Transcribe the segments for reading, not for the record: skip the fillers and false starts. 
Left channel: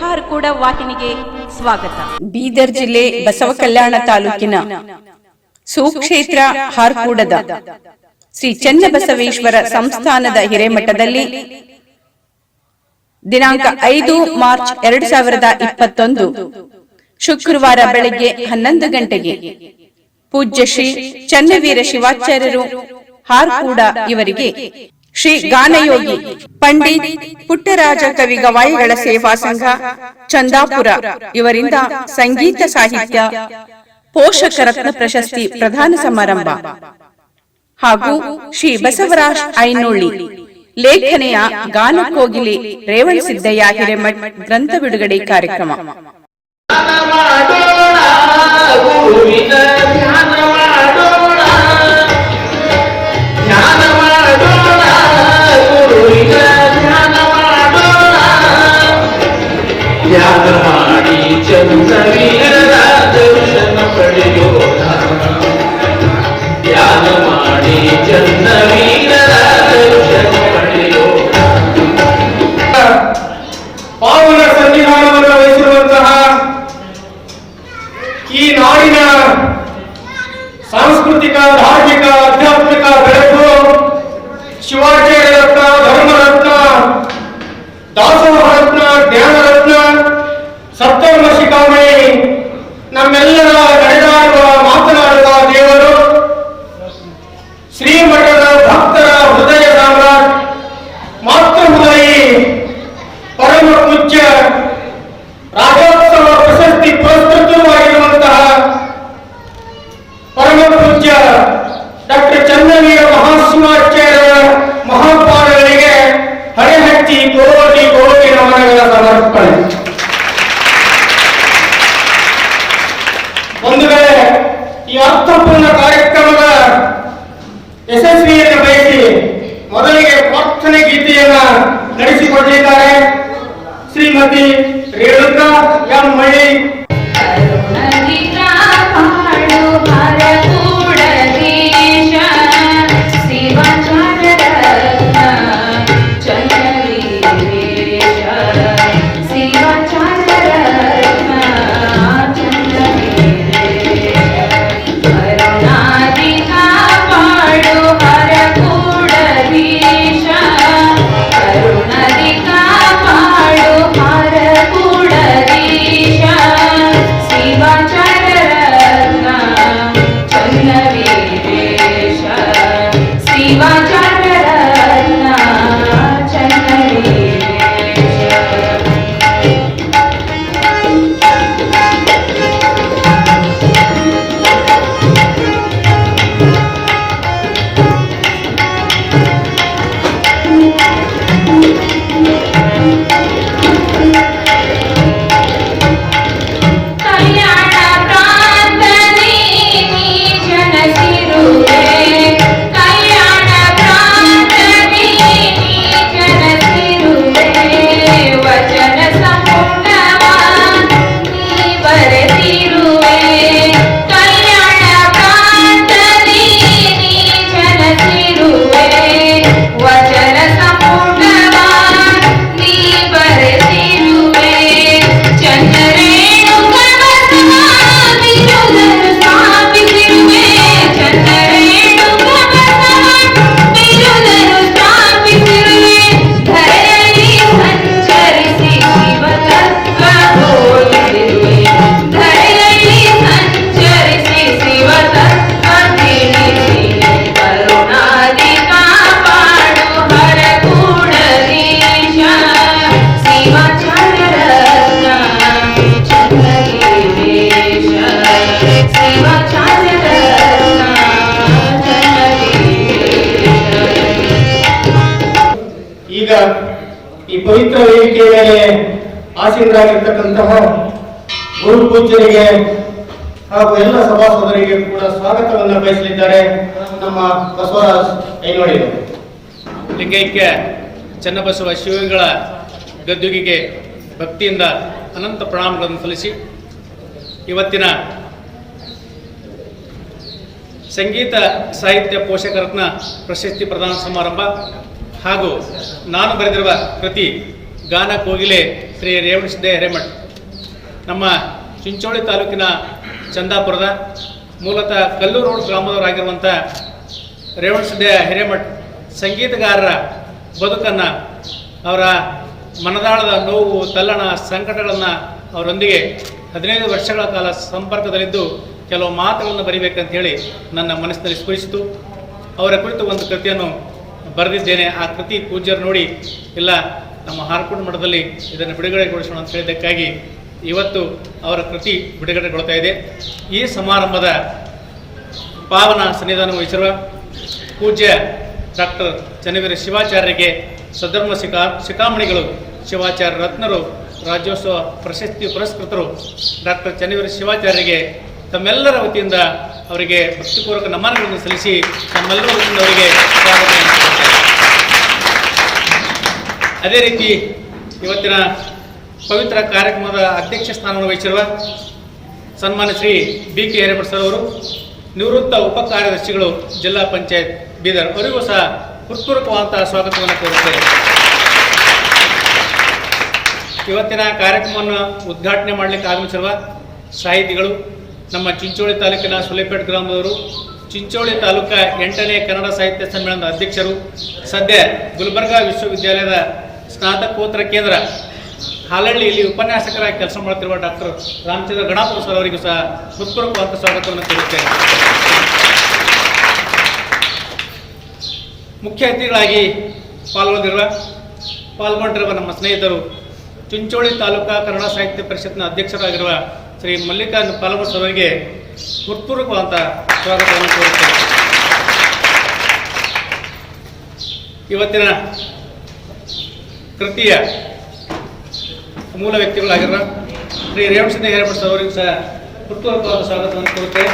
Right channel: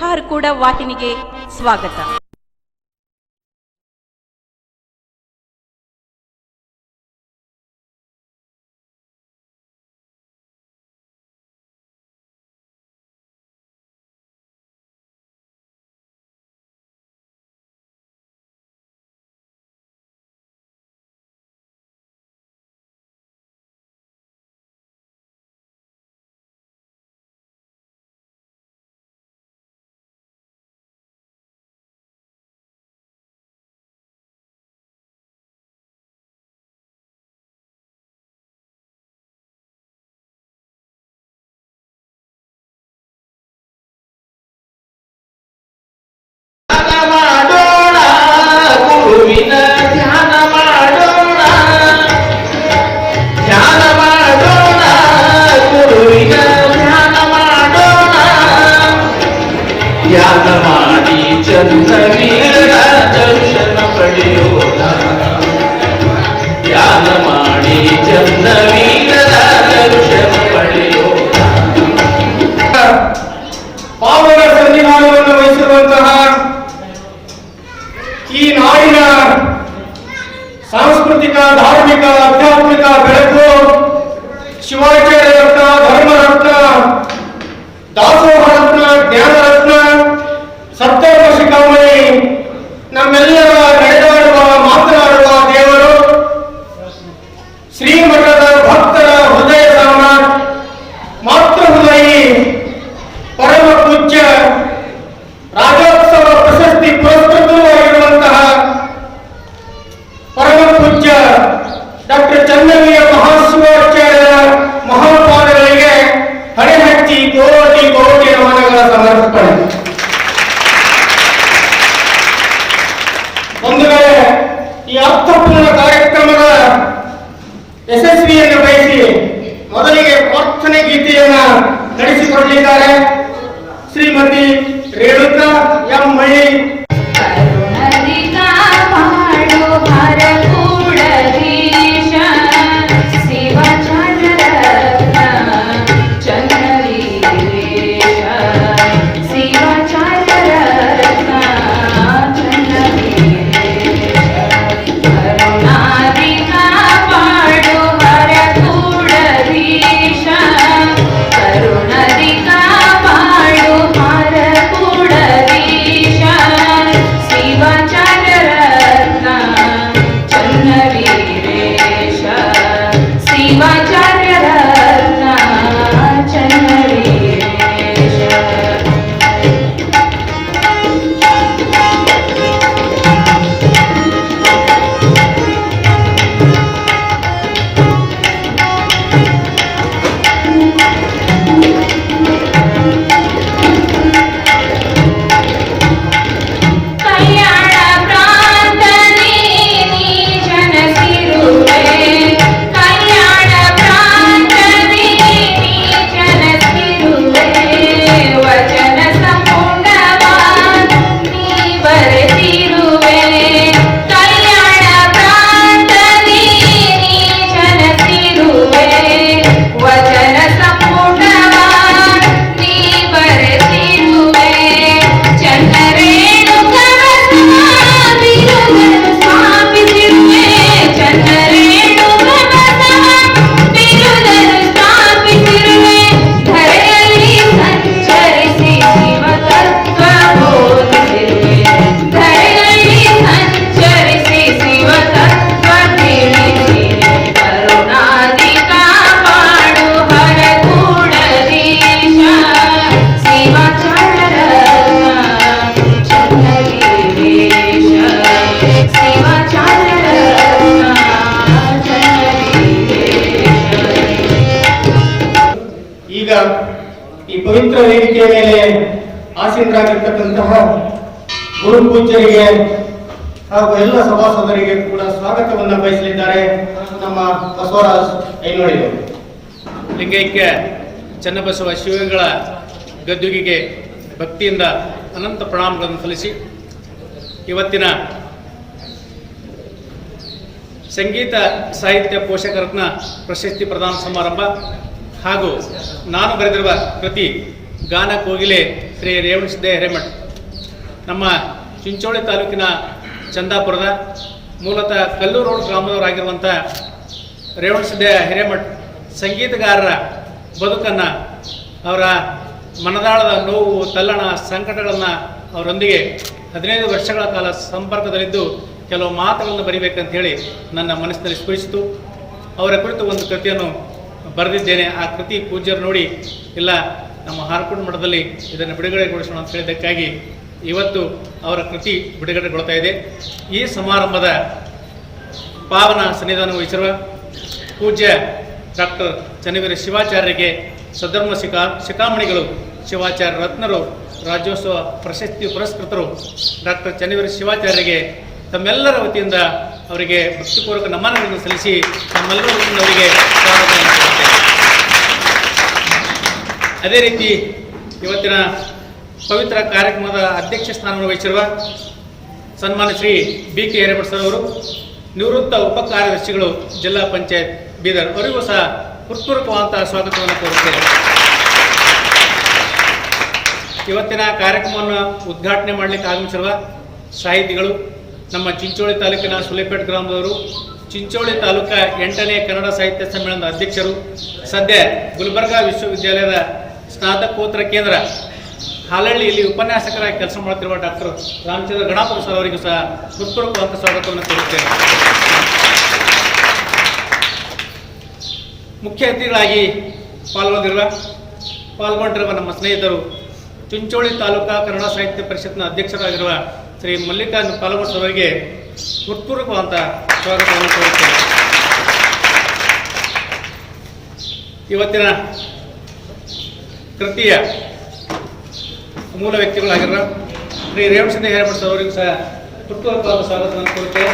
ಹಾರ್ಕೂಡ ವಾಹಿನಿಗೆ ಸ್ವಾಗತ. ಬೀದರ್ ಜಿಲ್ಲೆ ಬಸವಕಲ್ಯಾಣ ತಾಲೂಕಿನ ಸುಕ್ಷೇತ್ರ ಹಾರ್ಕೂಡದ ಶ್ರೀ ಚನ್ನಬಸವೇಶ್ವರ ಸಂಸ್ಥಾನದ ಹಿರೇಮಠದಲ್ಲಿ ದಿನಾಂಕ 5 ಮಾರ್ಚ್ 2021 ಶುಕ್ರವಾರ ಬೆಳಗ್ಗೆ 11 ಗಂಟೆಗೆ ಪೂಜ್ಯ ಶ್ರೀ ಚನ್ನವೀರ ಶಿವಾಚಾರ್ಯರು ಹಾರ್ಕೂಡ ಇವರಿಗೆ ಶ್ರೀ ಗಾನಯೋಗಿ ಪಂಡಿತ್ ಪುಟ್ಟರಾಜ ಕವಿ ಗವಾಯಿಗಳ ಸೇವಾ ಸಂಘ ಚಂದಾಪುರ ಇವರಿಂದ ಸಂಗೀತ ಸಾಹಿತ್ಯ ಪೋಷಕ ರತ್ನ ಪ್ರಶಸ್ತಿ ಪ್ರದಾನ ಸಮಾರಂಭ ಹಾಗೂ ಶ್ರೀ ಬಸವರಾಜ್ ಐನೋಳಿ ಲೇಖನೆಯ ಗಾನಕೋಗಿಲೆ ರೇವಣಸಿದ್ದಯ್ಯ ಹಿರೇಮಠ್ ಗ್ರಂಥ ಬಿಡುಗಡೆ ಕಾರ್ಯಕ್ರಮ. ಧ್ಯಾನ ಮಾಡಿ ಚನ್ನವೀರರ ದರ್ಶನ ಪಡೆಯೋಣ, ಧ್ಯಾನ ಮಾಡಿ ಚನ್ನವೀರರ ದರ್ಶನ ಪಡೆಯೋಣ. ಪಾವನ ಸನ್ನಿಧಾನವನ್ನು ವಹಿಸಿರುವಂತಹ ಈ ನಾಡಿನ ಸಾಂಸ್ಕೃತಿಕ, ಧಾರ್ಮಿಕ, ಆಧ್ಯಾತ್ಮಿಕ ಬೆಳಕು ಶಿವಾಚಾರ್ಯ ರತ್ನ, ಧರ್ಮರತ್ನ, ದಾಸೋಹ ರತ್ನ, ಜ್ಞಾನರತ್ನ, ಸಪ್ತರ್ಮ ಶಿಖಾಮಣಿ, ನಮ್ಮೆಲ್ಲರ ನಡೆದಾಡುವ ಮಾತನಾಡುವ ದೇವರು, ಶ್ರೀಮಠದ ಭಕ್ತರ ಹೃದಯ ಸಾಮ್ರಾಟ್, ಮಾತೃಹೃದಯಿ, ಪರಮ ಪೂಜ್ಯ ರಾಜ್ಯೋತ್ಸವ ಪ್ರಶಸ್ತಿ ಪುರಸ್ಕೃತವಾಗಿರುವಂತಹ ಪರಮ ಪೂಜ್ಯ ಡಾಕ್ಟರ್ ಚನ್ನವೀರ ಮಹಾಶಿವಾಚಾರ್ಯರ ಮಹಾಪಾದಗಳಿಗೆ ಹಣೆ ಹಚ್ಚಿ ಕೋಟಿ ಕೋಟಿ ನಮನಗಳ ಸಮರ್ಪಣೆ. ಬಂಧುಗಳೇ, ಈ ಅರ್ಥಪೂರ್ಣ ಕಾರ್ಯಕ್ರಮದ ಯಶಸ್ವಿಯನ್ನು ಬಯಸಿ ಮೊದಲಿಗೆ ಪ್ರಾರ್ಥನೆ ಗೀತೆಯನ್ನ ನಡೆಸಿಕೊಡಲಿದ್ದಾರೆ ಶ್ರೀಮತಿ ರೇಣುಕಾ ಎಂ ಮಳ್ಳಿ. ಈಗ ಈ ಪವಿತ್ರ ವೇದಿಕೆಯ ಮೇಲೆ ಆಸೀನರಾಗಿರ್ತಕ್ಕಂತಹ ಗುರು ಪೂಜ್ಯರಿಗೆ ಹಾಗೂ ಎಲ್ಲ ಸಭಾಸದರಿಗೆ ಕೂಡ ಸ್ವಾಗತವನ್ನು ಬಯಸಲಿದ್ದಾರೆ ನಮ್ಮ ಬಸವರಾಜ್ ಐನೋಳಿ. ಲಿಂಗೈಕ್ಯ ಚನ್ನಬಸವ ಶಿವಗಳ ಗದ್ದುಗೆಗೆ ಭಕ್ತಿಯಿಂದ ಅನಂತ ಪ್ರಣಾಮಗಳನ್ನು ಸಲ್ಲಿಸಿ ಇವತ್ತಿನ ಸಂಗೀತ ಸಾಹಿತ್ಯ ಪೋಷಕ ರತ್ನ ಪ್ರಶಸ್ತಿ ಪ್ರದಾನ ಸಮಾರಂಭ ಹಾಗೂ ನಾನು ಬರೆದಿರುವ ಕೃತಿ ಗಾನ ಕೋಗಿಲೆ ಶ್ರೀ ರೇವಣಸಿದ್ದೇ ಹಿರೇಮಠ್. ನಮ್ಮ ಚಿಂಚೋಳಿ ತಾಲೂಕಿನ ಚಂದಾಪುರದ ಮೂಲತಃ ಕಲ್ಲೂರು ರೋಡ್ ಗ್ರಾಮದವರಾಗಿರುವಂಥ ರೇವಣಸಿದ್ದೇ ಹಿರೇಮಠ್ ಸಂಗೀತಗಾರರ ಬದುಕನ್ನು, ಅವರ ಮನದಾಳದ ನೋವು, ತಲ್ಲಣ, ಸಂಕಟಗಳನ್ನು ಅವರೊಂದಿಗೆ 15 ವರ್ಷಗಳ ಕಾಲ ಸಂಪರ್ಕದಲ್ಲಿದ್ದು ಕೆಲವು ಮಾತುಗಳನ್ನು ಬರೀಬೇಕಂತ ಹೇಳಿ ನನ್ನ ಮನಸ್ಸಿನಲ್ಲಿ ಸ್ಫುರಿಸಿತು. ಅವರ ಕುರಿತು ಒಂದು ಕೃತಿಯನ್ನು ಬರೆದಿದ್ದೇನೆ. ಆ ಕೃತಿ ಪೂಜ್ಯರು ನೋಡಿ, ಇಲ್ಲ ನಮ್ಮ ಹಾರ್ಕೋಡ್ ಮಠದಲ್ಲಿ ಇದನ್ನು ಬಿಡುಗಡೆಗೊಳಿಸೋಣ ಅಂತ ಹೇಳಿದ್ದಕ್ಕಾಗಿ ಇವತ್ತು ಅವರ ಕೃತಿ ಬಿಡುಗಡೆಗೊಳ್ತಾ ಇದೆ. ಈ ಸಮಾರಂಭದ ಪಾವನ ಸನ್ನಿಧಾನ ವಹಿಸಿರುವ ಪೂಜ್ಯ ಡಾಕ್ಟರ್ ಚನ್ನವೀರ ಶಿವಾಚಾರ್ಯರಿಗೆ, ಸದ್ಧರ್ಮ ಶಿಖಾಮಣಿಗಳು, ಶಿವಾಚಾರ್ಯ ರತ್ನರು, ರಾಜ್ಯೋತ್ಸವ ಪ್ರಶಸ್ತಿ ಪುರಸ್ಕೃತರು ಡಾಕ್ಟರ್ ಚನ್ನವೀರ ಶಿವಾಚಾರ್ಯರಿಗೆ ತಮ್ಮೆಲ್ಲರ ವತಿಯಿಂದ ಅವರಿಗೆ ಭಕ್ತಿಪೂರ್ವಕ ನಮನಗಳನ್ನು ಸಲ್ಲಿಸಿ ತಮ್ಮೆಲ್ಲರ ವತಿಯಿಂದ ಅವರಿಗೆ ಸ್ವಾಗತವನ್ನು ಕೊಡುತ್ತೇನೆ. ಅದೇ ರೀತಿ ಇವತ್ತಿನ ಪವಿತ್ರ ಕಾರ್ಯಕ್ರಮದ ಅಧ್ಯಕ್ಷ ಸ್ಥಾನವನ್ನು ವಹಿಸಿರುವ ಸನ್ಮಾನ್ಯ ಶ್ರೀ BK ಹಿರೇಮಠ್ ಸರ್ ಅವರು, ನಿವೃತ್ತ ಉಪ ಕಾರ್ಯದರ್ಶಿಗಳು, ಜಿಲ್ಲಾ ಪಂಚಾಯತ್ ಬೀದರ್, ಅವರಿಗೂ ಸಹ ಹೃತ್ಪೂರ್ವಕವಾದಂತಹ ಸ್ವಾಗತವನ್ನು ಕೋರುತ್ತೇನೆ. ಇವತ್ತಿನ ಕಾರ್ಯಕ್ರಮವನ್ನು ಉದ್ಘಾಟನೆ ಮಾಡಲಿಕ್ಕೆ ಆಗಮಿಸಿರುವ ಸಾಹಿತಿಗಳು, ನಮ್ಮ ಚಿಂಚೋಳಿ ತಾಲೂಕಿನ ಸುಲೇಪೇಟ್ ಗ್ರಾಮದವರು, ಚಿಂಚೋಳಿ ತಾಲೂಕಾ 8ನೇ ಕನ್ನಡ ಸಾಹಿತ್ಯ ಸಮ್ಮೇಳನದ ಅಧ್ಯಕ್ಷರು, ಸದ್ಯ ಗುಲ್ಬರ್ಗಾ ವಿಶ್ವವಿದ್ಯಾಲಯದ ಸ್ನಾತಕೋತ್ತರ ಕೇಂದ್ರ ಹಾಲಹಳ್ಳಿಯಲ್ಲಿ ಉಪನ್ಯಾಸಕರಾಗಿ ಕೆಲಸ ಮಾಡುತ್ತಿರುವ ಡಾಕ್ಟರ್ ರಾಮಚಂದ್ರ ಗಣಾಪುರ ಸರ್ ಅವರಿಗೂ ಸಹ ಹೃತ್ಪೂರ್ವಕವಾದ ಸ್ವಾಗತವನ್ನು ಕೋರುತ್ತೇನೆ. ಮುಖ್ಯ ಅತಿಥಿಗಳಾಗಿ ಪಾಲ್ಗೊಂಡಿರುವ ನಮ್ಮ ಸ್ನೇಹಿತರು, ಚಿಂಚೋಳಿ ತಾಲೂಕಾ ಕನ್ನಡ ಸಾಹಿತ್ಯ ಪರಿಷತ್ನ ಅಧ್ಯಕ್ಷರಾಗಿರುವ ಶ್ರೀ ಮಲ್ಲಿಕಾರ್ಜುನ ಪಾಲ್ಗೊಂಡ್ ಸರ್ ಅವರಿಗೆ ಹೃತ್ಪೂರ್ವಕವಾದ ಸ್ವಾಗತವನ್ನು ಕೋರುತ್ತೇನೆ. ಇವತ್ತಿನ ಕೃತಿಯ ಮೂಲ ವ್ಯಕ್ತಿಗಳಾಗಿರುವ ಶ್ರೀ ರೇವಣಸಿದ್ದೇ ಹಿರೇಮಠ್ ಸರ್ ಅವರಿಗೂ ಸಹ ಹೃತ್ಪೂರ್ವಕವಾದ ಸ್ವಾಗತವನ್ನು ಕೋರುತ್ತೇವೆ.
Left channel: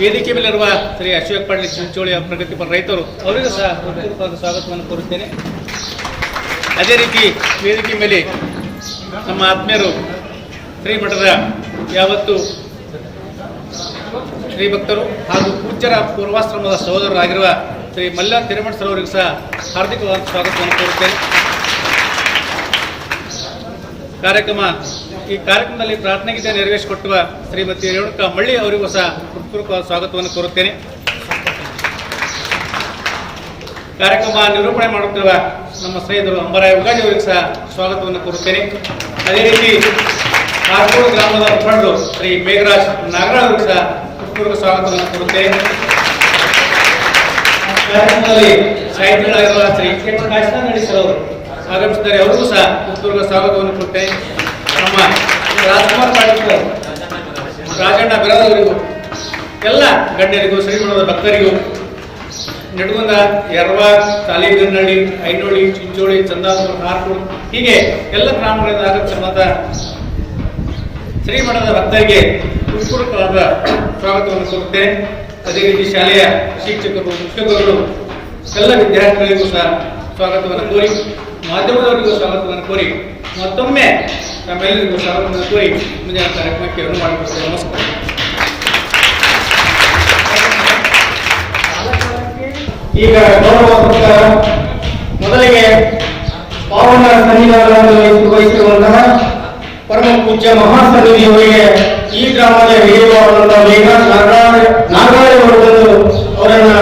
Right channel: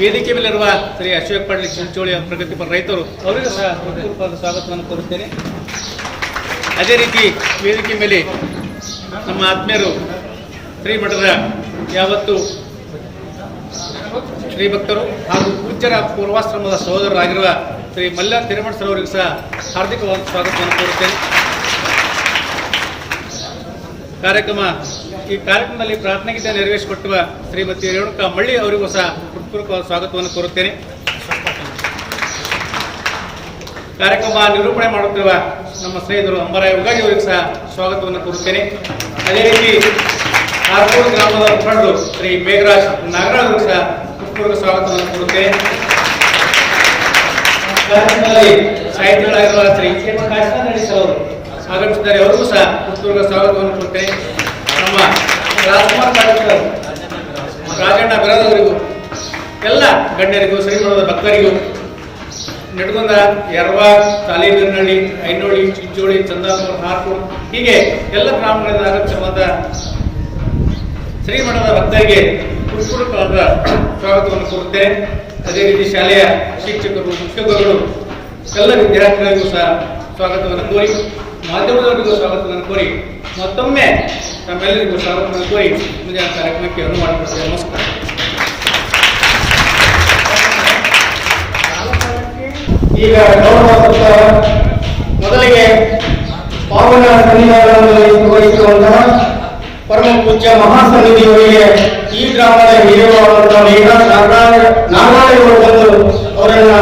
ವೇದಿಕೆ ಮೇಲಿರುವ ಶ್ರೀ ಅಶೋಕ್ ಪಾಟೀಲ್ ಚಿಂಚೋಳಿಯ ಪ್ರಗತಿಪರ ರೈತರು, ಅವರಿಗೂ ಸಹ ಹೃತ್ಪೂರ್ವಕವಾದ ಸ್ವಾಗತವನ್ನು ಕೋರುತ್ತೇನೆ. ಅದೇ ರೀತಿ ವೇದಿಕೆ ಮೇಲೆ ನಮ್ಮ ಆತ್ಮೀಯರು, ಶ್ರೀಮಠದ ಯಾವತ್ತು ಶ್ರೀ ಭಕ್ತರು ಹಾಗೂ ಪೂಜ್ಯರ ಪೂರ್ವಾಶ್ರಮದ ಸಹೋದರರಾಗಿರುವ ಶ್ರೀ ಮಲ್ಲಾರ್ ಹಿರೇಮಠ್ ಸರ್ ಅವರಿಗೂ ಸಹ ಹಾರ್ದಿಕವಾದ ಸ್ವಾಗತವನ್ನು ಕೋರುತ್ತೇನೆ. ಈ ಕಾರ್ಯಕ್ರಮದಲ್ಲಿ ಪ್ರಾರ್ಥನೆ ಗೀತೆ ನೆರವೇರಿಸಿಕೊಟ್ಟುವ ಶ್ರೀಮತಿ ರೇಣುಕಾ ಮಳ್ಳಿ ಅವರಿಗೂ ಸಹ ಹೃತ್ಪೂರ್ವಕವಾದ ಸ್ವಾಗತವನ್ನು ಕೋರುತ್ತೇನೆ. ಕಾರ್ಯಕ್ರಮ ನಿರೂಪಣೆ ಮಾಡುತ್ತಿರುವ ನಮ್ಮ ಸ್ನೇಹಿತರು ಅಂಬರಾಯ ಉಗಾಜಿ ಅವರಿಗೂ ಸಹ ಸ್ವಾಗತವನ್ನು ಕೋರುತ್ತೇನೆ. ಅದೇ ರೀತಿ ಹಾರ್ಕೋಡ್ ಗ್ರಾಮದ ಮುಖಂಡರು ಶ್ರೀ ಮೇಘರಾಜ್ ನಾಗರಾಜ್ ಅವರಿಗೂ ಸಹ ಹೃತ್ಪೂರ್ವಕ ಸ್ವಾಗತವನ್ನು ಕೋರುತ್ತೇನೆ. ಕಾರ್ಯಕ್ರಮದಲ್ಲಿ ಸಾಹಿತಿಗಳಾಗಿರುವ ಶ್ರೀ ಎಚ್ ಕಾಶಿನಾಥ್ ಸರ್ ಅವರು ಆಗಮಿಸಿದ್ದಾರೆ, ಅವರಿಗೂ ಸಹ ಹೃತ್ಪೂರ್ವಕ ಸ್ವಾಗತವನ್ನು ಕೊಟ್ಟೆ. ನಮ್ಮ ರಾಜ್ಕುಮಾರ್ ಪಾಟೀಲ್ ರಾಜಣ್ಣ ಬೆರದವರಿಗೂ, ಎಲ್ಲ ಗಣ್ಯರಿಗೂ, ಶ್ರೀಮಠದ ಭಕ್ತರಿಗೂ, ನೆಡಗುಂದ, ಯರವಾರ್, ತಾಲೇಬೀರ್ನಹಳ್ಳಿ, ಐನೋಳಿ, ಚಿಂಚೋಳಿ, ಚಂದಾಪುರ, ಹಾರ್ಕೋಡ್, ಹೀಗೆ ಎಲ್ಲ ಗ್ರಾಮಗಳಿಂದ ಆಗಮಿಸಿರುವಂಥ ಶ್ರೀಮಠದ ಭಕ್ತರಿಗೆ ಹೃತ್ಪೂರ್ವಕವಾದ ಸ್ವಾಗತವನ್ನು ಕೋರುತ್ತೇನೆ. ಅದೇ ರೀತಿ ಶಾಲೆಯ ಶಿಕ್ಷಕರು, ಮುಖ್ಯೋಪಗಳು, ಎಲ್ಲ ವಿದ್ಯಾರ್ಥಿಗಳಿಗೂ ಸಹ ಸ್ವಾಗತವನ್ನು ಕೋರಿ, ಮಾಧ್ಯಮದವರಿಗೂ ಸ್ವಾಗತವನ್ನು ಕೋರಿ, ಮತ್ತೊಮ್ಮೆ ತಮ್ಮೆಲ್ಲರಿಗೂ ಸ್ವಾಗತವನ್ನು ಕೋರಿ ಮುಂದಿನ ಕಾರ್ಯಕ್ರಮಕ್ಕೆ ಅನುವು ಮಾಡಿಕೊಡ್ತೇನೆ. ನಮಸ್ಕಾರ. ಈಗ ಗೌರವ ಮೊದಲಿಗೆ ಪಾವನ ಸನ್ನಿಧಾನವನ್ನು ವಹಿಸಿರುವಂತಹ ಪರಮ ಪೂಜ್ಯ ಮಹಾಸನ್ನಿಧಿಯವರಿಗೆ ಈ ಗ್ರಾಮದ ಹಿರಿಯರಾದಂತಹ ಮೇಘರಾಜ್ ನಾಗರಾಜವರು ಬಂದು ಅವರನ್ನ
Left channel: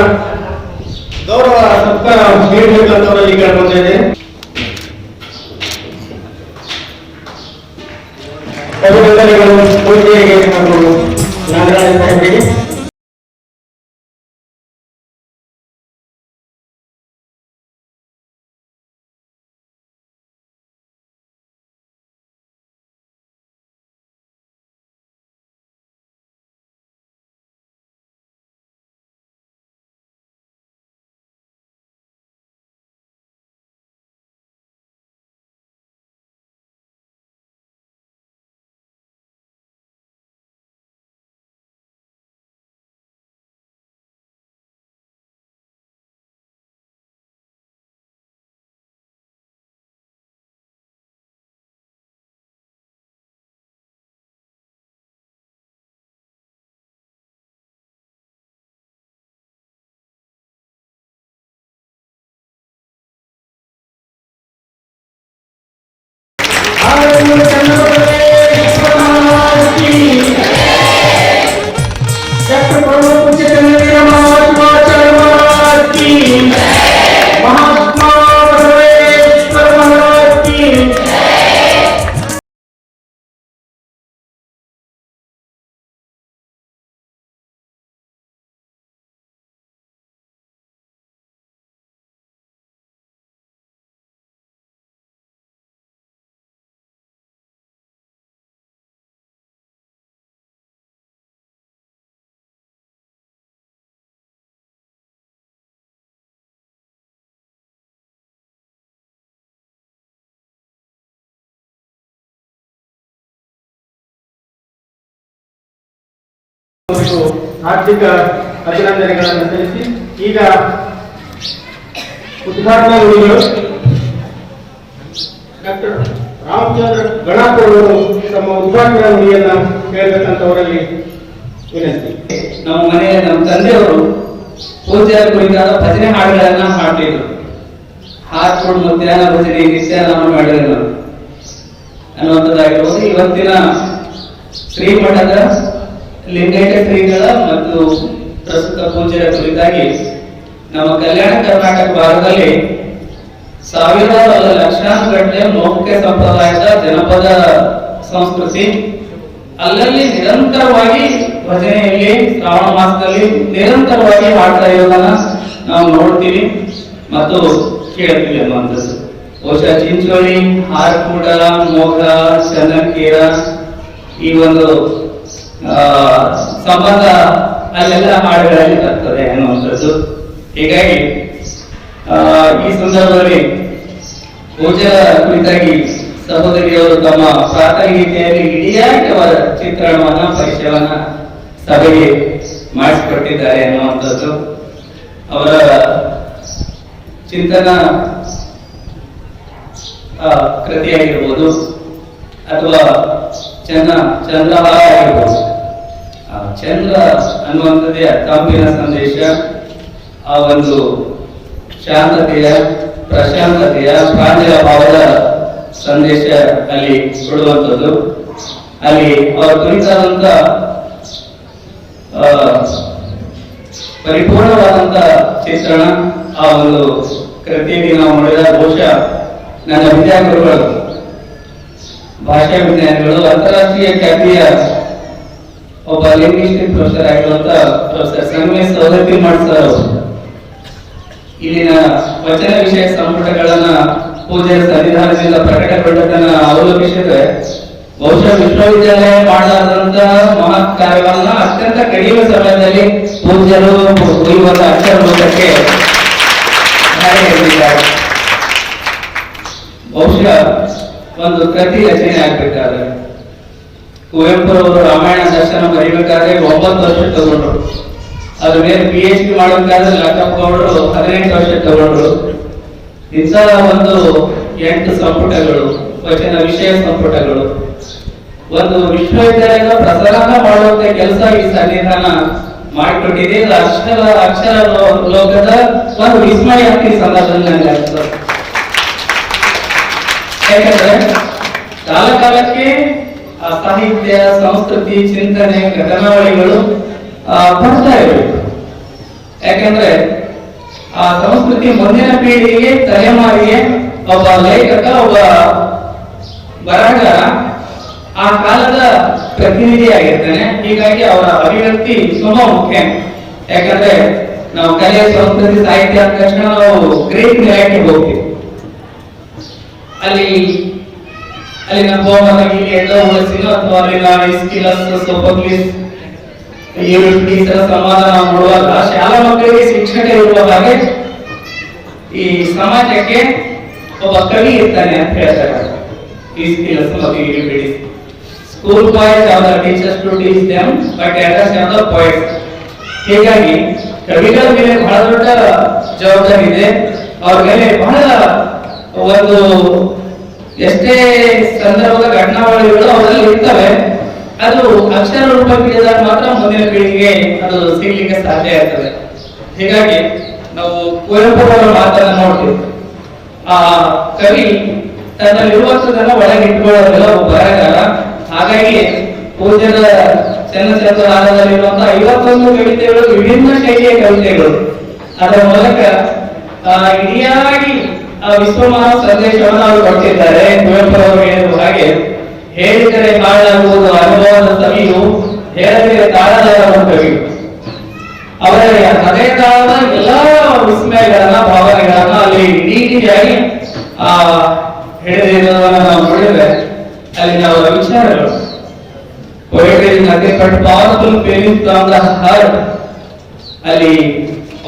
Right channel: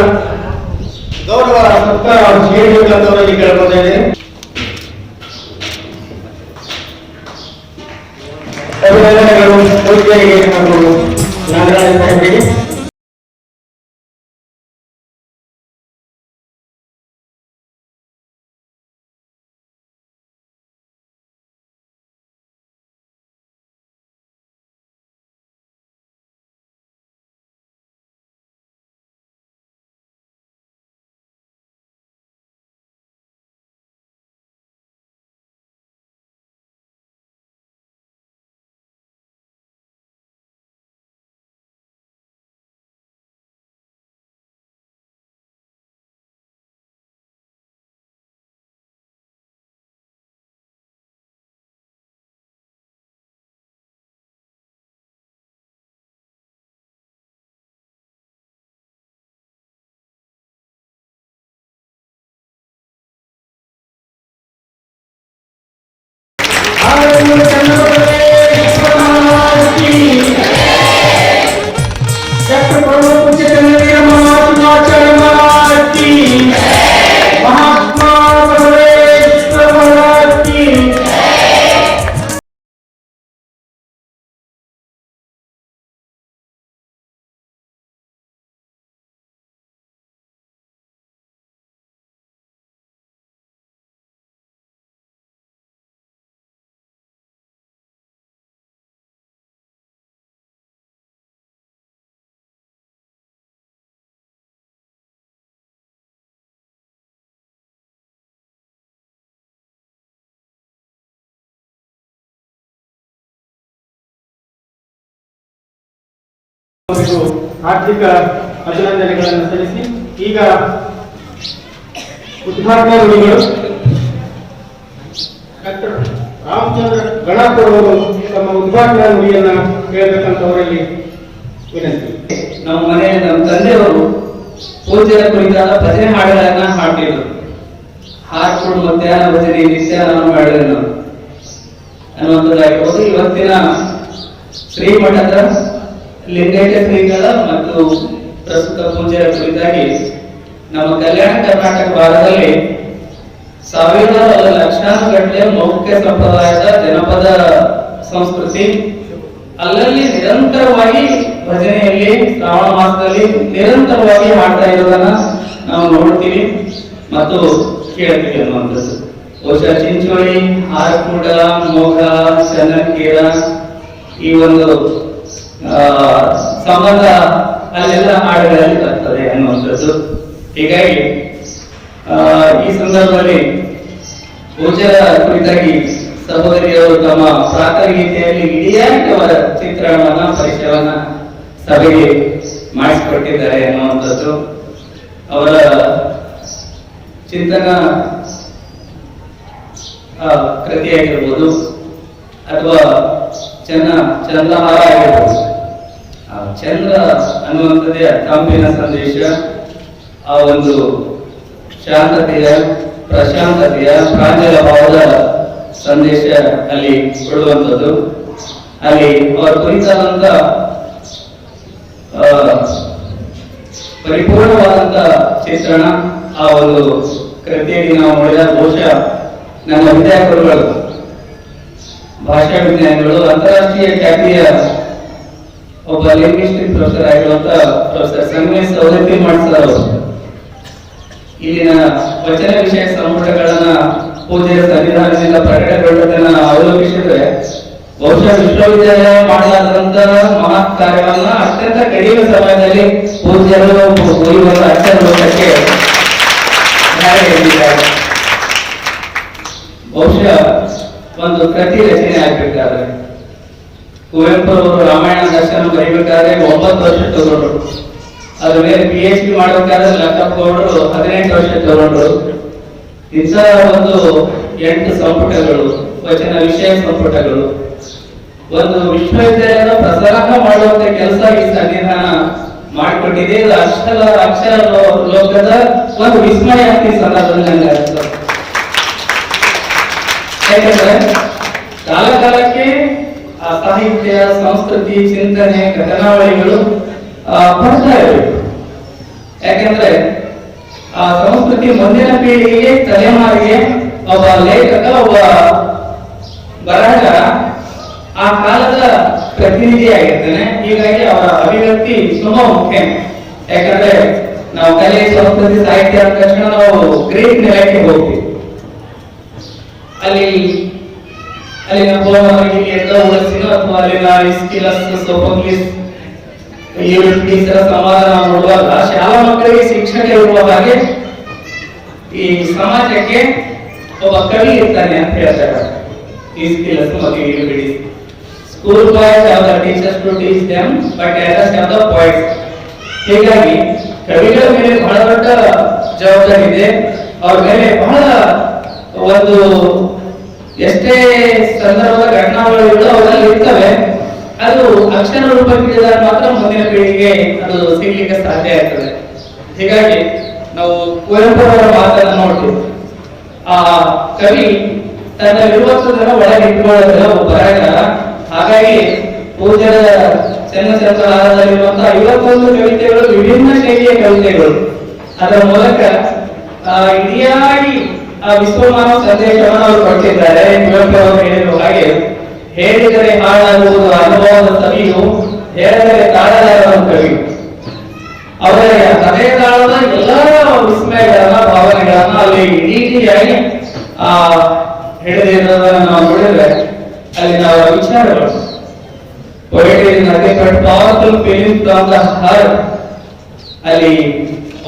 ಗೌರವ ಸತ್ಕಾರ ನೀಡಬೇಕಂತ ಅವರಲ್ಲಿ ಕೇಳ್ಕೊತಾ ಇದ್ದೇನೆ. ಅಭಿನಂದನೆಗಳು ಪೂಜ್ಯರಿಗೆ ಹಾಗೂ ನಾಗರಾಜ ಸಾಹೇಬರಿಗೆ. ಮತ್ತು ಹಾರ್ದಿಕ ಅಭಿನಂದನೆಗಳನ್ನು ಸಲ್ಲಿಸಿ ಈಗ ಉದ್ಘಾಟನಾ ನುಡಿಗಳು ಡಾಕ್ಟರ್ ರಾಮಚಂದ್ರ ಗಣಪರವರು ತಮ್ಮ ಉದ್ಘಾಟನಾ ನುಡಿಯನ್ನ ಹೇಳಬೇಕಂತವರಲ್ಲಿ ವಿನಂತಿ. ನಮ್ಮ ಮನೆಯ ನಮ್ಮ ತಂದೆಯವರು ಪೂಜೆಯ ಕುರಿತಾದ ಭಜನೆ ಹಾಡುಗಳನ್ನ ಹಾಡ್ತಿದ್ರು. ಹಾಡ್ಕೊಂಡು ಮಧ್ಯಾಹ್ನ ಭಜನೆ ನಿತ್ಯ ನಾನು ಮಾಡಿದ್ರು ಅನ್ನುವಂಥದ್ದಾಗಿರ್ಬೋದು. ಇವತ್ತಿನ ಶ್ರೀಮಠದ ಲಿಂಗೈಕ್ಯ ಶ್ರೀಗಳ ಮತ್ತು ಪ್ರಸ್ತುತ ಪೂಜೆಯ ಕುರಿತಾಗಿ ನಮ್ಮ ಕಲ್ಯಾಣ ಕರ್ನಾಟಕ ಭಾಗದಲ್ಲಿ ಸಾವಿರಾರು ಲಕ್ಷಾಂತರ ಗಟ್ಟಲೆ ಮೌಖಿಕ ಸಂಪ್ರದಾಯದ ಜನಪದ ಸಂಸ್ಕೃತಿ ಅಲ್ಲಲ್ಲಿ ನಿರಂತರವಾಗಿ ಭಜನೆಯಲ್ಲಿ ಶ್ರಾವಣ ಮಾಸದಲ್ಲಿ ನಿರಂತರವಾಗಿ ಮಾಡ್ತಾ ಇರೋದನ್ನ ನಾವು ನೋಡ್ತೀವಿ ಮತ್ತು ಕೇಳ್ತೀವಿ ಅನ್ನುವಂಥದ್ದು. ಬಹುಶಃ ಚಿಂಚೋಳಿ, ಹಾರಕೂಡ, ಮೋಘ, ಚನ್ನಕೇರ ಈ ಒಂದು ಸಂಬಂಧ ಅಲ್ಲೆಲ್ಲ ಹಾಡುಗಳಲ್ಲಿ ಬರ್ತದೆ ಅನ್ನುವಂಥದ್ದು. ಹೀಗಾಗಿ ಈ ಸಂದರ್ಭದಲ್ಲಿ ಪೂಜೆಯ ಕುರಿತಾಗಿ ಸಹೋದರಿಯವರು ತಮ್ಮ ಪ್ರಾರ್ಥಗೀತೆಯಲ್ಲಿ ಇಡಿಯಾಗಿ ಅವರ ಚಿತ್ರಣವನ್ನ ಪರಿಚಯವನ್ನ ಸಭೆಗೆ ಮಾಡಿಸಿಕೊಟ್ಟಿದ್ದಾರೆ ಅನ್ನುವಂಥದ್ದು. ಅವರ ಚಿಂತನ ಕೃತಿಯಾಗಿರ್ಬೋದು ಅಥವಾ ಚಂದ್ರಹಾರ ಆಗಿರ್ಬೋದು. ಚಂದ್ರ ಅನ್ನುವಂಥದ್ದೇ ತಂಪಿನ ಸಂದೇಶ, ಆ ಒಂದು ಶಾಂತತೆಯ, ಪ್ರಶಾಂತತೆಯ, ಪ್ರಾಂಜಲ ಭಾವದ ಸಂದೇಶ ಅಲ್ಲಿ ಕೊಡುವಂಥದ್ದು. ಅಲ್ಲಿ ಅವರ ಕುರಿತಾದಂತ ಪರಿಪೂರ್ಣವಾದಂತ ಚಿತ್ರಣ ಆ ಒಂದು ಕೃತಿಯಲ್ಲಿ ನಾವು ನೋಡಿದ. ಬಹುಶಃ ನನ್ನ ವಿದ್ಯಾರ್ಥಿಗಳು, ಭಾಷಾ ವಿಜ್ಞಾನಿಗಳು, ಅಂತಾರಾಷ್ಟ್ರೀಯ ಖ್ಯಾತಿಯ ಒಬ್ಬ ಲಿಂಗ್ವಿಸ್ಟಿಕ್ ಪ್ರೊಫೆಸರ್ ಆಗಿರುವಂತ ಪ್ರೊಫೆಸರ್ ಸಂಗಮೇಶ್ ಸೌದತ್ತಿ ಮಾಡ್ಸರ್ ಇಲ್ಲಿನ ವಚನ ವಿಷಯ ಸಂಪುಟಗಳನ್ನ ಪೂಜೆಯ ಸಂವಿಧಾನದಿಂದ ಪ್ರಕಟಗೊಂಡದನ್ನ ಅವಲೋಕಿಸಿದ್ರೆ ಬಹುಶಃ ವಿಶ್ವವಿದ್ಯಾಲಯ ಮಾಡಲಾದಂತ ಮಹತ್ ಕಾರ್ಯವನ್ನ ಅತ್ಯಂತ ಕಡಿಮೆ ಸಮಯದಲ್ಲಿ ಪೂಜ್ಯರು ಈ ಒಂದು ಅಕ್ಷರ ಲೋಕಕ್ಕೆ ಬಹುಶಃ ಒಂದು ಕೃತಿ ರಚನೆ ಆಗ್ಬೇಕಾದ್ರೆ ಕುವೆಂಪು ಅವರು ರಾಮಾಯಣ ದರ್ಶನ ಬರೀಬೇಕಾದ್ರೆ 9 ವರ್ಷ ತಗೊಂಡ್ರು. ಅದ್ರ ಮೇಲೆ PhD ಮಾಡಬೇಕಾದ್ರೆ ಲಕ್ಕಪ್ಪ ಗೌಡರು 18 ವರ್ಷ ತಗೊಂಡ್ರು. ಇಂಥ ಒಂದು 8 ಸಂಪುಟಗಳು, ವಚನ ವಿಷಯ ಸಂಪುಟಗಳು, ಒಂದು ವಿಶ್ವವಿದ್ಯಾಲಯದ ಪ್ರಸಾರ ಮಾಡುವಂತ ಕೆಲಸ ಈ ಸಂವಿಧಾನ ಮಾಡಿಕೊಟ್ಟಿದೆ. ಇದು ಅಕ್ಷರ ಲೋಕದ ಒಂದು ವಿಸ್ಮಯ ಅಂತ ಈ ಸಂದರ್ಭದಲ್ಲಿ ನನಗೆ ಯಾಕಂದ್ರೆ ಕಾಲ ಕಾಲಕ್ಕೆ ಆ ಸಾಹಿತ್ಯ, ಸಂಸ್ಕೃತಿ, ಚಿಂತನೆ, ಘಟನಾವಳಿಗಳು ಬರ್ತಾ ಇರಬೇಕು. ಯಾಕಂದ್ರೆ ಆ ಸಂಸ್ಕೃತಿ ಮುಂದಿನ ಪೀಳಿಗೆಗೆ, ತಲೆಮಾರಿಗೆ ಒಬ್ಬ ಲೇಖಕ, ಒಬ್ಬ ಬರಹಗಾರ ಆ ಕಾಲದ ಪ್ರತಿನಿಧಿಯಾಗಿರ್ತಾನೆ. ಹೀಗಾಗಿ ಅವರ ಅಭಿವ್ಯಕ್ತಿ ತುಂಬಾ ಮುಖ್ಯ. ಯಾಕಂದ್ರೆ ನಾವು ಕಲೆ, ಸಂಸ್ಕೃತಿ, ಸಾಹಿತ್ಯ ಅಂದ ತಕ್ಷಣ ನಾವು ಗ್ರೀಕ್ ನೆಲಕ್ಕೆ ಹೋಗ್ತೀವಿ. ಅಲ್ಲಿನ ಹೋಮನ ಅಥವಾ ಅಲ್ಲಿನ ಇಸ್ಕಿಲಸ್, ಸೋಫೋಕ್ಲಿಸ್, ಯೂರಿಪಿಡಿಸ್ರ ಸಂವಾದ ನಾವು ನೋಡುವಾಗ ಶಾಲಾ ಮಕ್ಕಳಿಗೆ ಶಿಕ್ಷಕ ಇರುವ ಹಾಗೆ ಈ ಸಮಾಜಕ್ಕೆ ಒಬ್ಬ ಕವಿ ಇರ್ತಾನೆ ಅಂತ ಹೇಳ್ತಾರೆ. ಇಸ್ಕಿಲಸ್ ಮತ್ತು ಯೂರಿಪಿಡಿಸ್. School boys have the teachers to teach them, but elders have the poets. ಹೀಗಾಗಿ ಕವಿಗಳ ಮೇಲೆ ಬಹಳ ದೊಡ್ಡ ಜವಾಬ್ದಾರಿ ಇದೆ. ಅವ್ರ ಮೇಲೆ ಬಹಳ ಒಂದು ಎಷ್ಟೇ ಸಂದರ್ಭದ ಘಟನಾವಳಿಗಳು ಅವರಲ್ಲಿ ಇರ್ತವೆ. ಅದು ಅಕ್ಷರ ರೂಪಕ್ಕಿಳಿದಾಗ ಮಾತ್ರ ಮುಂದಿನ ಪೀಳಿಗೆಗೆ ಅದು ಸಿಗ್ಲಿಕ್ಕೆ ಸಾಧ್ಯ ಆಗ್ತದೆ. ಹೀಗಾಗಿ ನಾವು ಕುವೆಂಪುರವರ ಮಾತನ್ನ ನೋಡ್ತೀವಿ. ಆ ಕವಿ ತನ್ನಲ್ಲಿರುವಂತದನ್ನ ಒಳಗಿಟ್ಕೊಳ್ಳೋದಿಲ್ಲ, ಒಬ್ಬ ಬರಹಗಾರ. ಹಾಗಾಗಿ ಪೂಜ್ಯರ ಚನ್ನಚಂದ್ರಹಾರದಲ್ಲಿರುವಂತಹ 51 ಕವಿತೆಗಳು ವಿಭಿನ್ನ ಶೈಲಿಯ ಕವಿತೆಗಳು. ಅದರ ಮೂಲಕ ಇಡಿಯಾಗಿ ಆ ವಿಶ್ವಮಾನವ ಸಂದೇಶವನ್ನು ಅವರು ಕೊಟ್ಟಿದ್ದಾರೆ. ಕುವೆಂಪು ಅವರು ಹೇಳಿರುವ ಹಾಗೆ, ಹೇಳಿದರೆ ಹಾಳಾಗುವುದು ಅನುಭವದ ಸವಿಯು, ಹೇಳಿದರೆ ತಾಳಲಾರದ ಕವಿಯು. ಅವರ ಹೃದಯದಾಳದ ಎಲ್ಲಾ ವಿಸ್ಮಯಗಳನ್ನ, ಭಾವನೆಗಳನ್ನ ಅಲ್ಲಿ ಇಡೀಯಾಗಿ ಹಿಡಿದಿರೋದನ್ನ ನಾವು ನೋಡಿದ್ರೆ ಅಲ್ಲಿ ನಾವು ವಿಚಾರಗಳು poetry is nothing but powerful feelings from the heart. ಅಲ್ಲಿ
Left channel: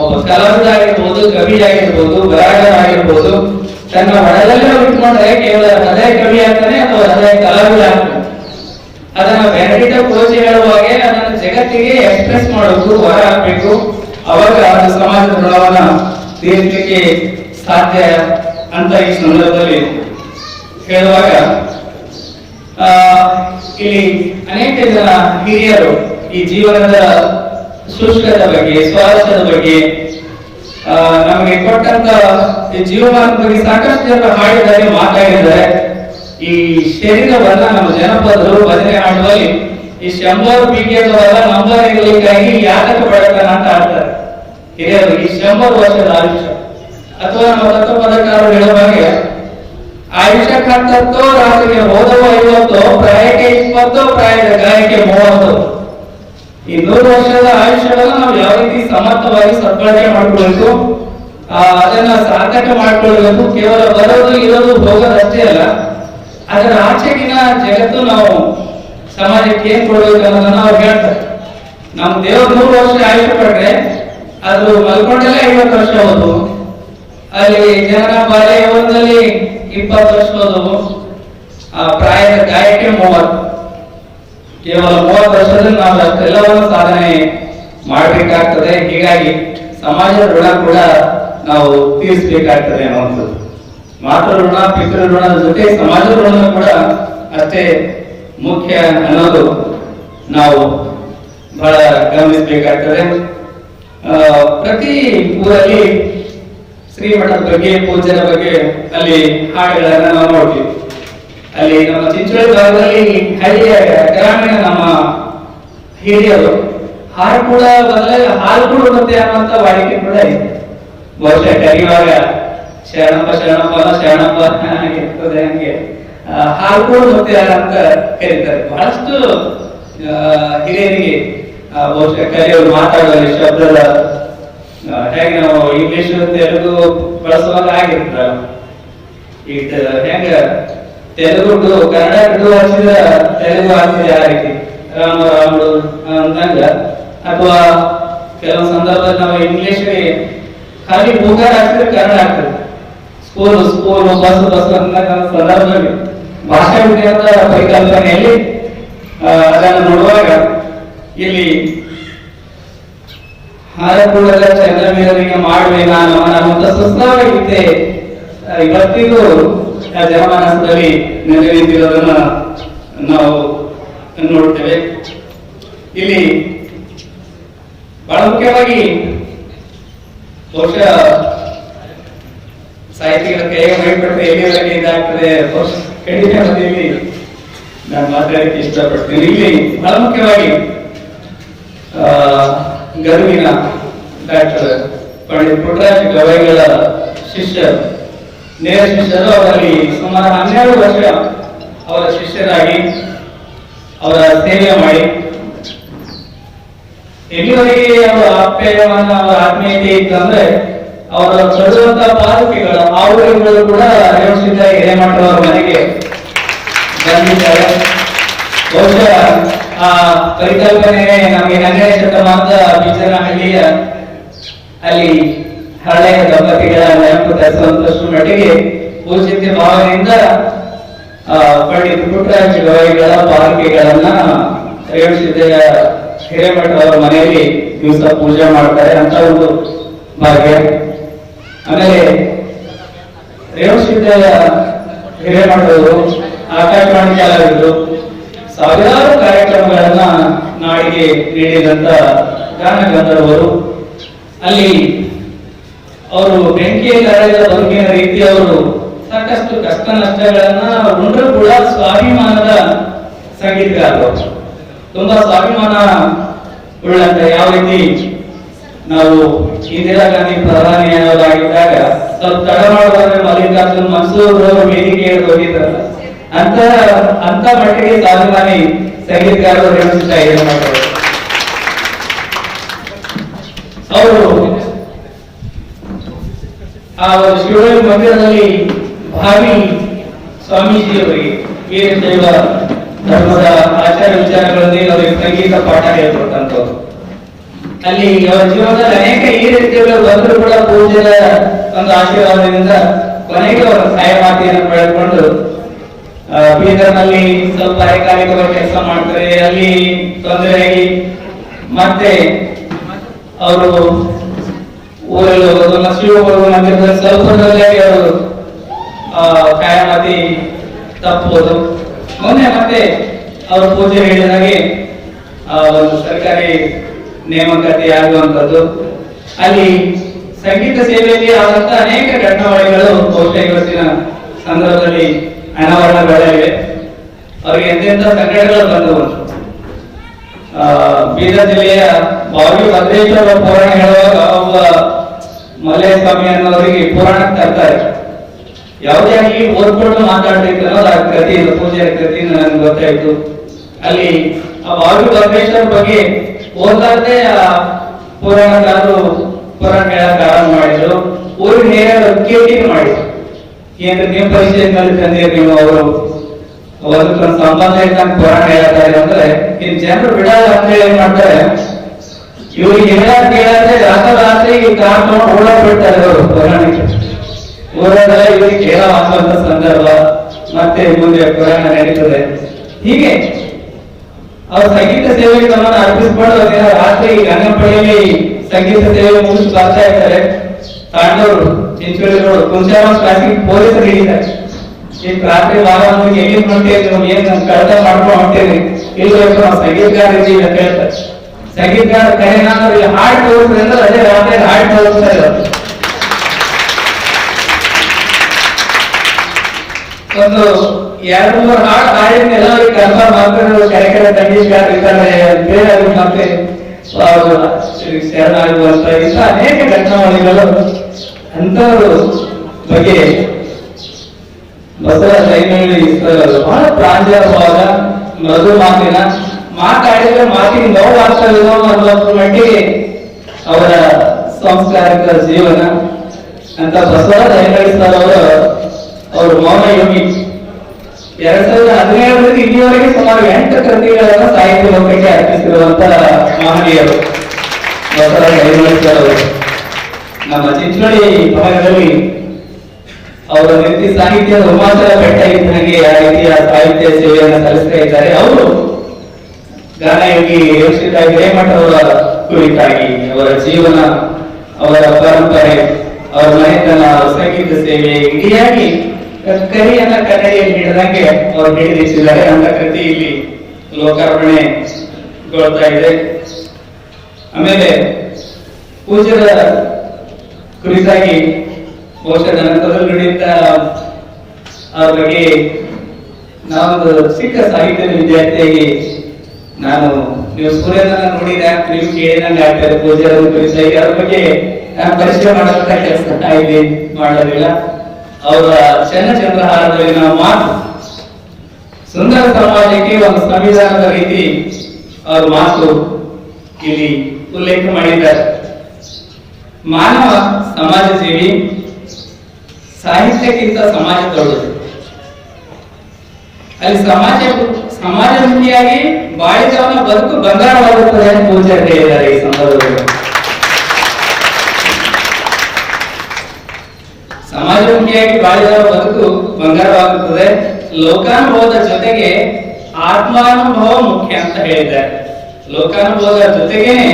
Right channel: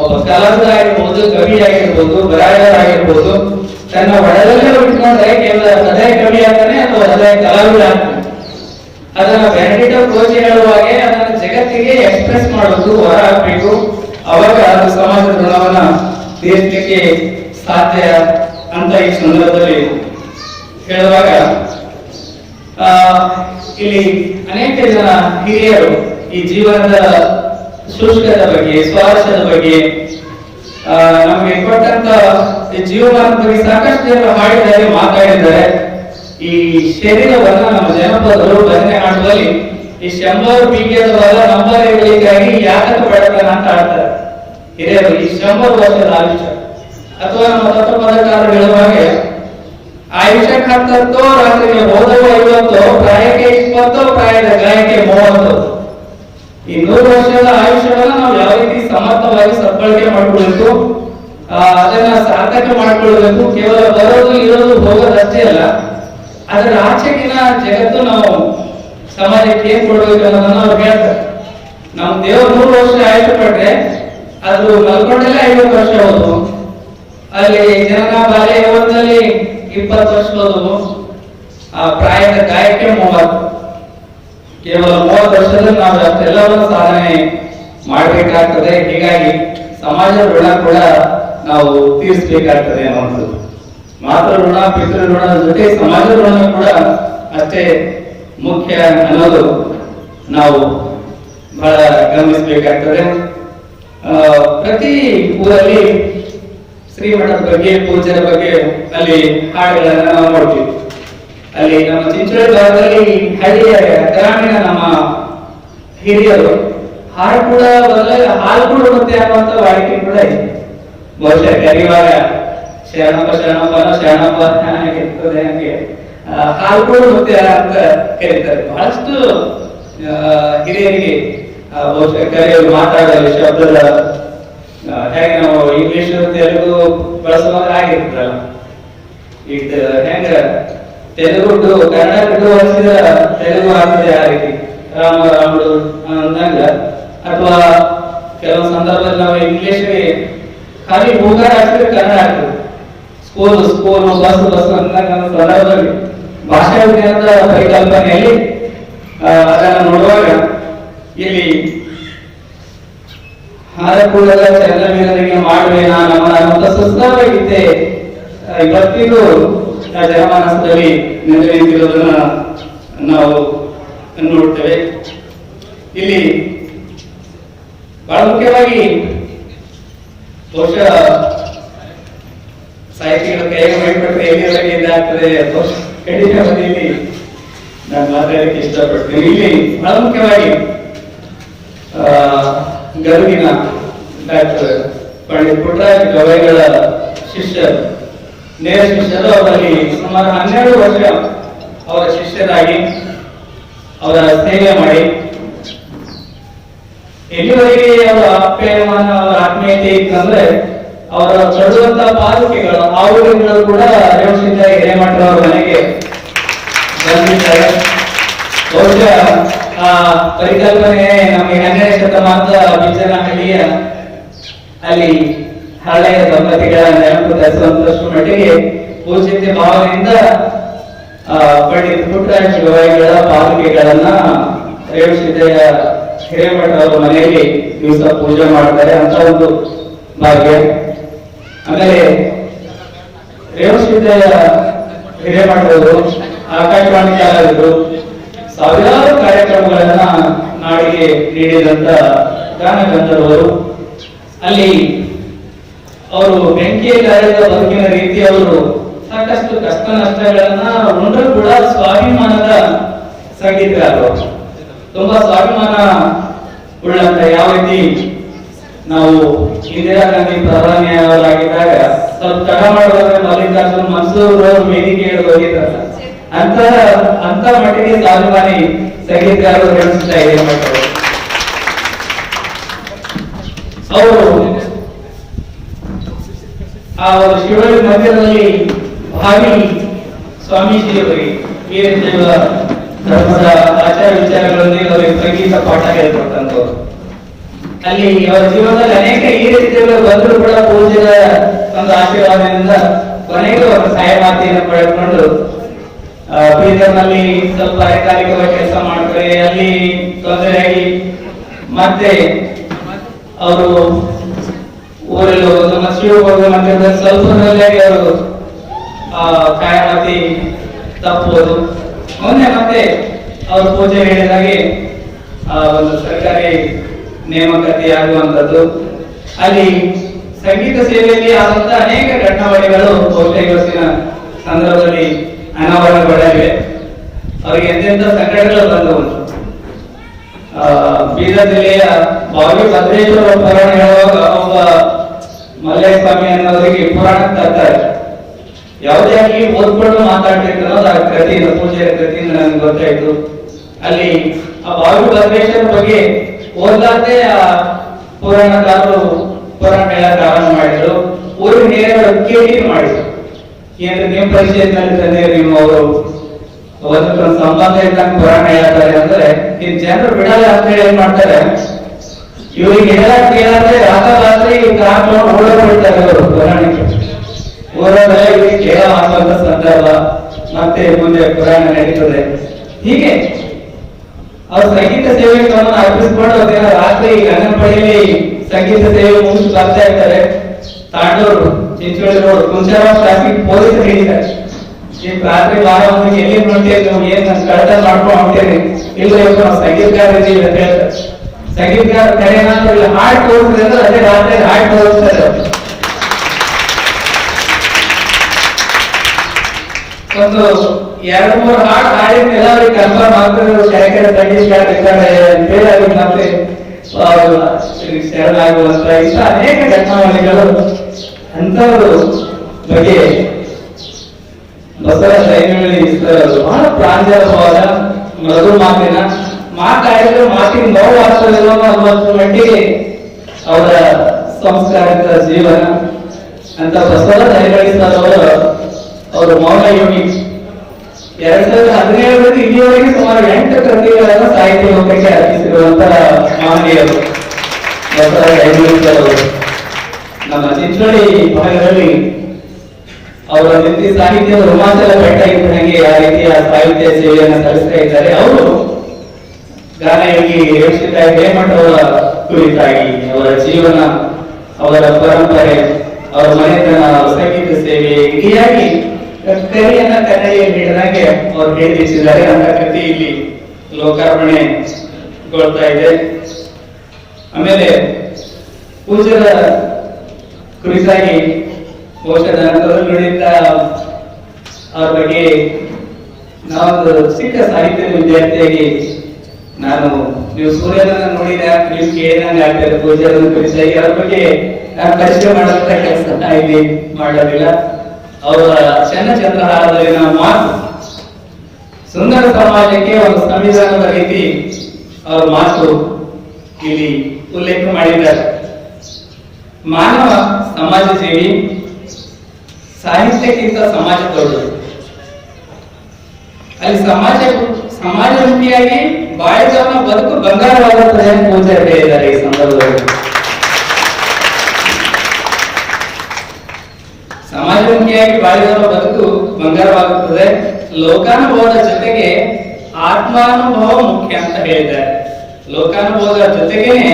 ಒಬ್ಬ ಕಲಾವಿದ ಆಗಿರ್ಬೋದು, ಕವಿ ಆಗಿರ್ಬೋದು, ಬರಹಗಾರ ಆಗಿರ್ಬೋದು, ತನ್ನ ಒಳದಲ್ಲೇ ಇಟ್ಕೊಂಡ್ರೆ ಕೇವಲ ಹೃದಯ ಕವಿ ಆಗ್ತಾನೆ ಅಥವಾ ಹೃದಯ ಕಲಾವಿದ ಆಗ್ತಾನೆ. ಅದನ್ನ ಬೆನಡಿಕ್ಟ್ ಪೋಚಿ ಹೇಳುವ ಹಾಗೆ ಅದನ್ನ ಜಗತ್ತಿಗೆ ಹೇಳುವಾಗ ಇಲ್ಲಿ ಅನೇಕ ಜನ ಹಿರಿಯರು ಈ ಜೀವನದ ಶುಷ್ಕದ ಬಗ್ಗೆ, ಸ್ವಾರಸ್ಯದ ಬಗ್ಗೆ, ನಮಗೆ ಕೊಟ್ಟಂತ ಈ ಜೀವಮಾನದ ಬಗ್ಗೆ ಸಾಕಷ್ಟು ಜನರು ಹಾಡಿದ್ದಾರೆ, ಮಾತಾಡಿದ್ದಾರೆ. ಈ ಶರೀರವನ್ನ ನಮ್ಮ ಜನಪದರು ಭಜನೆ ಹಾಡುವಲ್ಲಿ ಈ 100 ಬೀಗದವರ ನಂಬರ್ ಇರಲಿಕ್ಕಾಗಿ ಯಾತಕ ಪಡತಾನ ಅಂತ ಆಡ್ತಾರೆ ಹಿರಿಯರು. ಈ 100 ವರ್ಷದ ಆಯುಷ್ಯ ಅಥವಾ ನಮ್ಮ ತತ್ವಪದಕಾರರು ಹೇಳುವ ಹಾಗೆ ಆಯುಷ್ಯ 10 ರಾತ್ರಿಗೆ ಹೋದವ 50, ಪ್ರಾಯಕ್ಕೆ 20, ಪ್ರಾಯದ ಗಾಯಕ್ಕೆ 30. ಈ 100 ವರ್ಷದ ಆಯುಷ್ಯವನ್ನ ನಾವು ಯಾವ ರೀತಿ ಸಮರ್ಥವಾಗಿ ಸದ್ಬಳಕೆ ಮಾಡ್ಕೊಳ್ಬೇಕು, ಅದನ್ನ ಸಾರ್ಥಕ ಮಾಡ್ಕೊಳ್ಬೇಕು. ಕೇವಲ ಬರೋದು ಇರೋದು ಹೋಗೋದಷ್ಟೇ ಅಲ್ಲ, ಅದರ ಆಚೆಗಿನ ಜಗತ್ತು ನಾವು ಸಮಾಜಕ್ಕೆ ಏನ್ ಕೊಡ್ಬೇಕು ಅನ್ನೋದನ್ನ ಅವ್ರು ಹೇಳ್ತಾರೆ. ನಮ್ ದೇವರು 100 ವರ್ಷ ಆಯುಷ್ಯ ಪಟ್ರೆ ಅದು ಮಲ್ಕೊಂಡಲ್ಲೇ 50 ವರ್ಷ ಹೋದು, ಅಲ್ಲಿ ಜನನ ಬಾಲ್ಯದಲ್ಲಿ 20 ವರ್ಷ ಹೋದವು, ಪ್ರಾಯದ ಗಾಯಕ್ಕೆ 30. ಕೇವಲ 30 ವರ್ಷದಲ್ಲಿ ನಾವು ಅಷ್ಟೆಲ್ಲವನ್ನು ಸಾಧನೆ ಮಾಡಬೇಕಾಗ್ತದೆ. ಹೀಗಾಗಿ ಸಮಾಜದ ಋಣ ಕೂಡ ನಾವು ತೀರಿಸಬೇಕಾಗ್ತದೆ ಅನ್ನುವಂಥದ್ದು. ಮಾತೃ ಋಣ, ಪಿತೃ ಋಣದ ಜೊತೆ ಸಮಾಜದ ಋಣ ಕೂಡ ಅಷ್ಟೇ ಮುಖ್ಯ ಅನ್ನೋದು ನಾವು ಬಹಳ ಗಮನಿಸಬೇಕಾಗ್ತದೆ. ಪ್ರತಿ ಊರಲ್ಲಿ ಶ್ರೀಮಠದ ಬಗ್ಗೆ, ಪೂಜ್ಯರ ಬಗ್ಗೆ ಅಲ್ಲಿ ಹಾಡುಗಳನ್ನ ನಾವು ನೋಡ್ತೀವಿ. ಅಲ್ಲಿ ನಮ್ಮ ಚಿಂಚೋಳಿ ಭಾಗದಲ್ಲಿ ಹಳ್ಳಿಯ ಗ್ರಾಮೀಣ ನಮ್ಮ ಹಿರಿಯರು ಹಾಡು ಕೂಡ ಬದಲಾಗಿ ಹಾಲು ಕೂಡ ನೃತ್ಯ ಅನ್ನುವಂತ ವಾಡಿಕೆ ಕೂಡ ಇದೆ. ಬಹುಶಃ ಕರೆಯುವಾಗ ಶರಣಪ್ಪ ಶರಣಪ್ಪ ಇರ್ತದೆ, ಹಂಗೆ ಹಾಲು ಕೂಡ ನೃತ್ಯ ಅಂತ ಕರೀತಾರೆ. ಬಹಳಷ್ಟು ಹಿರಿಯರಿಗೆ ಬಹುಶಃ ಕರೆಯೋರು ಮಾತಾಡುವ ಶಬ್ದದ ಹೇಗೆ ನಾವು ಇಂಗ್ಲಿಷ್ ತೆಲುಗು ಬಳಸುವಾಗ ಆಗಿರ್ತಲ್ಲ, ಈಗ ಹೆಂಗ ತೆಲುಗು ಕನ್ನಡ ಹಿಡಿದು ಹಚ್ಚಿದ ತೆಲುಗು ಆಗ್ತದೆ ಆ ರೀತಿ ರಾಮುಡು ಅಂದಂಗ, ಅಥವಾ ಕೆಲವು ಸಂದರ್ಭದಲ್ಲಿ ನಾವು ಇಂಗ್ಲಿಷ್ಗೆ ಖಾಲಿ ಹೂಗಾರ ಹಾಕಿದ್ರೆ ಕನ್ನಡ ಆಗ್ತದೆ. ಸ್ಕೂಲ್ ಬಸ್ ಅಂದಾಗ ಸಂದರ್ಭದಲ್ಲಿ ಭಾಷಾ ವಿಜ್ಞಾನದ ಪರಿಕಲ್ಪನೆಯಲ್ಲಿ ಅದನ್ನು ನೋಡುವಾಗ ಇಲ್ಲಿ ಹಾರಕೂಡಲ ಚಂದ್ರವೀರನಿಗೆ ಮಾಡುವೆ ನಾನು ಅವನ ಸುಸ್ತಾವಿದ್ದೆ ಇವತ್ತಿಗೂ ಜನಮಾನಸದಲ್ಲಿ ನೆಲೆ ನಿಂತಿರೋದನ್ನ ನಾವು ನೋಡ್ತೇವೆ. ಇಲ್ಲಿ ಬಹಳ ಮುಖ್ಯವಾಗಿ ಬಹುಶಃ ಸಾಹಿತಿಗಳ ಕೈಗೆ ಮೈಪಟ್ಟರೆ ಎಲ್ಲಿವರೆಗೆ ಇದಾಗ್ತದೆ ಖಂಡಿತ ಇಲ್ಲಿ ನಾನು ಮಾತಾಡಕ್ಕೆ ಇಷ್ಟಪಡ್ತೀನಿ. ಇಲ್ಲಿ ಬಹಳ ಮುಖ್ಯವಾಗಿ ಗರುವಿನ ಡಾಕ್ಟರ್ ಪಂಡಿತ್ ಪುಟ್ಟರಾಜ ಗವಾಯಿಗಳ ಶಿಷ್ಯರು, ನೇರ ಶಿಷ್ಯರು. ಅವರಲ್ಲಿ ಸುಮಾರು 12 ವರ್ಷ ಅವರ ಶಿಷ್ಯರಾಗಿ ಅವರ ಸೇವೆ ಮಾಡಿ ಎಲ್ಲಿವರೆಗೆ ಅವರ ಆಪ್ಯಾಯವನ್ನು, ಅವರ ಆತ್ಮೀಯತೆ ಇತ್ತಂದ್ರೆ ಅವರ ತೊಡುವಂತಹ ಪಾದುಕೆಗಳು, ಆವುಗಳು ಕೂಡ ರೇವಣಸಿದ್ಧ ಹಿರೇಮಠರವರ ಮನೆಗೆ ಬಂದಿದ್ದಾರೆ. ಬಹುಶಃ ಆ ಪರಿಕಲ್ಪನೆ ನಮಗೆ 12ನೇ ಶತಮಾನದ ಬಿಜ್ಜನಹಳ್ಳಿಯ ಅಲ್ಲಿ ಹಳೆಯ ದಂಪತಿಗಳ ನೆನಪು ತರಿಸುವಂತಷ್ಟು ಮಟ್ಟಿಗೆ ಪೂಜ್ಯತೆ ಭಾವನೆಯಿಂದ ಪಂಡಿತ್ ಪುಟ್ಟರಾಜ ಗವಾಯಿಗಳ ಪಾದುಕೆಗಳನ್ನ ರೇವಣಸಿದ್ದಯ್ಯ ಹಿರೇಮಠ ಅವರ ಮನೆಯಲ್ಲಿ ದಿವಸ ಪೂಜೆ ಮಾಡ್ತಾರೆ ಅಂತ ಒಂದು ಭಾಗ್ಯ. ಆಮೇಲೆ ರೇವಣಸಿದ್ದಯ್ಯ ಹಿರೇಮಠವರು ಆಕಾಶವಾಣಿ ಕಲಾವಿದರು, ಸಾವಿರಾರು ಕಾರ್ಯಕ್ರಮಗಳನ್ನ ನಾಡಿಗೆ ನೀಡಿದಂತ ಗಾನ ಗಂಧರ್ವರು. ಅಲ್ಲಿ ಅವರು ಬೆಂಕಿಯಲ್ಲಿ ಅರೆದ ಬದುಕಿನ ರೀತಿ ಅವರು ಸಾಕಷ್ಟು ಕಷ್ಟ ನಷ್ಟಗಳನ್ನ ಉಂಡ್ರು ಕೂಡ ಸ್ವಾಭಿಮಾನದ ಸಂಗೀತಗಾರರು. ತುಂಬಾ ಸ್ವಾಭಿಮಾನ ಉಳ್ಳಂತ, ಯಾವ ರೀತಿ ನಾವು ಇಂದಿರಾ ಗಾಂಧಿ ಪ್ರಧಾನಿಯಾಗಿದ್ದಾಗ ಸ್ವಲ್ಪ ತಡ ಮಾಡುವಾಗ ಮಲ್ಲಿಕಾರ್ಜುನ್ ಮನ್ಸೂರ್ ಅವರು ವೇದಿಕೆಯಲ್ಲಿ ಹೋಗಿದ್ರಲ್ಲ, ಅಂತ ಮಟ್ಟಿಗೆ ಸ್ವಾಭಿಮಾನಿ ಸಂಗೀತಗಾರರು ರೇವಣಸಿದ್ದ ಹಿರೇಮಠರು. ಅವರು ಆ ಶಿವಳ್ಳಿ ಮಂದಿರದಲ್ಲಿ ಭಾವಿ ಸ್ವಾಮೀಜಿಯವರಿಗೆ ವೀರಶೈವ ಧರ್ಮದ ಆಚಾರ ವಿಚಾರಗಳೊಂದಿಗೆ ಅವರಿಗೆ ಸಂಗೀತ ಪಾಠ ಹೇಳ್ಕೊಟ್ಟಂತವ್ರು. ಅಲ್ಲಿ ಅವರ ಜೀವನದಲ್ಲಿ ಅನೇಕ ಈ ರೀತಿಯ ಬಂದರೂ ಕೂಡ ಪೂಜ್ಯರ ಒಂದು ಆಶೀರ್ವಾದದಿಂದ ಕೊನೆಗೆ ಅವರ ಸಹಾಯ ಮಾತೆಯನ್ನು ಪಡೆದುಕೊಂಡು ಬೀದರ್ನಲ್ಲಿ ಸ್ವಲ್ಪ ಅರೆಕಾಲಿಕವಾಗಿ ಕೆಲಸ ಮಾಡ್ತಾರೆ. ಅಲ್ಲಿ ತೊಂದರೆಯಾಗಿ ಮತ್ತೆ ಅವರು ಊರಲ್ಲಿ ಹೋಗೋದು, ಶಿವಮೊಗ್ಗ ಮಂದಿರದಲ್ಲಿ ಸ್ವಲ್ಪದಲ್ಲೇ ಅವರು ಕಾಯಮಾತಿ ತಪ್ಪುವುದು. ಮೊನ್ನೆ ಮತ್ತೆ ಅವರು ಪೂಜೆ ಹೇಳಿದಾಗೆ ಒಂದು ಸರ್ಕಾರಿ ನೇಮಕಾತಿ ಆಗುವಂಥದ್ದು, ಅಲ್ಲಿ ಸಂಗೀತ ಸೇವೆಯಲ್ಲಿ ಆದಂತ ಅನೇಕ ಘಟನಾವಳಿಗಳು ಬಹುಶಃ ಇವತ್ತಿನ ಸಂದರ್ಭದಲ್ಲಿ ಅನಾವರಣಗಳಿವೆ. ಅವರಿಗೆ ಎಂತೆಂಥ ಸಂಕಟಗಳು ಬಂದವು. ಬೀದರ್ ಜಿಲ್ಲೆಯ ಬಾವಿ ಭದ್ರೇಶ್ವರ ಪುರಾಣ ಹೇಳುವಾಗ ಒಬ್ಬ ಮಲ್ಲಯ್ಯ ಸ್ವಾಮಿ ಅನ್ನೋರಿಗೆ ಪುರಾಣ ತರ್ತಾರೆ. ಯಾವುದೇ ಆಗಲಿ ಓದ್ಕೊಂಡು ಮಾತಾಡ್ಲಿಕ್ಕೆ ಅನ್ನೋದು ಆ ಕೃತಿ, ಪೂಜೆಯ ಕೃತಿಯಿಂದ ನನ್ಗೆ ಗೊತ್ತಾಯ್ತು. ಅಲ್ಲಿ ಆ ಬಾವಿ ಭದ್ರೇಶ್ವರ ಬಗ್ಗೆ ಓದ್ಲಾರ್ದೆ ಆ ಪುರಾಣಕಾರರು ಪುರಾಣ ಹೇಳಕ್ ಆರಂಭ ಮಾಡಿದ್ರು. ಊರಿನ ಹಿರಿಯರು ಕೇಳಿ ಮಾಡಿದ್ರು, ಏನ್ರಿ ನಿಮ್ ಪರಿಚಯದಲ್ಲಿ ತಂದಿರಿ ನೀವು, ಅವರು ಒಂದು ಸಂಬಂಧ ಇದ್ದಂಗೆ ಪುರಾಣ ಹೇಳ್ತಾರೆ ಅಂದ್ರೆ ಇನ್ ಜನರು ಬಿಡಲ್ಲ ಅಂತ ಹೇಳಿ ಏನ್ ಮಾಡ್ತಾರೆ, ಇವ್ರಿಗೆ ಹೇಳಕ್ ಕೇಳಾದ್ರೆ ರಾತ್ರಿ ಕಾರ್ ತಗೊಂಡು ಊರ ಬಿಡ್ತಾರೆ ಅವರು ಪುರಾಣಕ್ಕೆ. ಊರಲ್ಲ ಇವ್ರಿಗೆ ಕೇಳ ಹಾಕುವಂತ ಸಂದರ್ಭ, ಮತ್ತೆ ಮುಂದೆ ಪುರಾಣ ನಡೀತದೆ. ಹೀಗೆ ಅವ್ರ ಸಂಗೀತ ಸೇವೆಗಳನ್ನು ಅರ್ಪಿಸ್ಕೊಂಡು ದಿನ ರಾತ್ರಿ ಗಂಗನಪಳ್ಳಿಯಲ್ಲಿ ಸಂಗೀತ ಸೇವೆ ಮುಗಿಸಿ ಬರ್ತಾ ಇರ್ತಾರೆ. ತಾಂಡವರು ಚಿಂಚೋಳಿ ರೋಡ್ ಕುಂಚಾರ ಟ್ರಾಫಿಕ್ ಪೊಲೀಸರು ಹಿಡಿತಾರೆ. ಈಗ ರಾತ್ರಿ ಬಾರ ಮಂದಿಗೆ ಎಲ್ಲಿ ಮಾಡ್ತೇವೆ, ನೀವು ಏನ್ ಕಳತ ಮಾಡ್ಕೊಂಡು ಹೊಂಟೇರಿ, ಇಲ್ಲ ನಾವು ಸಂಗೀತಗಾರ ಇದ್ದೀವಿ ಅಂತ ಹೇಳ್ತಾರೆ. ಸಂಗೀತಗಾರ ಕರೆನಾದ್ರು ಇಲ್ಲಿ ಹಾಡು ತೋರಿಸ್ರಿ ಅಂದ್ರೆ ಅದೇ ರಾತ್ರಿ ಹಾಡು ತೋರಿಸ್ತಾರೆ. ಒಂದು 2-3 ಹಾಡು ಹಾಡಿದ ಎಲ್ಲರಿಗೆ ಕನ್ಫರ್ಮ್ ಆಗ್ತದೆ ಕಾರ್ಯಕ್ರಮ ಸಂಗೀತಗಾರ ಇದ್ದಾರೆ ಅಂತೇಳಿ ಅವ್ರಿಗೆ ಮತ್ತೆ ಶರಣಾಗುವಂತ ಇಂಥ ಅನೇಕ ಘಟನಾವಳಿಗಳು ಅಂತವರು ಬಗ್ಗೆ ಬಸವರಾಜ ಐನಹಳ್ಳಿ ಬಹಳ ಪ್ರಾಂಜಲವಾದ ಮೃದು ಮಾತಾಡಿದ್ರೆ ಮಾತಿಗೆ ನೋವು ಆಗ್ತದೆ ಅನ್ನೋ ಮಟ್ಟಿಗೆ ಅವರ ಸಂಸ್ಕಾರಿಕ ಜೀವನ ಅಂತ ಬಸವರಾಜ ಐನಹಳ್ಳಿ ಸರ್ ಅವರು ಮೌನ ಯೋಗಿ 2017ರಿಂದ ಇಲ್ಲಿಯವರೆಗೆ ಸುಮಾರು 8 ಕೃತಿಗಳನ್ನು ಸಾಹಿತ್ಯ ಲೋಕಕ್ಕೆ ಅರ್ಪಿಸಿರುವಂತಹ ಮಹನೀಯರು ಬಸವರಾಜ ಐನಹಳ್ಳಿ ಸರ್ ಅವರು. ನಮ್ಮ ಚಿಂಚೋಳಿ ಭಾಗದಲ್ಲಿ ಅವರ ರೀತಿ ಸಾಹಿತ್ಯದ ಹಿಮಾಚಲ ಬೆಟ್ಟ ಇದ್ದಂಗೆ ಆ ರೀತಿಯ ಸಾಹಿತ್ಯ ಸೇವೆಯನ್ನು ಸಲ್ಲಿಸ್ತಾ ಇದ್ದಾರೆ. ಅವರು ಗಾನಯೋಗಿ ಯೋಷಿತ ಹಿರೇಮಠ ಅವರ ಕುರಿತಾಗಿ ಅವರ ಜೀವನ, ಅವರ ಪರಂಪರೆ, ಅವರ ಮನೆತನ, ಸಂಗೀತ ಸೇವೆ ಇಡಿಯಾಗಿ ಕರಿಯನ್ನ ಕನ್ನಡಿಯಲ್ಲಿ ಹಿಡಿದಂಗೆ ಅವರು ಹಿಡಿದಿಟ್ಟಿದ್ದಾರೆ. ಅಂತ ಕೃತಿ ಇಲ್ಲಿ ಲೋಕಾರ್ಪಣೆಗೊಳ್ತಾ ಇದೆ. ಆಮೇಲೆ ಪೂಜ್ಯರ ಕುರಿತಾಗಿ ಬಹುಶಃ ನನ್ನ ನುಡಿಯಿಂದ ಅವ್ರ ಬಗ್ಗೆ ನಾವೊಂದು ಚಿಕ್ಕ ಸಾಹಿತ್ಯದ ವಿದ್ಯಾರ್ಥಿಯಾಗಿ ನಾನು, ನೀವು ಸೂರ್ಯನ ನೋಡಿದ ನೀವು ಕೇಳಿದಂಗೆ ಆಗ್ತಾರೆ. ಪೂಜಾರ ಕುರಿತಾಗಿ ಅವ್ರ ಬಗ್ಗೆ ನಾನು ಪರಿಚಯ ಮಾಡುವಂತ ಕೆಲಸ ಇಲ್ಲಿ ಮಾಡೋದಿಲ್ಲ. ಅವರ ಚನ್ನಚಂದ್ರಹಾರದಲ್ಲಿ ನಾವು ಮಾತು ಸುಂದರ ಸಮಾಜಕ್ಕೆ ಒಂದು ಸಂವಿಧಾನದ ರೀತಿ ಅವ್ರ ಮಾತು ಇಲ್ಲಿ ಉಲ್ಲೇಖ ಮಾಡಿದ್ದಾರೆ. ಮಾನವ ಸಮಾಜ ಸೇವಿ, ಸಾಹಿತ್ಯಕ್ಕಿಂತ ಸಮಾಜ ದೊಡ್ಡದು. ಅಲ್ಲಿ ಸಮಾಜಮುಖಿಯಾಗಿ ಬಾಳಿದವನ ಬದುಕು ಬಂಗಾರವಾಗುತ್ತದೆ ಅಂತ ಪೂಜಾರಿ ಹೇಳಿದ್ದಾರೆ. ಈ ಸಂದರ್ಭದಲ್ಲಿ ಸಮಾಜಮುಖಿಯಾಗಿ ಬಾಳಿದವನ ಬದುಕು ಬಂಗಾರವಾಗುತ್ತದೆ, ಲೋಕಾನುಭವದ ಜೊತೆಗೆ ಆತ್ಮಾನುಭವ ಮುಖ್ಯ ಅಂತ ಹೇಳಿದ್ದಾರೆ. ಲೋಕಾನುಭವದ ಜೊತೆಗೇನೆ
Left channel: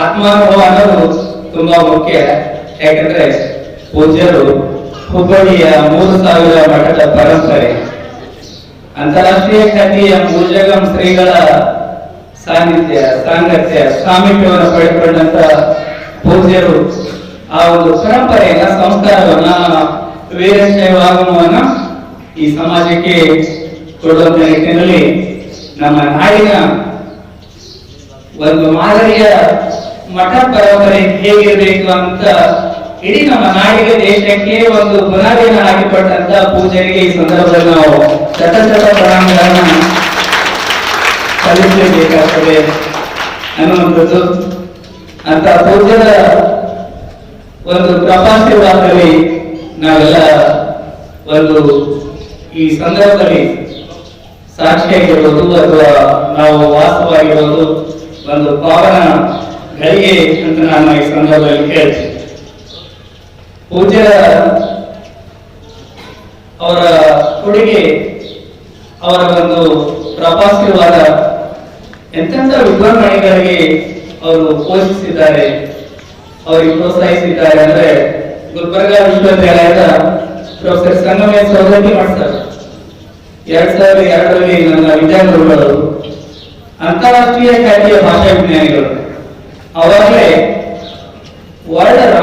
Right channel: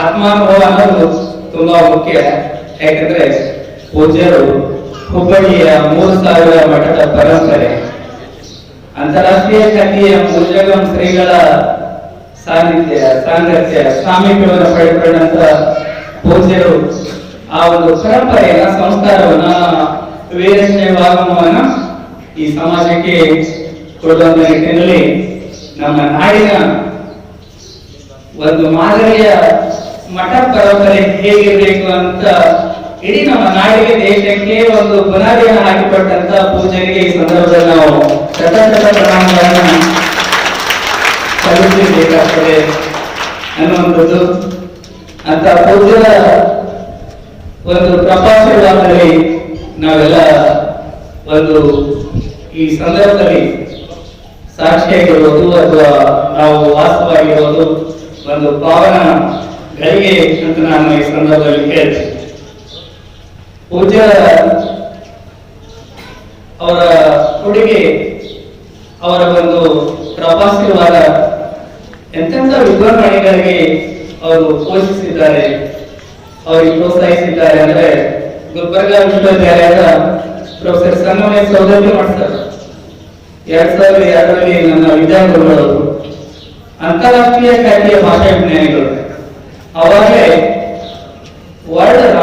ಆತ್ಮಾನುಭವ ಅನ್ನೋದು ತುಂಬಾ ಮುಖ್ಯ. ಯಾಕಂದ್ರೆ ಪೂಜ್ಯರು ಹುಬ್ಬಳ್ಳಿಯ 3000 ಮಠದ ಪರಂಪರೆ, ಅಂತಾರಾಷ್ಟ್ರೀಯ ಖ್ಯಾತಿಯ ಭುಜಗಂ ಶ್ರೀಗಳ ಸಾನ್ನಿಧ್ಯ, ಸಾಂಗತ್ಯ, ಸಾಮೀಪ್ಯವನ್ನು ಪಡೆದುಕೊಂಡಂತ ಪೂಜ್ಯರು ಆ ಒಂದು ಪರಂಪರೆಯನ್ನ, ಸಂಸ್ಕಾರವನ್ನ, ವೀರಶೈವಾಗಮವನ್ನ ಈ ಸಮಾಜಕ್ಕೆ ಕೊಡುವಂತ ನಿಟ್ಟಿನಲ್ಲಿ ನಮ್ಮ ನಾಡಿನ ಒಂದು ಮಾದರಿಯ ಮಠ ಪರಂಪರೆ ಹೇಗಿರಬೇಕು ಅಂತ ಇಡೀ ನಮ್ಮ ನಾಡಿಗೆ, ದೇಶಕ್ಕೆ ಒಂದು ಬುನಾದಿಯನ್ನು ಹಾಕಿಕೊಟ್ಟಂತ ಪೂಜೆಗೆ ಈ ಸಂದರ್ಭದಲ್ಲಿ ನಾವು ಶತ ಪ್ರಣಾಮಗಳನ್ನು ಸಲ್ಲಿಸಬೇಕಾಗ್ತದೆ ಅನ್ನುವಂಥದ್ದು. ಅಂತ ಪೂಜ್ಯರ ಒಂದು ಕೃಪಾಶೀರ್ವಾದದಲ್ಲಿ ನಾವೆಲ್ಲ ಒಂದು ಈ ಸಂದರ್ಭದಲ್ಲಿ ಸಾಕ್ಷಿಯಾಗಿರ್ಬೋದು ಅಥವಾ ನಾವು ವಾಸವಾಗಿರ್ಬೋದು ಒಂದು ಪಾವನ ಗಳಿಗೆ ಅಂತ ನಾನು ಈ ಸಂದರ್ಭದಲ್ಲಿ ಹೇಳ್ತೀನಿ. ಪೂಜ್ಯರ ಅವರ ಕೊಡುಗೆ, ಅವರ ಒಂದು ಪ್ರವಾಸಿವಾದ ಎಂತೆಂಥ ವಿದ್ವಾಂಸಗಳಿಗೆ ಅವರು ಪೋಷಿಸಿದ್ದಾರೆ, ಅವರಿಗೆ ಪ್ರೋತ್ಸಾಹಿಸಿದ್ದಾರೆ ಅಂದ್ರೆ ಗುಲ್ಬರ್ಗಾ ವಿಶ್ವವಿದ್ಯಾಲಯದ ಪ್ರೊಫೆಸರ್ ಸಂಗಮೇಶ್ ಸೌದತ್ತಿ ಮಾಡ್ತಾರೆ. 2002ರಲ್ಲಿ ನನ್ನ ವಿದ್ಯಾಗುರುಗಳು ಅಂತಾರಾಷ್ಟ್ರೀಯ ಖ್ಯಾತಿಯ ಭಾಷಾ ವಿಜ್ಞಾನಿಗಳು ಅವಾಗಲೇ ವರ್ಲ್ಡ್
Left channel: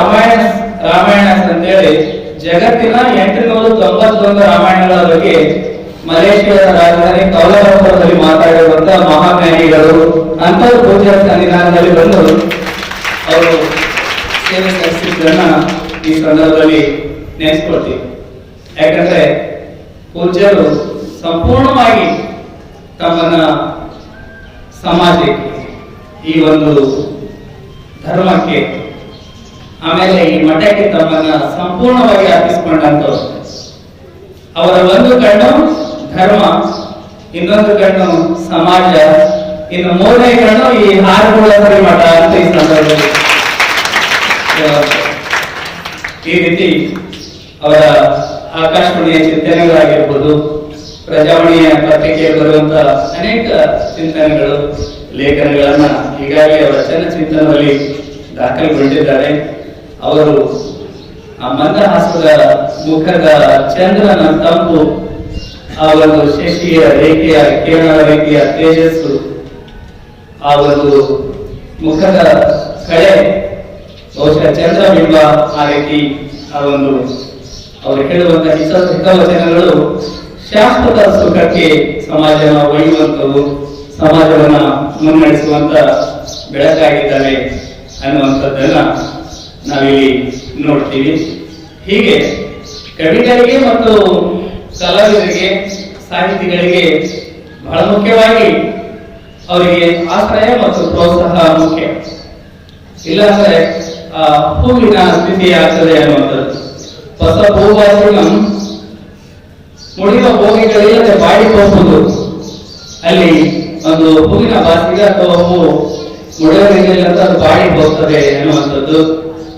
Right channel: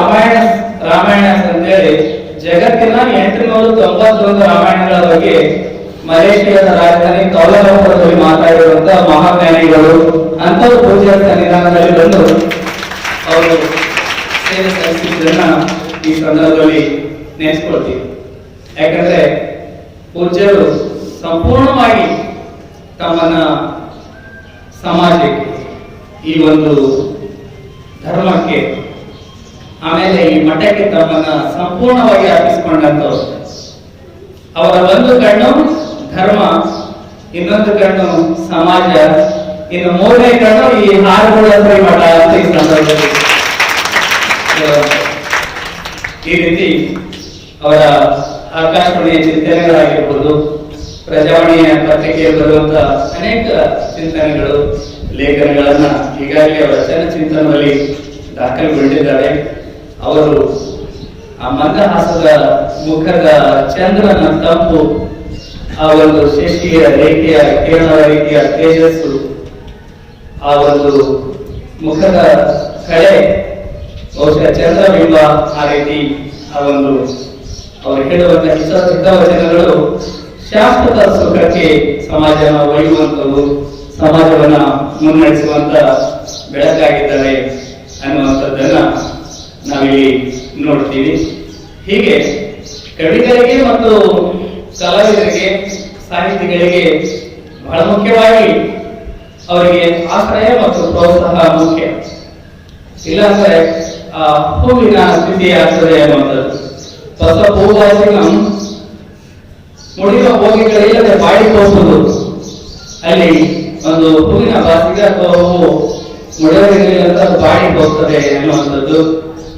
ರಾಮಾಯಣ ಅಂತೇಳಿ ಜಗತ್ತಿನ 891 ರಾಮಾಯಣಗಳ ಬಗ್ಗೆ ಮಲೇಷಿಯಾದ ರಾಜಧಾನಿ ಕೌಲಾಲಂಪುರದಲ್ಲಿ ಮಾತಾಡಿರುವಂತಹ ಮಹಾಜ್ಞಾನಿಗಳು ಅಂತವರು ಪೂಜ್ಯ ಸನ್ನಿಧಾನದಲ್ಲಿ ಬಂದು ಅವರು ಸೇವೆ ಸಲ್ಲಿಸಿದ್ದನ್ನ ಈ ಸಂದರ್ಭದಲ್ಲಿ ನೆನೆಸ್ಕೊಳ್ತೀವಿ. ಯಾಕಂದ್ರೆ ಪೂಜ್ಯರು ಸಂಪೂರ್ಣವಾಗಿ ತಮ್ಮನ್ನ ಸಮಾಜಕ್ಕೆ, ಈ ಒಂದು ಧರ್ಮಕ್ಕೆ, ಆಮೇಲೆ ಈ ಮಠಕ್ಕೆ ತಮ್ಮನ್ನ ಸಂಪೂರ್ಣವಾಗಿ ಅರ್ಪಿಸಿಕೊಂಡಂತವ್ರು. ಅವರ ಒಂದು ಕಣ್ಣು ಧರ್ಮ, ಇನ್ನೊಂದು ಕಣ್ಣು ಸಮಾಜ, ಇನ್ನು ಮೂರನೇ ಕಣ್ಣು ಈ ಹಾರಗೂಡೇಶ್ವರಿ ಮಠ ಅಂತ ಈ ಸಂದರ್ಭದಲ್ಲಿ ಈ ರೀತಿ ಅವರ ಆಕಾಶವಾಣಿಯ ಚಿಂತನೆಗಳಾಗಿರ್ಬೋದು, ಪ್ರಜಾವಾಣಿಯ ಪತ್ರಿಕೆಯಲ್ಲಿ ಬರುವಂತ ಅನೇಕ ಚಿಂತನೆಗಳು, ಲೇಖನಗಳನ್ನ ಈಗಾಗಲೇ ಅವರ ಚಿಂತನದಲ್ಲಿ ದಾಖಲುಗೊಂಡಿದ್ದಾರೆ. ಅವರು ಆ ಮಂದಹಾಸದ ಮುಖದ ಚಂದ್ರನ ತಂಪು, ಆ ಒಂದು ಶಶಿಯ ರೇಖೆಯ ಕಿರಣದ ರೀತಿಯ ತೇಜಸ್ಸು, ಆ ಒಂದು ಮುಖದ ಕಳೆ, ಬಹುಶಃ ಚಂದ್ರಬಿಂಬ, ಆ ರೀತಿ ಆ ಒಂದು ಅವರು ಹೇಳುವಂತ ಹಿತವಚನಗಳು ಶಾಶ್ವತ ಸುಖಕ್ಕೆ ಸಮಾಜವನ್ನು ಒಯ್ಯುವಂಥವು, ಸಮಾಜವನ್ನ ಮುನ್ನಡೆಸುವಂತ ಬೆಳಕಾಗಿದ್ದಾರೆ ಅನ್ನುವಂಥದ್ದನ್ನ ನಾವಿಲ್ಲಿ ನೋಡ್ತೀವಿ. ಹೀಗೆ ಕವಿಗಳಿಗೆ ಮತ್ತು ಕಲಾವಿದರಿಗೆ, ಸಾಹಿತಿಗಳಿಗೆ ಬಹಳ ಮುಖ್ಯವಾಗಿ ಅವರಿಗೆ ಆಶ್ರಯ ಮತ್ತು ಪ್ರೋತ್ಸಾಹ ಮುಖ್ಯ. ಇಲ್ಲಾಂದ್ರೆ ಆ ಹೂವಿನ ಸ್ಥಿತಿ ಆಗ್ತದೆ ಅನ್ನುವಂಥದ್ದು. ಹೊಸ ಹೂವಾಸನ ಮುಡಿಯುವ ಹೋಗಿಗಳಿಲ್ಲದೆ ಬಾಡಿ ಹೋಗುವುದು, ಅಲ್ಲಿ ಒಂದು ಹೂವಿನ ಬಾಸಿಗ ಅಥವಾ ಹೂವು ಮುಡಿಯೋದಿಲ್ಲ ಅಂತ ಬಾಡಿ ಹೋಗ್ತದೆ ಅನ್ನುವಂಥದ್ದು.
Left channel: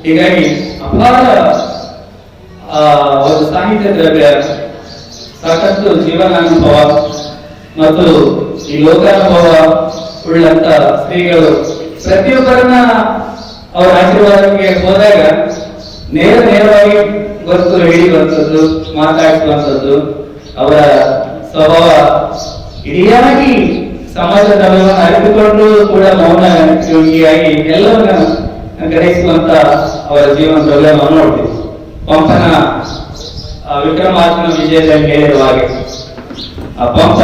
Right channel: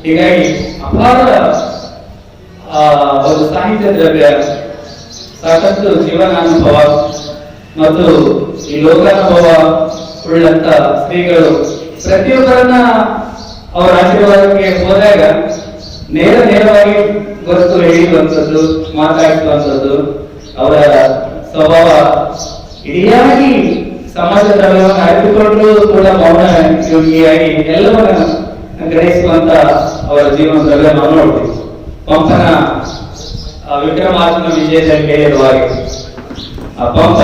ಹೀಗಾಗಿ ಅಪಾರ ಒಂದು ಸಾಹಿತ್ಯ ದ್ರವ್ಯ, ಸಾಕಷ್ಟು ಜೀವನಾನುಭವ ಮತ್ತು ಈ ಲೋಕಾನುಭವ ಉಳ್ಳಂತ ಶ್ರೀಗಳು ಪ್ರತಿಯೊಬ್ಬರನ್ನ ಅವರ ಆಶೀರ್ವಾದಕ್ಕೆ ಹೋದಾಗ ನೇರವಾಗಿ ಗೊತ್ತು ಹಿಡಿಯುವಂಥದ್ದು, ಮಾತಾಡಿಸುವಂಥದ್ದು, ಅವರ ಸ್ವಭಾವ ಇಡಿಯಾಗಿ ಸಮಾಜದ ಧರ್ಮವನ್ನು ಅರಿತುಕೊಂಡು ಕೂಡ ಮೌನ ಯೋಗಿಯಾಗಿ ಎಲ್ಲವನ್ನ ಗ್ರಹಿಸುವಂತ ಅವರ ಜೀವನ ದ್ರವ್ಯ ನಾವು ನೋಡ್ತೀವಿ. ಪಂಪನ ವಿಕ್ರಮಾರ್ಜುನ ವಿಜಯದಲ್ಲಿ ಹೇಳಿರುವ ಹಾಗೆ ಆ ಪಂಪ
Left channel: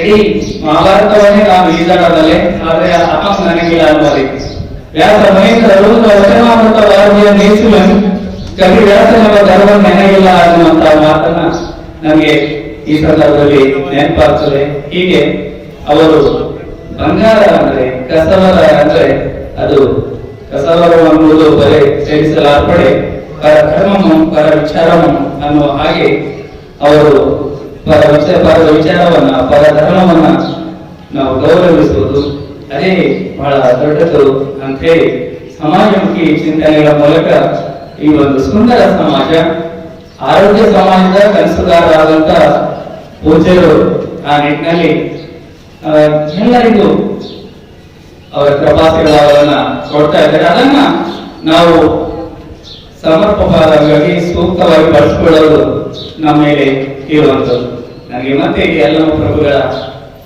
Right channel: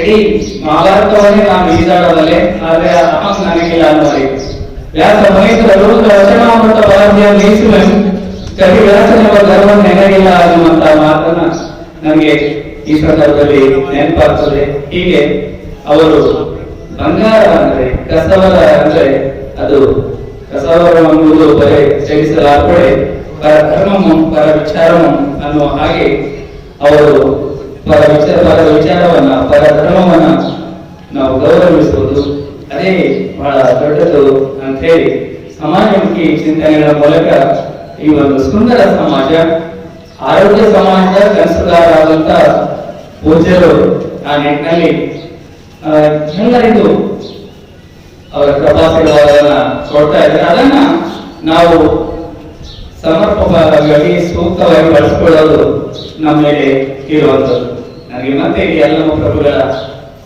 ಇಡೀ ಮಹಾಭಾರತವನ್ನೇ ನಾನು ಈಜಾಡಬಲ್ಲೆ, ಆದ್ರೆ ಅಮ್ಮ ನನಗಿಲ್ಲ ಅನ್ನುವರೆ. ವ್ಯಾಸ ಮಹೇಂದ್ರ ವಚನಾಮೃತ ಭಾರತೀಯ ನಿಲ್ಲಿಸುವನು, ಕವಿ ವ್ಯಾಸನೆಂಬ ಧರ್ಮ ನೆನಗಿಲ್ಲ ಅನ್ನುವಂತ ಮಾತನ್ನ ನಮಗೆ ಈ ಸಂದರ್ಭದಲ್ಲಿ ನೆನಪಾಗ್ತದೆ. ಹೀಗೆ ಅವರು ಬಂಗಾರ ಅಂದ್ರೆ ಕಸವರ ಅಂದ್ರೆ ಅದು ಕಸವರ ಎಂಬುದು ಬರೇ ಸೇರಿಸಲಾರ್ಪಡೆ ಪರ ಧರ್ಮಂ ಪರ ವಿಚಾರಂ ಅನ್ನುವ ಹಾಗೆ ಅವರು ಪರ ವಿಚಾರವನ್ನ, ಪರ ಧರ್ಮವನ್ನ ನಾವು ಗೌರವಿಸುವುದು ಅದೇ ಬಹಳ ದೊಡ್ಡದು ಅಂತ ಹೇಳಿ ಸಮಾಜಮುಖಿ ಚಿಂತನೆಗಳ ಮೂಲಕ ಈ ಒಂದು ಸುಂದರ ಸಮಾಜ, ಆರೋಗ್ಯ ಸಮಾಜದ ಕನಸುಗಾರರಾದಂತ ಪೂಜ್ಯರು ಆ ನಿಟ್ಟಿನಲ್ಲಿ ಎಲ್ಲರಿಗೂ ಅವರ ಕೃಪಾಶೀರ್ವಾದವನ್ನ ಕೊಡ್ತಾ ಇದ್ದಾರೆ. ಅದನ್ನ ನಾವು ಸಮರ್ಪಕವಾಗಿ ಸೂಕ್ತವಾಗಿ ಬಳಸಿಕೊಳ್ಳೋದು ನಮ್ಮ ಮೇಲೆ ಇರುವಂಥದ್ದು. ನನಗೆ ಮತ್ತೆ ಈ ಎಲ್ಲಮ್ಮ ಪ್ರಭುಗಳ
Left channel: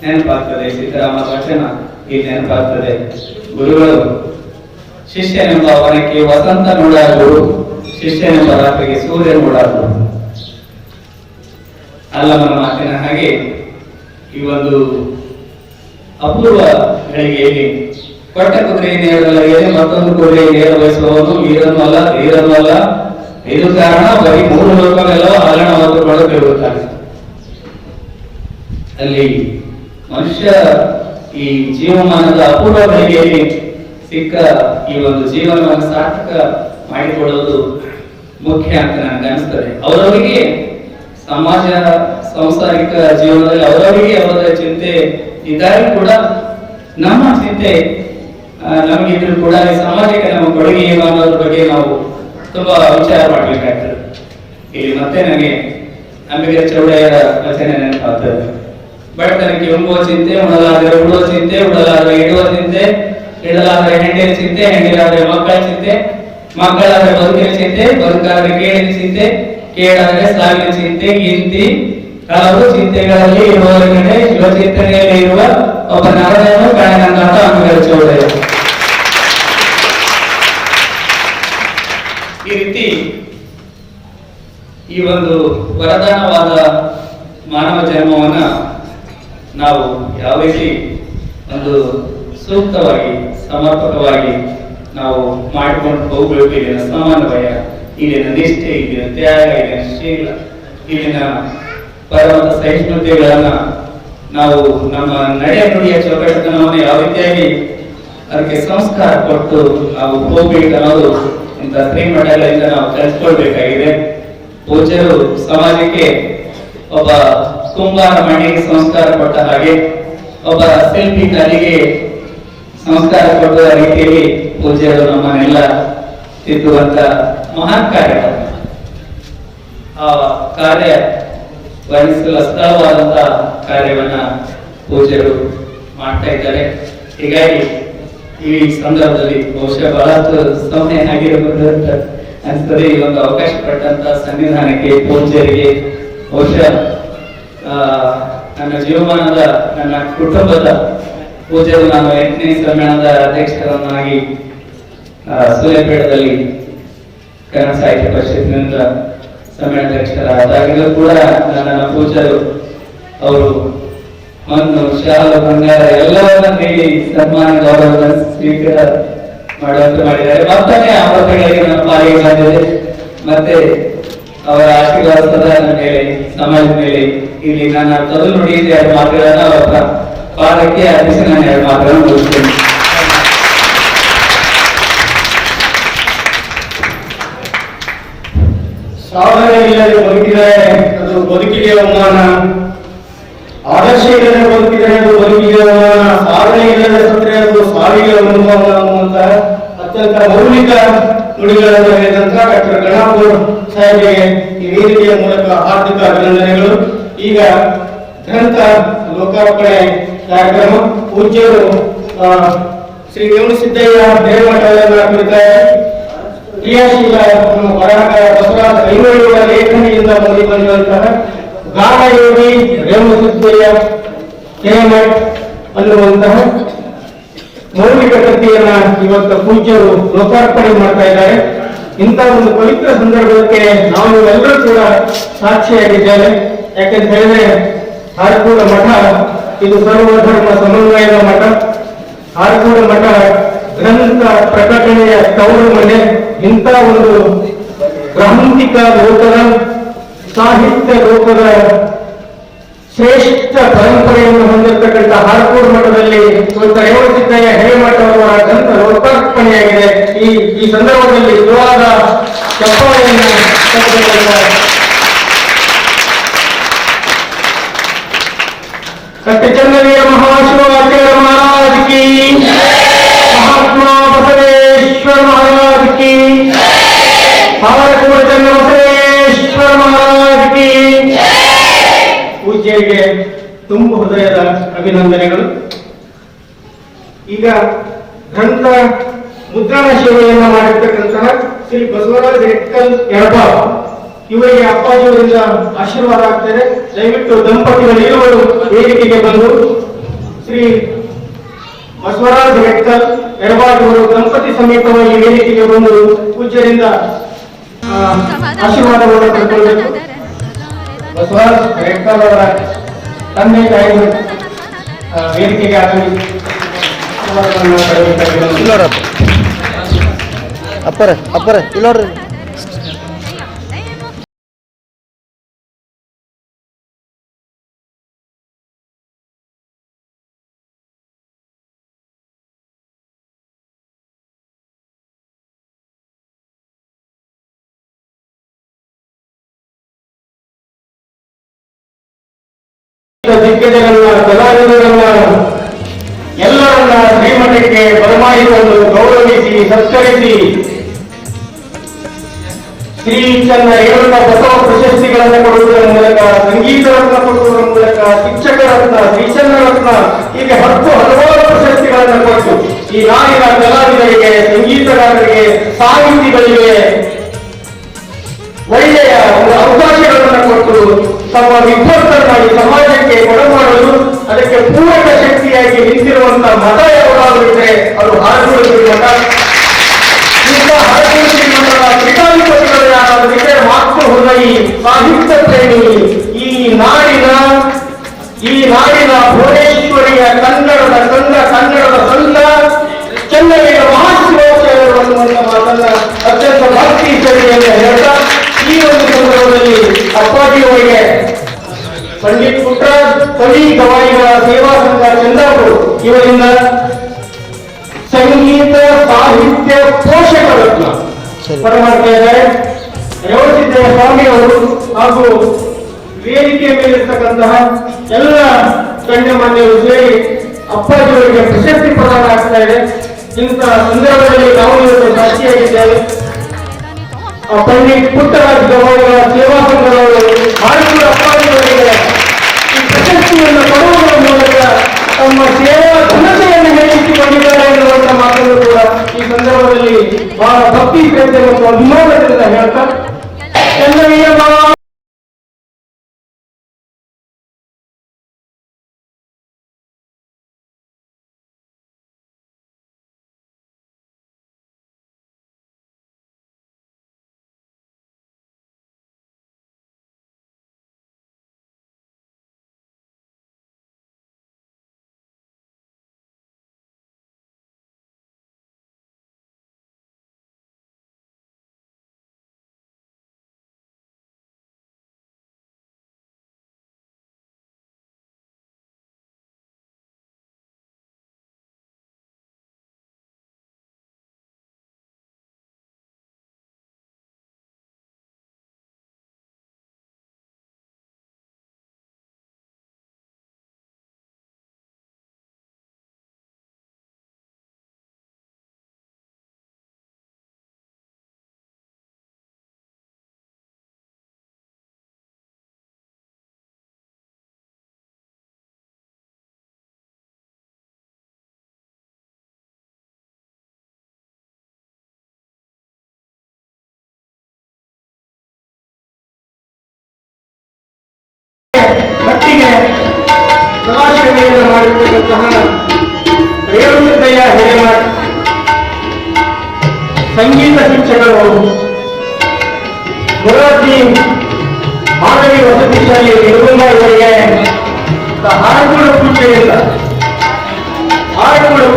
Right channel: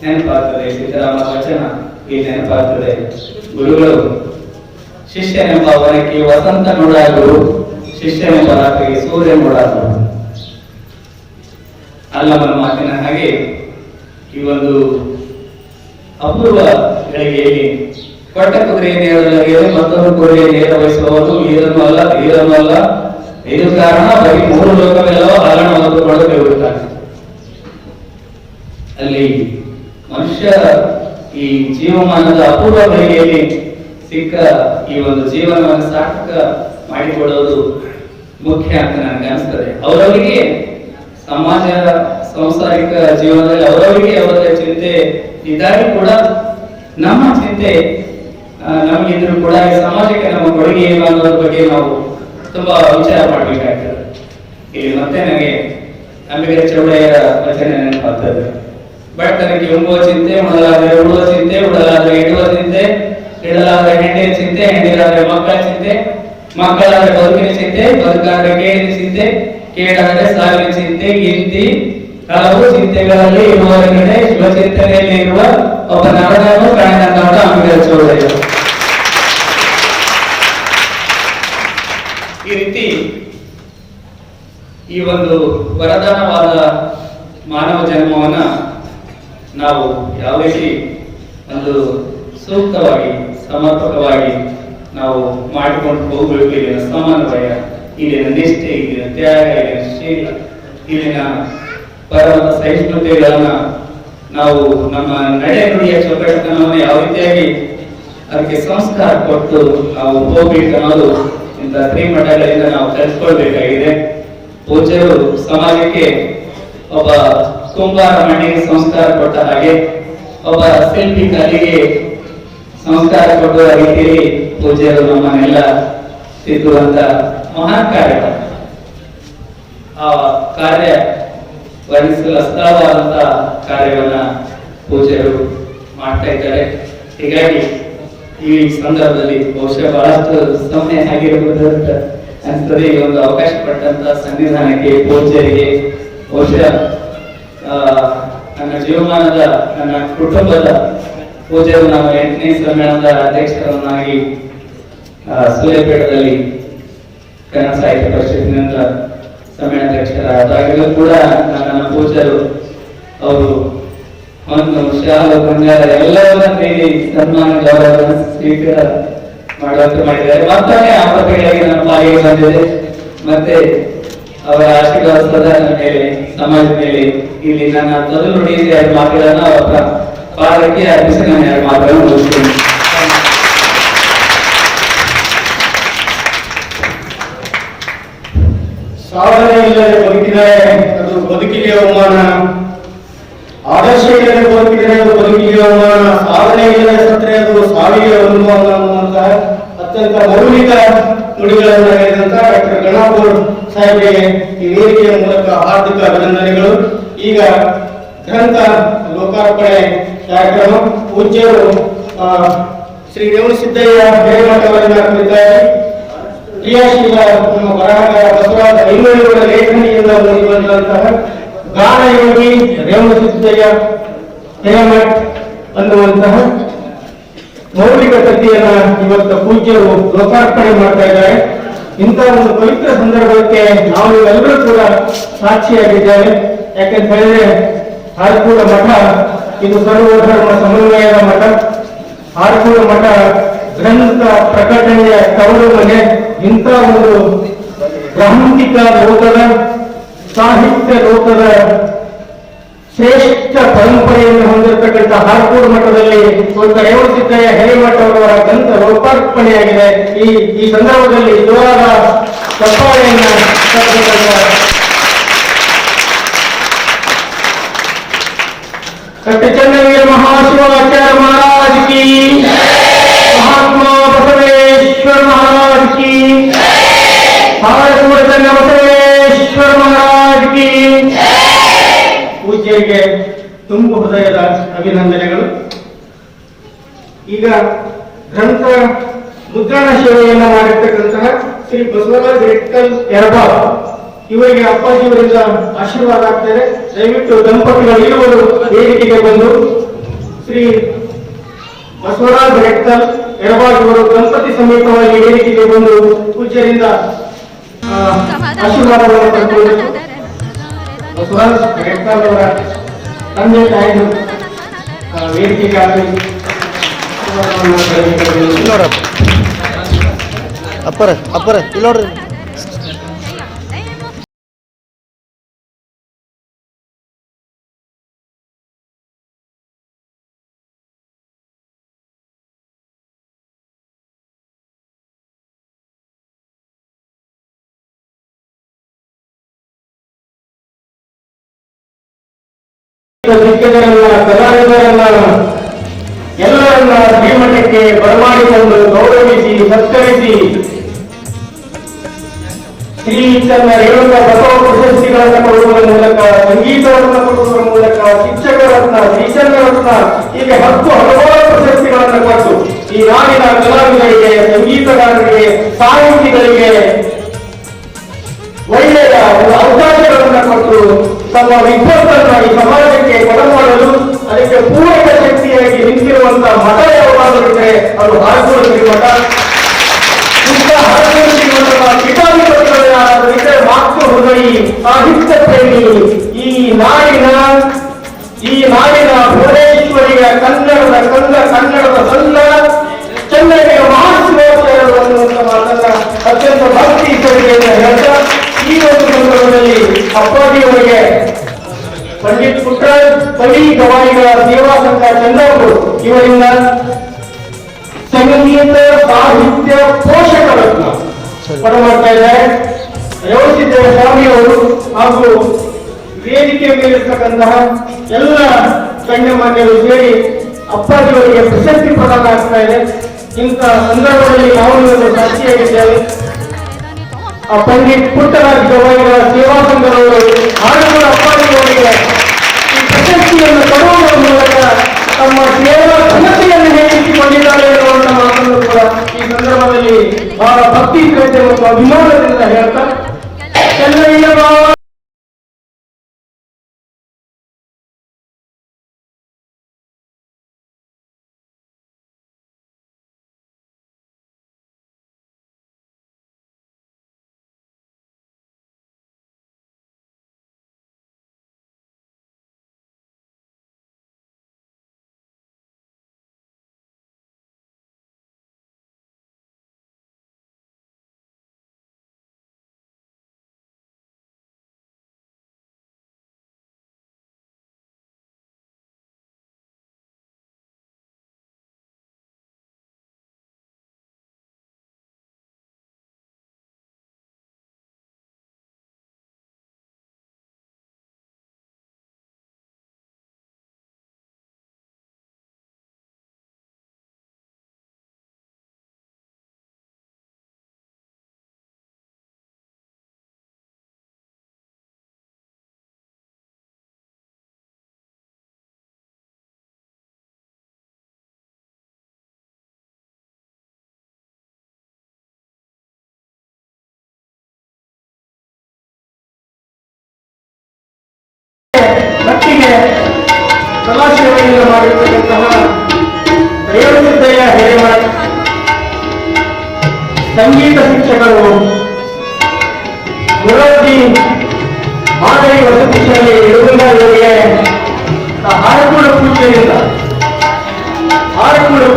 ನೆನಪಾಗ್ತದೆ, ಸಿದ್ದರಾಮ ವಚನ ಈ ನೆನಪಾಗ್ತದೆ. ಗುರುಗಳು ಶಿಷ್ಯನೆಂಬ ವನಕ್ಕೆ ವಸಂತ ನೋಡಾಗುರು, ಶಿಷ್ಯನೆಂಬ ರಾತ್ರಿಗೆ ಸೂರ್ಯ ನೋಡಾಗುರು. ಅಲ್ಲಮನ ಮಾತಿನ ಹಾಗೆ ಈ ಒಂದು ಅಪೂರ್ವ ಗಳಿಗೆಯಲ್ಲಿ ಕೊಟ್ಟ ಕುದುರೆ ನೇರವಲ್ಲದೆ ಮತ್ತೊಂದು ಕುದುರೆ ನೇರ ವಹಿಸುವವನು ಈರನ್ನಲ್ಲ ಧೀರನ್ನಲ್ಲ, ಇದು ಕಾರಣ ಬರೀ 3 ಲೋಕವೆಲ್ಲ ಆಲಣವಾದುಕೊಂಡು ತಿರುಗುತ್ತಾನೆ. ಅಲ್ಲಿ ಮನುಷ್ಯ ಈ ಜೀವಮಾನದ ಅಪೂರ್ವ ಗಳಿಗೆಯಲ್ಲಿ ಸಿಕ್ಕ ಈ ಒಂದು ಜೀವನವನ್ನು ಸಾರ್ಥಕ ಮಾಡಿಕೊಳ್ಳೋದು ಮುಖ್ಯ ಅಂತ ನನಗೆ ಅನಿಸ್ತದೆ. ಅವರವರಿಗೆ ಸಮಾಜ ಸಾಂಸಾರಿಕ ಜೀವನದಲ್ಲಿ ಅವರವರಿಗೆ ಅವರ ಚಿಂತೆ ಇದ್ದಾಗೂ ಕೂಡ ನಮ್ಮ ಚಿಂತೆ ನಮಗಿದ್ರು ಕೂಡ ಈ ಸಮಾಜಕ್ಕೆ ನಮ್ಮ ಕೊಡುಗೆ ಏನು ಅನ್ನೋದ್ರ ಬಗ್ಗೆ ನಾವು ತುಂಬಾ ವಿಚಾರ ಮಾಡ್ಬೇಕಾಗ್ತದೆ. ಇಲ್ಲಿ ಮತ್ತೆ ನನಗೆ ಅಂಬಿಗರ ಚೌಡಯ್ಯರ ವಚನ ನೆನಪಾಗ್ತದೆ. ಬಡತನಕ್ಕೆ ಉಂಬುವ ಚಿಂತೆ, ಉಣಲಾದರೆ ಉಳುವ ಚಿಂತೆ, ಉಡಲಾದರೆ ಇಡುವ ಚಿಂತೆ, ಇಡಲಾದರೆ ಹೆಂಡಿನ ಚಿಂತೆ, ಹೆಂಡಿಲಾದರೆ ಮಕ್ಕಳ ಚಿಂತೆ, ಮಕ್ಕಳಾದರೆ ಬದುಕಿನ ಚಿಂತೆ, ಬದುಕಾದರೆ ಕೇಳಿನ ಚಿಂತೆ, ಕೇಳಾದರೆ ಸಾವಿನ ಚಿಂತೆ, ಇಂತಿ ಹಲವು ಚಿಂತೆಗಳಲ್ಲಿ ಇರುವವರೆಗೆ ಶಿವಚಿಂತನೆಯಲ್ಲಿ ಇರುವ ಒಬ್ಬ ನರನನ್ನು ಕಾಣೆನಂತ ಅಂಬೇಡ್ಕರ್ ಚೌಧರಿ. ಈ ರೀತಿ ಈ ಒಂದು ವರದಾನವಾದ ಮಾನವ ಜನ್ಮವನ್ನ ನಾವು ಯಾವ ರೀತಿ ಒಂದು ಸೂಕ್ತವಾಗಿ ಸಮರ್ಪಕವಾಗಿ ನಾವು ಮಾಡಿಕೊಂಡು ಹೋಗಬೇಕು. ಇಲ್ಲಿನ ಸಮನ್ವಯ, ಇಲ್ಲಿನ ನಿಷ್ಠೆ, ಇಲ್ಲಿನ ತ್ಯಾಗ, ಇಲ್ಲಿನ ಶೀಲ, ಇಲ್ಲಿನ ಪರವಾದ ಸಹಿಷ್ಣುತೆಗಳನ್ನ ನಾವು ನಮ್ಮ ನಡೆ ನುಡಿಯ ಚೌಕಟ್ಟತನವನ್ನು ಯಾವ ರೀತಿಯಾಗಿ ಅದಕ್ಕೆ ಸಂಸ್ಕಾರ ಕೊಟ್ಟು ನಾವು ಹೋಗ್ಬೇಕು ಅನ್ನೋದು ಇಂಥ ಶ್ರೀಮಠಗಳಿಂದ ನಾವು ಕಲಿತ್ಕೊಳ್ಬೇಕಾಗಿದೆ. ಪೂಜ್ಯರು ಸಮಾಜಕ್ಕೆ ಒಬ್ಬ ಕುಂಬಾರ ಮಣ್ಣಿಗೆ ಸಂಸ್ಕಾರ ಕೊಟ್ಟ ಹಾಗೆ, ಒಬ್ಬ ಶಿಲ್ಪಿ ಕಲೆಗೆ ಸಂಸ್ಕಾರ ಕೊಡುವ ರೀತಿಯಲ್ಲಿ ಪೂಜ್ಯರು ನಮ್ಮನ್ನೆಲ್ಲ ತಿದ್ದುವಂತ ಮಹಾನ್ ಕಾರ್ಯ. ಆ ಕಾರ್ಯ ವರ್ಣಿಸಲು ಅಸ್ಥಳವಾದಂತ ಕಾರ್ಯವನ್ನ ಪೂಜ್ಯರು ಮಾಡ್ತಾ ಇದ್ದಾರೆ. ಹೀಗಾಗಿ ಈ ಸಂದರ್ಭದಲ್ಲಿ ಬಹುಶಃ ಬಹಳಷ್ಟು ಸಮಯ ಆಗಿರಬಹುದು ಅಂತ ಅನಿಸ್ತದೆ. ಈ ಒಂದು ಅವಕಾಶ ಪಟ್ಟಂತ ಸನ್ನಿಧಾನಕ್ಕೆ, ಪೂಜ್ಯರಿಗೆ, ಬಹುಶಃ ನನ್ನ ಜೀವಮಾನದ ನನ್ನ ಕುಟುಂಬದ ಪೂಜ್ಯರು ನಾನು 8ನೇ ಸಮ್ಮೇಳನದ ಅಧ್ಯಕ್ಷರನ್ನಾಗಿ ಸೂರ್ಯಪೇಟದಲ್ಲಿ ಕನ್ನಡ ಸಾಹಿತ್ಯ ಪರಿಷತ್ತಿನಿಂದ ಸಮ್ಮೇಳನಾಧ್ಯಕ್ಷರಾದಾಗಲೂ ಕೂಡ ನನ್ನ ಪೂಜ್ಯರು ಅವರು ಒಂದು ಶಾಲು ಬಂಗಾರ ಎಲ್ಲವನ್ನ ನೀಡಿ ಸನ್ಮಾನ ಗೌರವ ಸ್ವೀಕಾರ ಮಾಡುವಂತೆ ಮಾಡಿದ್ದಾರೆ. ಮತ್ತೊಮ್ಮೆ ಆ ಪ್ರತಿಗಳಿಗೆ ನನ್ನ ಪಾಲಿಗೆ ಬಂದಿದೆ. ಮತ್ತೆ ಅವರ ಆಶೀರ್ವಾದ ಸದಾ ನನ್ನ ಮೇಲೆ, ಸಮಾಜದ ಮೇಲೆ. ಇಲ್ಲಿ ನನ್ನ ತೊದಲು ನುಡಿಯಿಂದ 2 ಮಾತುಗಳನ್ನ ಅವರ ಪಾದಕ್ಕೆ ಅರ್ಪಿಸಿ ನಾನು 2 ಮಾತುಗಳನ್ನು ಮುಗಿಸ್ತೇನೆ. ಸಾಧನೆ ಇಲ್ಲದೆ ಬದುಕಿದರೆ ಅದು ಬದುಕಿಗೆ ಅವಮಾನ, ಆದರ್ಶ ಇಲ್ಲದೆ ಬದುಕಿದರೆ ಅದು ಬದುಕಿಗೆ ಅವಮಾನ, ಸಾಧನೆ ಇಲ್ಲದೆ ಸತ್ತರೆ ಅದು ಸಾವಿಗೆ ಅವಮಾನ ಅನ್ನುವಂತ ಅತ್ಯಂತ ಮೌಲಿಕ ನುಡಿಗಳನ್ನು ಹೇಳಿದಂತ ಡಾಕ್ಟರ್ ಗಣಾಪುರ ಸಾಹೇಬರಿಗೆ ಈ ವೇದಿಕೆಯ ಮೂಲಕ ಹಾರ್ದಿಕ ಅಭಿನಂದನೆಗಳು. ಈಗ ಗ್ರಂಥ ಲೋಕಾರ್ಪಣೆ ಕಾರ್ಯಕ್ರಮ ಪೂಜ್ಯರು ಶ್ರೀ ರೇವಣಸಿದ್ದಯ್ಯ ಹಿರೇಮಠ ಅವರನ್ನ ಕುರಿತಾಗಿ ಕ್ರಿಯಾಶೀಲ ನಮ್ಮ ಬರಹಗಾರ ಬಸವರಾಜ ಐನೂರಿನ ಲೇಖನಿಯಿಂದ ಬಂದಿ ಬಂದಂತಹ ಗಾನಯೋಗಿ ರೇವಣಸಿದ್ದಯ್ಯ ಹಿರೇಮಠ ಅನ್ನುವಂತಹ ಮೌಲಿಕ ಕೃತಿಯನ್ನ ಇವತ್ತು ಪೂಜ್ಯರು ಲೋಕಾರ್ಪಣೆ ಮಾಡ್ತಾ ಇದ್ದಾರೆ. ಇಂಥ ಒಂದು ಪವಿತ್ರ ಸಂದರ್ಭಕ್ಕೆ ನಾವು ಎಲ್ಲರೂ ಕೂಡ ಸಾಕ್ಷಿಯಾಗಿದ್ದೇವೆ. ಯಾಕಂತ ಹೇಳಿದ್ರೆ ಹಾರಕೂಡ ಮಠ ಇದು ಸರ್ವಧರ್ಮ ಸಮನ್ವಯದ ಮಠ. ಹಾರಕೂಡ ಮಠ ಗ್ರಂಥ ಪ್ರಕಟಣೆಯ ತವರು ಮನೆ. ಇಂಥ ಒಂದು ಗ್ರಾಂಥಿಕ ಲೋಕದ, ಸಾಹಿತ್ಯ ಲೋಕದ ಶ್ರೇಷ್ಠ ಪರಂಪರೆಯನ್ನು ಹೊಂದಿರತಕ್ಕಂಥ ಹಾರಕೂಡ ಮಠದಲ್ಲಿ ರೇವಣಸಿದ್ದಯ್ಯ ಹಿರೇಮಠ ಅವರ ಗ್ರಂಥ ಲೋಕಾರ್ಪಣೆಯಾಗಿದೆ. ಈ ಸಂದರ್ಭದಲ್ಲಿ ನಿಜವಾದ ಚಪ್ಪಾಳೆಯನ್ನು ಡಾಕ್ಟರ್ ಚನ್ನವೀರ ಮಹಾಶಿವಾಚಾರ್ಯ ಮಹಾರಾಜ್ ಕಿ, ಮಹಾತ್ಮ ಬಸವೇಶ್ವರ ಮಹಾರಾಜ್ ಕಿ, ಹಾರಕೂಡ ಚನ್ನ ಬಸವೇಶ್ವರ ಮಹಾರಾಜ್ ಕಿ. ಪೂಜ್ಯರಿಗೆ ತುಂಬು ಹೃದಯದ ಅಭಿನಂದನೆಗಳು. ಈಗ ಗ್ರಂಥ ಮುದ್ರಣ ಸೇವೆಯನ್ನು ಮಾಡಿರ್ತಕ್ಕಂತಹ ಶ್ರೀ ಬಸವರಾಜ ರೆಕ್ಕಲ್ ಯರಬಾವ್ ಇವರಿಗೆ ಅಪ್ಪಾಜಿಯವರಿಂದ ಆಶೀರ್ವಾದ ಆಗ್ತದೆ. ದಯವಿಟ್ಟು ದಂಪತಿಗಳು ಇರುವರು ವೇದಿಕೆಗೆ ಬಂದು ಶ್ರೀ ಬಸವರಾಜ ರೆಕ್ಕಲ್ ಯರಬಾವ್ ಅವರು ದಂಪತಿ ಸಮೇತವಾಗಿ ವೇದಿಕೆಗೆ ಬಂದು ಪೂಜ್ಯರಿಂದ ಆಶೀರ್ವಾದವನ್ನು ಪಡೆದುಕೊಳ್ಳಲು ಬಸವರಾಜ ರೆಕ್ಕಲ್ ಅವರ ತಂದೆ ತಾಯಿ ವೇದಿಕೆಗೆ ಆಗಲಿ ಅಪ್ಪರ ಇಲ್ಲಿ ನೋಡ್ರಿ. ದಿಗ್ಗಜರನ್ನ, ಕಲಾವಿದರನ್ನ ಎಲ್ಲರನ್ನ ಶ್ರೀಮಠಕ್ಕೆ ಬರಮಾಡಿಕೊಂಡು ಗೌರವಿಸಿ ಸತ್ಕರಿಸಿ ಶ್ರೀ ಚನ್ನ ರೇಣುಕ ಬಸವ ಪ್ರಶಸ್ತಿಗಳನ್ನು ಕೊಡುವುದರ ಮೂಲಕ, ಸಂಗೀತರತ್ನ ಕೊಡುವುದರ ಮೂಲಕ, ಶಿಕ್ಷಕರತ್ನ, ಶ್ರೀಚಂದ್ರರತ್ನ ಹೀಗೆ ಹಲವಾರು ಪ್ರಶಸ್ತಿಗಳನ್ನು ಕೊಟ್ಟು ಈ ನಾಡಿನ ಕಲಾವಿದರಿಗೆ, ಸಂಗೀತಗಾರರಿಗೆ, ಸಾಹಿತಿಗಳಿಗೆ ಒಳ್ಳೆಯ ಒಂದು ಅವಕಾಶಗಳನ್ನು ಕೊಟ್ಟು ತಮ್ಮ ವಿದ್ವತ್ತನ್ನ ಈ ಸಮಾಜಕ್ಕೆ ಕೊಡಮಾಡಲು ಅದಕ್ಕೆ ಪೂರಕ ಶಕ್ತಿಯಾಗಿ ನಿಂತಿರುವಂತಹ ಮಠ ಯಾವುದಾದ್ರೂ ಇದ್ರೆ ಅದು ಹಾರಕೋಡಿ ಮಠ. ಇಂಥ ಹಾರಕೋಡಿ ಮಠದ ಪೀಠಾಧಿಪತಿಗಳು ಯಾರಾದರೂ ಇದ್ರೆ ಮಾತೃ ಹೃದಯಿ ಸಾಹಿತ್ಯ ಪ್ರೇಮಿ ಈ ನಾಡಿನ ಭುವನೇಶ್ವರಿಯ ಕನ್ನಡದ ಸಂಘ ಚೆನ್ನೈಯ ಮಹಾಶಿವಾಚಾರ್ಯರು ಅನ್ನುವಂಥ ಮಾತನ್ನ ಅತ್ಯಂತ ಭಕ್ತಿ ಶ್ರದ್ಧೆಯಿಂದ ಹೇಳ್ತಾ ಈ ಒಂದು ಸಂದರ್ಭದಲ್ಲಿ ಅಪ್ಪಾಜಿಯವರಿಗೆ ಪಂಡಿತ್ ಪುಟ್ಟರಾಜ್ ಕವಿ ಗವಾಯಿಗಳ ಸೇವಾ ಸಂಘ ಚಂದಾಪುರ ಇವರಿಂದ ಸಂಗೀತ ಸಾಹಿತ್ಯ ಪೋಷಕರತ್ನ ಕೊಡಮಾಡ್ತಾ ಇದ್ದಾರೆ. ರೇವಣಸಿದ್ದೇಶ್ವರ ಸ್ವಾಮಿಯವರು ಹಾಗೂ ವೇದಿಕೆ ಮೇಲಿರ್ತಕ್ಕಂತಹ ಎಲ್ಲ ಗಣ್ಯಮಾನ್ಯರು ಸೇರಿ ಅಪ್ಪಾಜಿಯವರಿಗೆ ಪ್ರಶಸ್ತಿ ಪ್ರದಾನ ಆಗ್ತಾ ಇದೆ. ಇಂಥ ಸಂದರ್ಭದಲ್ಲಿ ನಾವು ಇವತ್ತು ಸಾಕ್ಷಿಯಾಗಿದ್ದೇವೆ. ಪಂಡಿತ್ ಪುಟ್ಟರಾಜ್ ಗವಾಯಿಗಳ ಸೇವಾ ಸಂಘದವರು ಹಾಗೂ ಅಪ್ಪಾಜಿಯವರಿಗೆ ಈ ಪ್ರಶಸ್ತಿಯನ್ನು ಕೊಡುವುದರ ಮೂಲಕ ತಮ್ಮ ಸೇವಾ ಘನತೆಯನ್ನು ಹೆಚ್ಚಿಸಿಕೊಂಡಿದ್ದಾರೆ ಎನ್ನುವಂತ ಮಾತನ್ನು ಕೂಡ ಈ ಸಂದರ್ಭದಲ್ಲಿ ಬಹಳ ಭಕ್ತಿ ಶ್ರದ್ಧೆ ಮತ್ತು ಅಭಿಮಾನದಿಂದ ಹೇಳ್ತಾ ಚೆನ್ನೈಯ ಮಟ್ಟಿಗೆ ಸಮಾಜಸೇವೆಯನ್ನು ಮಾಡಿರ್ತಕ್ಕಂತಹ ರೇವಣಸಿದ್ದಯ್ಯ ಹಿರೇಮಠ್ ಸಂಗೀತ ಶಿಕ್ಷಕರು ಮುರಬ್ಬಿ ಮಾದರಿ ವಸತಿ ಶಾಲೆ ಯಡಗುಂದ ಇವರಿಗೆ ಹಾರಕೂಡ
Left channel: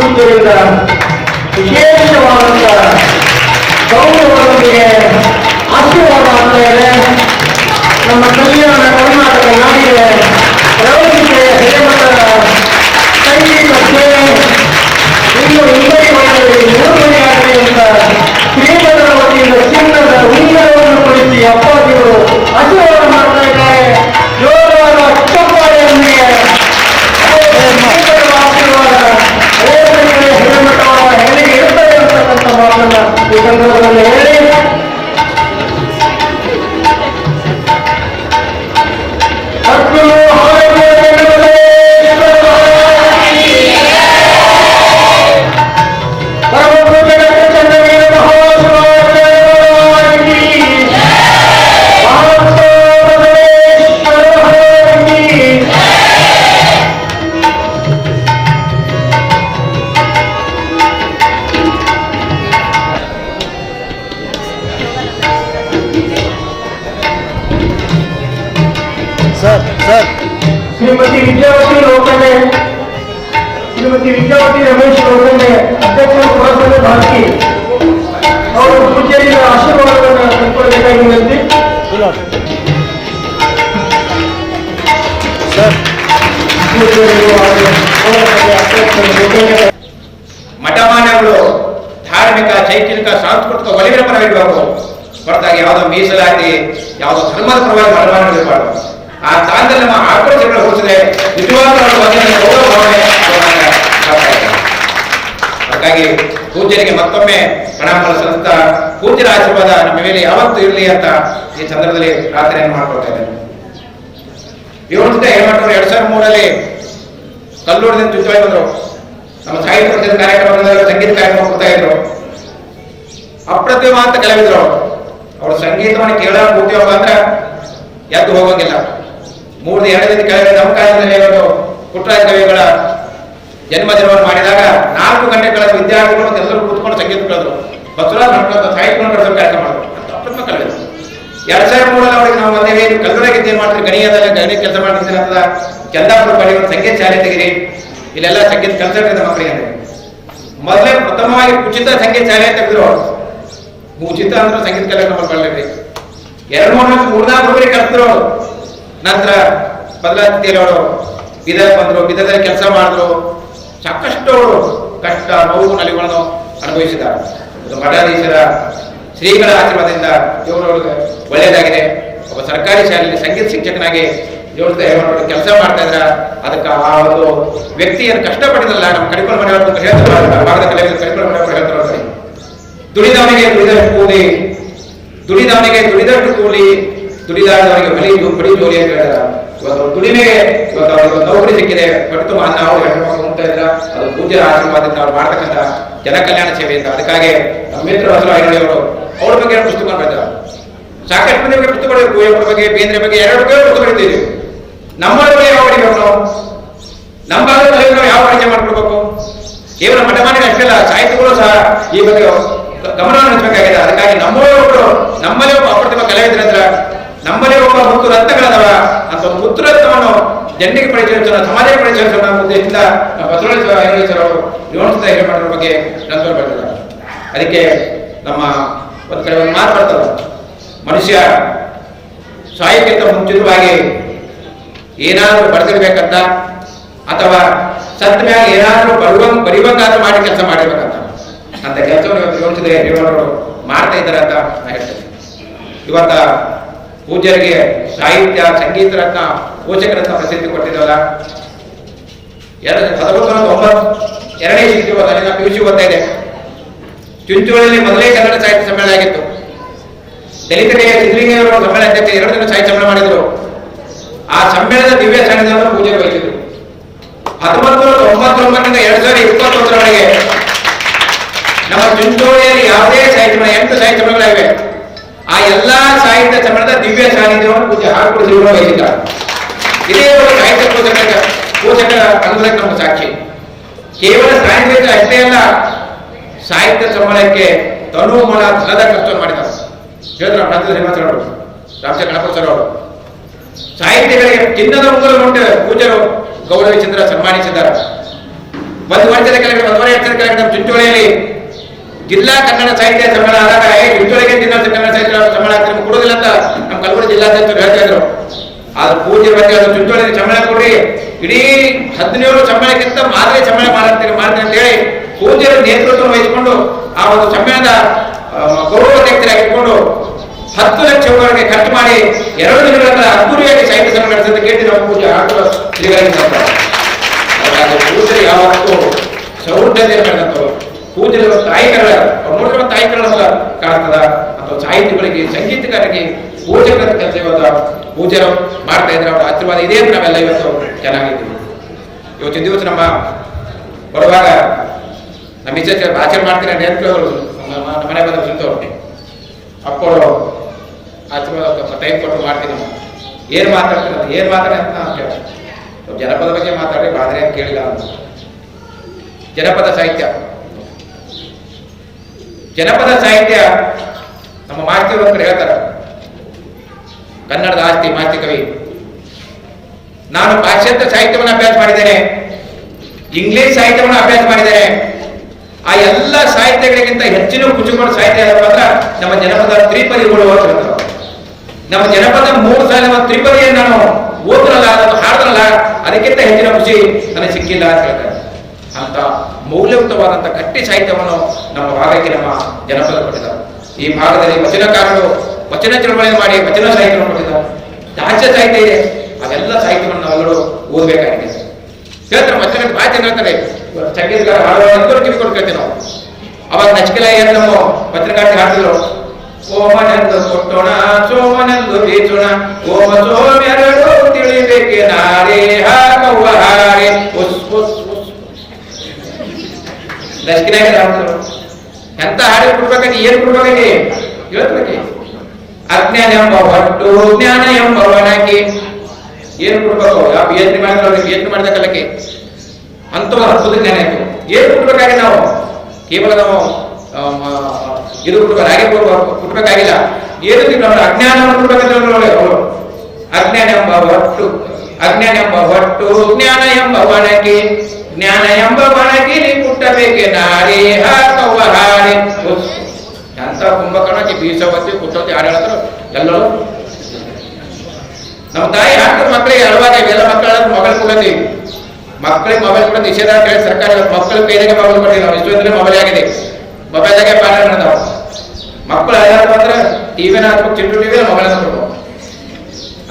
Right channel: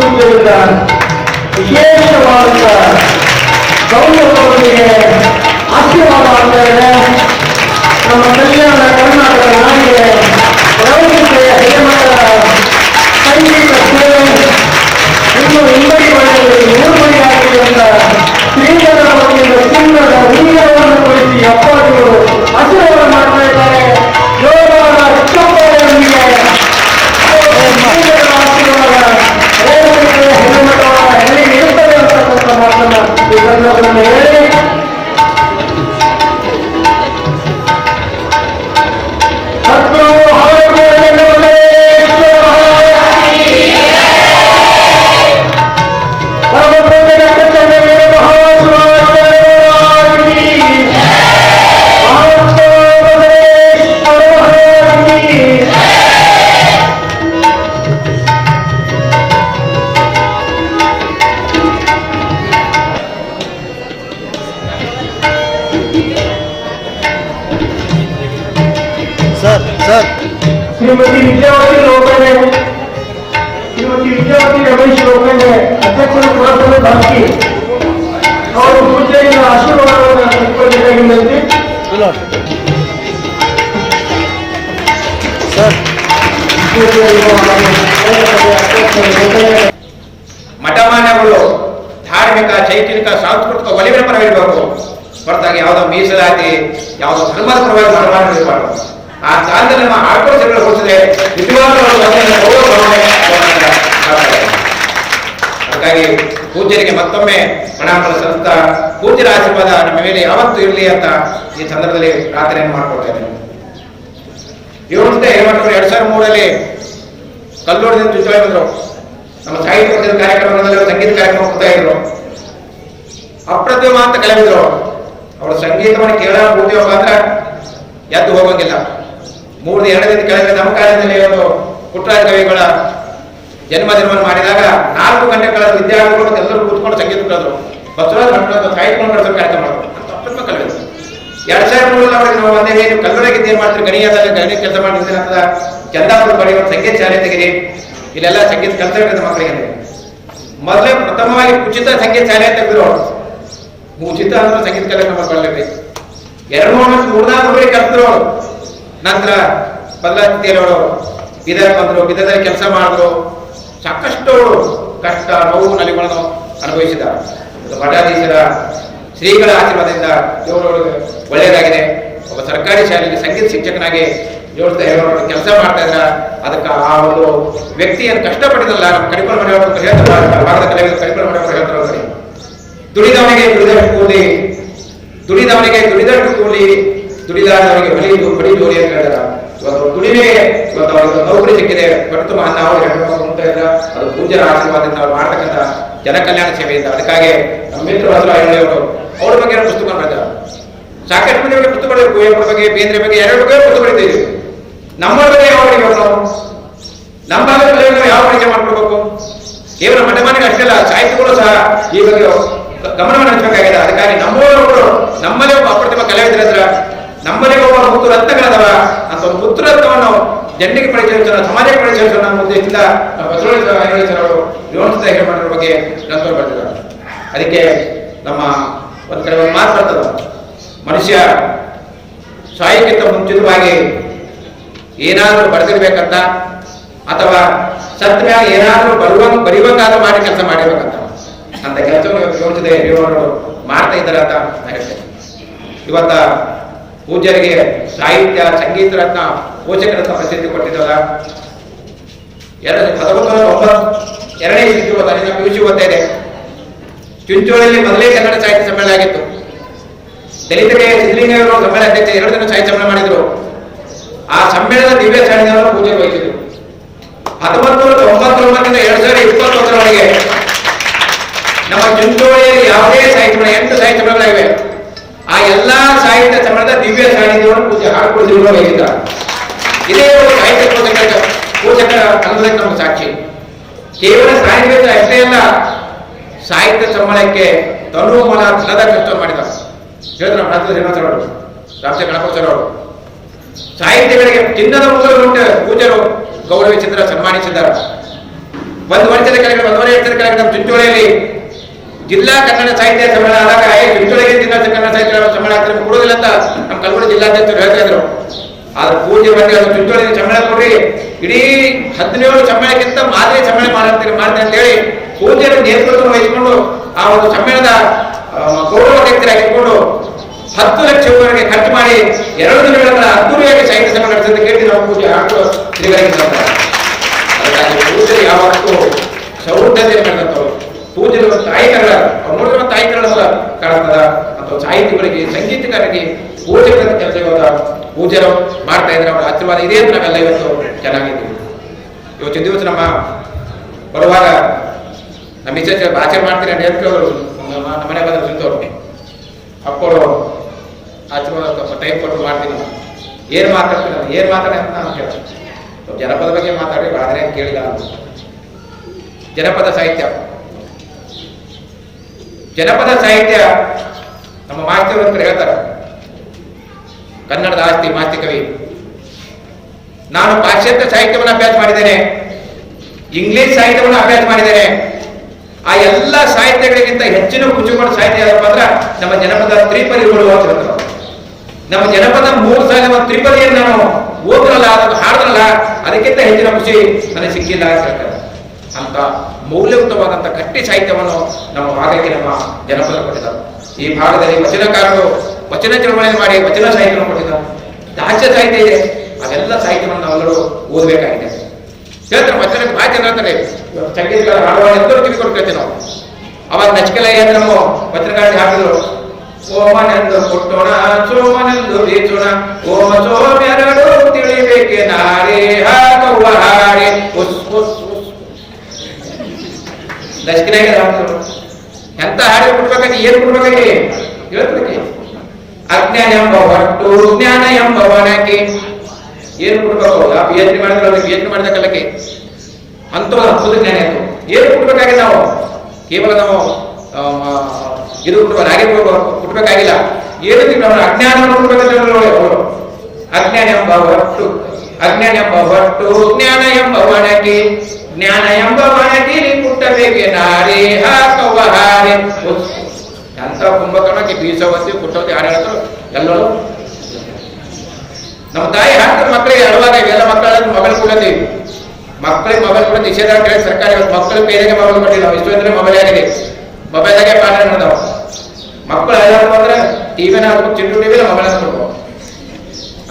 ಪೂಜೆಯಿಂದ ವಿಶೇಷವಾದಂಥ ಗೌರವದೊಂದಿಗೆ ಆಶೀರ್ವಾದ ಆಗ್ತಾ ಇದೆ. ನಮ್ಮ ಕಲ್ಯಾಣ ಕರ್ನಾಟಕ ನಾಡಿಗೆ ರೇವಣಸಿದ್ದಯ್ಯ ಹಿರೇಮಠರ ಸಂಗೀತ ಸೇವೆ ಇನ್ನು ಹಿಂಬರಿಗೊಳ್ಳಲು ನಿರ್ವಹಣೆಯಾಗಲಿ ಅಂತ ಶ್ರೀಮಠದ ವತಿಯಿಂದ ಚಿನ್ನದ ಉಂಗುರವನ್ನು ಕುರಿಸಿ ಅಪ್ಪಾಜಿಗಳು ಆಶೀರ್ವಾದ ಮಾಡ್ತಾ ಇದ್ದಾರೆ. ಜೋರಾದ ಚಪ್ಪಾಳೆಯೊಂದಿಗೆ ಆಶೀರ್ವಾದ ರೇವಣಸಿದ್ದಯ್ಯ ಹಿರೇಮಠರ ಹೆಣಿಗೆ ಇರುತ್ತದೆ ಅಂತಕ್ಕಂಥ ಮಾತನ್ನ ಈ ಸಂದರ್ಭದಲ್ಲಿ ಹೇಳಿ सर श्रीमती विद्यावती रमेश लोखंडे अध्यक्षರು ಪುರಸಭೆ ಬಾಕಿ ಅವರು ಪೂಜೆಯ ಆಶೀರ್ವಾದವನ್ನು ತೆಗೆದುಕೊಳ್ಳಬೇಕಾಗಿ ವಿನಂತಿ. सर ಮಠಮಾನ್ಯಗಳು ಧಾರ್ಮಿಕ ಚೈತನ್ಯಿಕ ಸಾಂಸ್ಕೃತಿಕ ಒಲಿವಿನ ಪರವಿರಬೇಕು, ಹೊರತಾಗಿ ಯಾವುದೋ ಮೀಸಲಾತಿ ಯಾವುದೋ ಧರ್ಮದ ಪರವಾಗಿ ಮಠಮಾನ್ಯಗಳಿರಬಾರ್ದು. ಆ ಸ್ಥಾನದಲ್ಲಿ ನಮ್ಮ ಆಕ್ರೋಶಗಳು ಹೊರಿಸಿದ್ರೆ ನಿಜವಾಗ್ಲೂ ಹಾಗಾಗಿ ಪೂಜ್ಯರಿಗೆ ಮತ್ತೊಮ್ಮೆ ಪ್ರಣಾಮಗಳು ಸಲ್ಲಿಸ್ತಾ ಪೂಜ್ಯರ ಆಶೀರ್ವಾದ ನಮ್ಮ ಮೇಲೆ ಯಾವತ್ತೂ ಇರಲಿ ಅಂತ ಈ ಸಂದರ್ಭದಲ್ಲಿ ಪ್ರಾರ್ಥನೆಯನ್ನು ಮಾಡ್ಕೊಳ್ತಾ ಇದ್ದೇನೆ. ರೇವಣಸಿದ್ದಯ್ಯ ಹಿರೇಮಠರು 2003 ಕಲ್ಲೂರದಿಂದ ಚುಂಚೋಳಿ ಬಂದರು. ನಮ್ಮ ಸಾಹಿತ್ಯ ಪರಿಷತ್ ಕಾರ್ಯಕ್ರಮಗಳಲ್ಲಿ ಸಂಗೀತ ಕಾರ್ಯಕ್ರಮ ಕೊಡ್ತಾ ಇದ್ರು. ಅಪ್ರತಿಮ ಅಂತ ಕಲಾವಿದರು. ಅವ್ರ ಸಂಗೀತವನ್ನು ಕೇಳೋ ಕೂತೀವಪ್ಪ ಅಂದ್ರೆ ಎದ್ದು ಹೋಗಂಗಿಲ್ಲ. 2 ಕೆಳಗೆ ನಮ್ಮ ಕಾಲದಲ್ಲಿ ಒಂದು ಪುಟ್ಟರಾಜ ಕವಿಗಳ ಜನ್ಮದಿನವನ್ನು ಮಾಡಿದಾಗ 4 ಗಂಟೆ ಕಳೆದ ವಿದ್ಯಾರ್ಥಿಗಳು ಮತ್ತೆ ಎಲ್ಲರೂ ಕೂತ್ಕೊಂಡು ಸಂಗೀತ ಕಳೆದ್ರು, ಬಸವರಾಜ ಭಟ್ರು ಸಾಹಿತ್ಯವನ್ನು ಕಳಿಸೋ ಕಾರ್ಯಕ್ರಮ ಮಾಡಿದ್ರು ಅಂತ ಅಪ್ರತಿಮ ಕಲಾವಿದರು. 2003 ಅವರಿಗೆ ನಾವು ಒಂದೇ ನೀವು ಕಲ್ಲೂರಾಗಿದ್ದು ಏನು ಮಾಡ್ತೀರಿ, ಗಣಿಯದಲ್ಲಿ ಗಣಿ ಕೆಲಸ ಮಾಡ್ತಿದ್ದೀನಿ ಅಂತ ಚಂದಾಪುರ ಬಳಿ ಒಂದು ಸಂಗೀತ ಶಾಲೆ ತೆಗಿರಿ, ಇಲ್ಲೆಲ್ಲ ಸಂಗೀತ ಕಲ್ತಿರ್ತದೆ ಮಕ್ಕಳಿಗೆ ಅಂದ್ರೆ ಮೊದಲೇ ಪ್ರಥಮವಾಗಿ ಉಚಿತ ಸಂಗೀತ ಶಾಲೆ ತೆಗೆದ್ರು. ಉಚಿತ ಅಂದ್ರೆ ಸಂಗೀತ ಕಾರ್ಯಕ್ರಮ ಮಾಡಲಿ 2-3 ರೂಪಾಯಿ ಕಲ್ತಿದ್ರು ಅವರು. ನಂತರ ಬದಲಾತಿಯಲ್ಲಿ ಅವರು ಬೀದರ್ ಬಂದರು, ಬೀದರ್ದಲ್ಲಿ ಕೆಲಸ ಮಾಡಿದ್ರು. ಸಾಕಷ್ಟು ಅವರು ಕಷ್ಟ ನೋವು ನಲಿಗಳನ್ನು ಅನುಭವಿಸಿದ್ದಾರೆ. ಮಠಾಧೀಶರ ಶ್ರೀಗಳ ಆಶೀರ್ವಾದದಿಂದ ದೇವರೊಳಗೆ ಒಳ್ಳೆಯದಾಗಿದೆ. ಒಬ್ಬ ಸರ್ಕಾರಿ ಶಾಲೆಯಲ್ಲಿ ಸಂಗೀತ ಶಿಕ್ಷಕನಾಗಿ ದೇವರ ಕೆಲಸ ಮಾಡ್ತಾ ಇದ್ರ ಅದಕ್ಕೆ ಆ ಒಂದು ವ್ಯಕ್ತಿಯನ್ನು ಕಷ್ಟಪಟ್ಟಿದಲ್ಲ ನಮ್ಮ ಕಡಿಕೊಳ ಮನೆ ಹೇಳ್ತಾರೆ, ಭಾಗದ ಕಲಾವಿದರು ಕಡಿಕೊಳ ಮನೆ ಹೇಳ್ತಾರೆ, ದುಡಿದವನಿಗೆ ದುಡಿದಷ್ಟು ಕೂಲಿ, ದುಡಿದವನಿಗೆ ದುಡಿದಷ್ಟು ಕೂಲಿ, ದುಡಿದಾಡದವನಿಗೆ ಬಡಿ ಜೋಲಿ ಅಂತ ಹೇಳ್ತಾರ. ಇವತ್ತು ದುಡಿಮೆಗೆ ಇವತ್ತು ಅವರಿಗೆ ನೌಕರಿ ಸಿಕ್ಕಿದೆ, ಹೊಟ್ಟೆ ಅನ್ನ ಅವರು ಹೆಣ್ಣು ಮಕ್ಕಳು ಉಂಟಾ ಇದ್ರ ಅದು ಪೂಜ್ಯರ ಆಶೀರ್ವಾದದಿಂದ ಅವ್ರು ಮಾಡ್ತಕ್ಕಂಥ ಜನಕಲ್ಯಾಣ ಸೇವೆಯಿಂದ. ಅದಕ್ಕಾಗಿ ನಮ್ಮ ಮಿತ್ರರು ಹಸರು ಐನಳ್ಳಿ ಅವರು ಅವ್ರ ಬಗ್ಗೆ ಪುಸ್ತಕ ಬರೆದಾರೆ. ಸಾಕಷ್ಟು ಮಂದಿ ಬಗ್ಗೆ ಪುಸ್ತಕ ಬರೆದಿದೆ, ಕುವೆಂಪುರ ಬಗ್ಗೆ, ಬೇಂದ್ರೆ ಬಗ್ಗೆ 2 ಬಗ್ಗೆ ಪುಸ್ತಕ ಬರೆದಿದ್ದೀವಿ. ನಮ್ಮ ಬಗ್ಗೆ ಯಾವ ಬರೀಬೇಕು ನಾವು, ನಮ್ಮ ಭಾಗದ ಕಲೆಗೆ ನಾವು ಯಾವ ಪರಿಚಯ ಮಾಡ್ಕೊಡ್ಬೇಕು. ಕೇವಲ ಮಠಮಾನಿಗೆ ಅಷ್ಟೇ ಅಲ್ಲ, ಸಾಹಿತ್ಯಗಳು ಸಹ ಈ ಬಗ್ಗೆ ಗಮನವನ್ನು ಹಂಚಬೇಕಾಗಿದೆ. ಅದಕ್ಕಾಗಿ ನಮ್ಮಲ್ಲಿ ಒಬ್ಬ ಅಪ್ರತಿಮ ಕಲಾವಿದರಿದ್ರ, ನಮ್ಮಲ್ಲಿ ಒಬ್ಬ ಮುತ್ತು ರತ್ನಗಳದವ ಅಂತ ಒಂದು ಮುತ್ತು ರತ್ನವನ್ನು ಜನರಿಗೆ ಪರಿಚಯಿಸೋಣ, ಸಮಾಜಕ್ಕೆ ಪರಿಚಯಿಸೋಣ ಉದ್ದೇಶದಿಂದ ಬಸವರಾಜ ಐನಳ್ಳಿ ಸರ್ ಅವರು ರೇವಣಸಿದ್ಧ ಹಿರೇಮಠರ ಬಗ್ಗೆ ಗ್ರಂಥವನ್ನು ಬರೆದಿದ್ದಾರೆ. ಅದಕ್ಕೆ ನಮ್ಮ ಒಂದು ಕಡೆ ಒಂದು ಮಾತು ಬರ್ತದ, ಮನುಷ್ಯ ಸಾಯಕ್ಕಿಂತ ಮುಂಚಿತವಾಗಿ ಏನಾದರೂ ಬರೆದಿರ್ಬೇಕಂತ ಅಥವಾ ಸತ್ತ ಮ್ಯಾಗ ಏನಾದರೂ ಬರಿವಂಗಾದ್ರೂ ಮಾಡಿ ಕೆಲಸ ಮಾಡಿರ್ಬೇಕಂತ. ಅಂತ ಕೆಲಸವನ್ನು ಇವತ್ತು ರೇವಣಸಿದ್ಧ ಹಿರೇಮಠರು ಮಾಡ್ತಾ ಇದ್ದಾರೆ ಅಂತ ನಾನು ಹೇಳ್ತೇನೆ. ಇವತ್ತ ಪೂಜ್ಯರಿಗೆ ಸಾಹಿತ್ಯ ಸಂಗೀತ ರತ್ನ ಪೋಷಕರತ್ನ ಪ್ರಸಿದ್ಧಿ ಕೊಟ್ಟಿದ್ದಲ್ಲ. 1992ನೇ ಇಸ್ವಿ ಅಲ್ಲಿನ PUC ಓದ್ತಾ ಇದೆ. ಚುಂಚೋಳಿಯಲ್ಲಿ ಮೊದಲೇ ಕನ್ನಡ ಸಾಹಿತ್ಯ ಸಮ್ಮೇಳನ ಆಗಿತ್ತು. ದಲಿತರಿಗೆ ಸಿದ್ಧಲಿಂಗಯ್ಯವರು ಸಮ್ಮೇಳನ ಅಧ್ಯಕ್ಷ 2 ದಿನ ಸಾಹಿತ್ಯ ಸಮ್ಮೇಳನ ಮಾಡಿದ್ರು. ಆ ಸಮ್ಮೇಳನದ ದಿವ್ಯ ಸಾನ್ನಿಧ್ಯವನ್ನು ಪೂಜ್ಯರು ವಹಿಸಿದ್ರು. 1999ರಿಂದ 2021ರವರೆಗೆ ನಮ್ಮ ಚುಂಚೋಳಿಯಲ್ಲಿ ಯಾವುದೇ ಸಾಹಿತ್ಯ ಸಮ್ಮೇಳನ 8 ಸಾಹಿತ್ಯ ಸಮ್ಮೇಳನಗಳಿವೆ. ಆ ಎಲ್ಲಾ ಸಾಹಿತ್ಯ ಸಮ್ಮೇಳನದ ದಿವ್ಯ ಸಾನ್ನಿಧ್ಯವನ್ನು ಪೂಜ್ಯ ಹಾರ್ಕೂಡು ಶ್ರೀಗಳು ವಹಿಸಿದ್ದಾರೆ. ಇದೇ ಸಾಹಿತ್ಯ ಪೋಷಕರ ಅನ್ನೋದಕ್ಕೆ ನಮಗೆ ಸಾಕ್ಷಿ. ಕೇವಲ ಸಾಹಿತ್ಯ ಅಷ್ಟೇ ಅಲ್ಲ, ಸಾಹಿತ್ಯ ಸಮ್ಮೇಳನಕ್ಕೆ ತನು ಮನ ಧನದ ಖರ್ಚನ್ನು ಮಾಡಿದ್ದಾರೆ. ಹೇಳಿದ್ರು ನಮ್ಮ ರಾಜ್ಯದ ಶ್ರೀನಿವಾಸ ಅವರು, ರಾಮಚಂದ್ರ ಗಣಪತಿ ಸರ್ ಅವರು. ಸಾಹಿತ್ಯಗಳಿಗೆ ಚಿನ್ನದ ಉಂಗುರಗಳುಂಟು ಪೂಜ್ಯರು ಗೌರವಿಸಿದ್ದಾರೆ, ಸನ್ಮಾನಿಸಿದ್ದಾರೆ. 1 ವರ್ಷದ ಕೆಳಗಡೆ 1.5 ವರ್ಷದ ಕೆಳಗಡೆ ನಮ್ಮ ಚುಂಚೋಳಿಯಲ್ಲಿ ಜಿಲ್ಲಾ ಕನ್ನಡ ಸಾಹಿತ್ಯ ಸಮ್ಮೇಳನ ಆದಾಗ ಚುಂಚೋಳಿಗೆ ಜಿಲ್ಲಾ ಕನ್ನಡ ಸಾಹಿತ್ಯ ಸಮ್ಮೇಳನ ಆಗ್ತಾರೆ ಕೊಡೋದಿಲ್ಲ ಅಂತ ನಮ್ಮ ಕಲಬುರಗಿ ಜಿಲ್ಲಾಧ್ಯಕ್ಷರು ಹೇಳ್ತಾ ಇದ್ರು. ಆದ್ರೆ ಪೂಜ್ಯರ ಬಗ್ಗೆ ಅದು ಚುಂಚೋಳಿ ಸಮ್ಮೇಳನ ಕೊಡ್ರಿ, ಇಡೀ 17 ಸಮ್ಮೇಳನಕ್ಕಿಂತ ಮಾದರಿ ಸಮ್ಮೇಳನ ಮಾಡ್ತೇನೆ ಅಂತ ಹೇಳಿ ಪೂಜ್ಯರ ನೇತೃತ್ವ ವಹಿಸಿಕೊಂಡು ಆ ಒಂದು ಸಮ್ಮೇಳನದ ಗೌರವಾಧ್ಯಕ್ಷರಾಗಿಟ್ಕೊಂಡು 10 ಲಕ್ಷವರೆಗೆ ಖರ್ಚು ಮಾಡಿ 2 ದಿನಗಳ ಕಾಲ ಅದ್ದೂರಿಯಾಗಿ ಸಾಹಿತ್ಯ ಸಮ್ಮೇಳನ ನಡೆಸಿದ ಕೇಳಿ ನಾವು ಪೂಜ್ಯ ಹಾರ್ಕೂಡು ಶ್ರೀಗಳಿಗೆ ಸಾಧ್ಯ. ಹಾಗಾಗಿ ಪೂಜ್ಯರು ಯಾವತ್ತೂ ಸೌಹೃದತೆಯನ್ನು ಬೆಳೆದಂಥವ್ರು. ಪೂಜ್ಯರು ತಾಯಿಕರಣ ಅವ್ರು ನೋಡಿರುವ ತಾಯಿಕರಣ ನಮಗೆ ಕಾಣ್ತದ ಅಥವಾ ಸಾಹಿತ್ಯಗಳಿಗೆ ಸಂಗೀತಗಾರರಿಗೆ ಪೂಜಕರ ಕೆಲಸ ಇವತ್ತು ಪೂಜ್ಯರು ಮಾಡ್ತಾ ಇದ್ರೆ ಅವರ ಆಶೀರ್ವಾದ ಇದೆ ಅಂತ ನಾವೆಲ್ಲ ಇವತ್ತು ಚೆನ್ನಾಗಿದ್ದೀವಿ. ಇವತ್ತಿನ ದಿವಸ ನಮ್ಮ ಬರುವಾಗ ನಮ್ಮ ಮಿಸಸ್ ಆಚರಣೆ ಮಾಡ್ತೀನಿ ಅಂತ ಹೇಳ್ತಿದ್ರು. ನಮ್ಮ ಮನೆ ಬಂದ್ರೆ ಸುಂದವ್ರು ಅಪ್ಪರು ಆಶೀರ್ವಾದ ಟೈಮ್ ಕೊಟ್ಟರು ಮಾಡ್ತೀನಿ. ನಾವು ಏನು ಮಾತಾಡ್ತೀನಿ ಅಂತ ಏನು ಮಾತಾಡಿ ಅಂತ ನಾನು ಕೇಳ್ತೀನಿ. ಸ್ವಲ್ಪ ಜನಪದ ಬಗ್ಗೆ ಮಾತಾಡಿ ಬಾದ್ರೆ ಅಂತ ಕೇಳಿಲ್ಲ. ಜನಪದ ಸಾಹಿತ್ಯ ನಮ್ಮ ಮಾಸ್ತಿಯವರು ಅಂತ ಹೇಳ್ತಾರೆ, ಕನ್ನಡದ ಆಸ್ತಿ ಮಾಸ್ತಿ ಕವಿ. ನಾನು ಪಾಶ್ಚಾತ್ಯ ಸಾಹಿತ್ಯವನ್ನು ಅಭ್ಯಾಸ ಮಾಡಿದ್ದೇನೆ, ಇಂಗ್ಲಿಷ್ ಸಾಹಿತ್ಯವನ್ನು ಅಭ್ಯಾಸ ಮಾಡಿದ್ದೇನೆ. ಆ ಎಲ್ಲ ಸಾಹಿತ್ಯಗಳಿಗಿಂತ ಹೆಚ್ಚಿನ ಕುಚುಕೊಂಡು ಸಾಹಿತ್ಯ ಯಾವ್ದಪ್ಪ ಅಂದ್ರೆ ನಮ್ಮ ಜನಪದ ತ್ರಿಪದಿಗಳು ಅಂತ ಹೇಳ್ತಾರೆ. ನಮ್ಮ ಜನಪದ 3 ಸಾಲಿನ ತ್ರಿಪದಿಯನ್ನು ನಾನು ಓದ್ರಲ್ಲ, ಅದನ್ನು ಹಾಡ್ರಲ್ಲ, ಅದಕ್ಕಿಂತ ಹೆಚ್ಚಿನ ಖುಷಿ ನನಗೆ ಸಿಕ್ಕಿಲ್ಲ ಅಂತ ಹೇಳ್ತಾರೆ. ಅಂತ ಮೌಲ್ಯಯುತವಾದಂಥ ಗಟ್ಟಿ ಸಾಹಿತ್ಯವನ್ನು ನಮ್ಮ ಭಾಗಕ್ಕೆ ನಮ್ಮ ಜನಪದರು ಕೊಟ್ಟಿದ್ದಾರೆ. ಈ ಭಾಗದಲ್ಲಿ ವಚನಕಾರರು ವಚನ ಚಳವಳಿಯನ್ನು ಮಾಡಿ ವಚನ ಸಾಹಿತ್ಯವನ್ನು ಕೊಟ್ಟಿದ್ದಾರೆ. ದಾಸ್ಯ ಸಾಹಿತ್ಯ ಇದೆ, ಅವೆಲ್ಲ ಸಾಹಿತ್ಯವನ್ನು ನಾವೆಲ್ಲರೂ ಓದಬೇಕಾಗಿದೆ. ಹೇಳ್ತಾರೆ ವಚನಕ್ಕೆ ಭಾಳ ಜನ ಹೇಳ್ತಾರೆ, ಸಂಗೀತಗಾರ ಹಾಡುವ ಎಲ್ಲರೂ ಕಿವಿ ಕೊಟ್ಟು ಕೇಳ್ತೀವಿ ನಾವು. ಅವಾಗ ನಚಿಕೆಲಯ್ಯ ನಮ್ಮ ವಚನಗಾರ್ತಿ ಹಾಡ್ತಿದ್ರು, ಓಮನೆಂದು ಕೊಟ್ಟೋಣ ಸೋಮನೆಂದು ಬೀಚೋಣ, ಓಮ ಸೋಮೆರಡು ತಿಳಿಬೇಕೆ ನಾರೇ ಹಾಕವ್ವ ಹಾರೆ ಉಸ್ ಉಸ್ ಉಸ್. ಲಕ್ಕಿನಾಗ ಹಾಡ್ತಿದ್ರು. ಎಂತ ಹಾಡಿ ಕೊಡ್ಬೇಕಾಗಿ ಏನು ಕೊಡ್ಬೇಕಾಗಿ ಹೇಳ್ಬೇಕು. ಅಜ್ಞಾನ ಎಂಬ ಹೊಟ್ಟು ಜ್ಞಾನ ಎಂಬ ಒಣಗಿ ಏನು ಕೊಡ್ಬೇಕು? ಯಾವ PhD ಮಾಡಿದ್ರೆ PhD ಮಾಡಿದ ಕಾಲಕ್ಕೆ ಅಂತ ಅದ್ಭುತ ಜ್ಞಾನ ಇತ್ತು. ಏನು ಕೊಡ್ಬೇಕಾಗಿ ನಾವು ಕೇವಲ ನಾವು ಇದು ಕೊಡ್ಬೇಕು, ಹಾಗೆ ಕೊಡ್ಬೇಕಾಗಿಲ್ಲ. ಏನಂತೀವಿ ನಮ್ಮ ಅಜ್ಞಾನವನ್ನು ಕೊಡ್ಬೇಕಂತ ಅವರು. ಅಜ್ಞಾನ ಎಂಬ ಹೊಟ್ಟು ಜ್ಞಾನ ಎಂಬ ಒಣಗಿ ಜ್ಞಾನ ಎಂಬ ಒಣಗಿಲಿ ಕುಟ್ಟಬೇಕೆ ನಾರಿ ಹಾಕವ್ವ ಹಾರಿ ಅಂತ ಕುಂಭಕರ್ಣಕ್ಕೆ ಬೀಸವತ್ತಿ ಕುಟ್ಟವತ್ತಿ ಹಾಡು ಹೇಳ್ತಾರೆ ಎಲ್ಲರೂ. ನಮ್ಮ ತಾಯಿ ಹಾಕ್ತಾರೆ ಮಕ್ಕಳಿಗೆ ಅಳುವಾಗ ಇವೆಲ್ಲ ಮಕ್ಕಳ ಮೊಬೈಲ್ ಕೊಡತ್ತೀವಿ. ಮಕ್ಕಳಿಗೆ ಮೊಬೈಲ್ ಕೂಡ ನಿಷೇಧ ಕೇಳಿ ಸರ್ಕಾರ ಮಕ್ಕಳ ಕೈದಾಗೆ ಮೊಬೈಲ್ ಕೊಟ್ಟಿವಿ ನಾವು. ಇಷ್ಟು ಅಂದ್ರೆ ಮೊಬೈಲ್ ಆಗಿದೆ, ಮೊಬೈಲ್ದಾಗೆ ಪಾಠ ನಡೆದವ. ಮಕ್ಕಳು ಅಲ್ಲಾದ್ರು ಅಂದ್ರೆ ಟಿವಿನ ಹಾಕ್ಬೇಕು, ಚಿಂಟು ಟಿವಿನ ಮೊಬೈಲ್ ಕೊಡ್ಬೇಕು.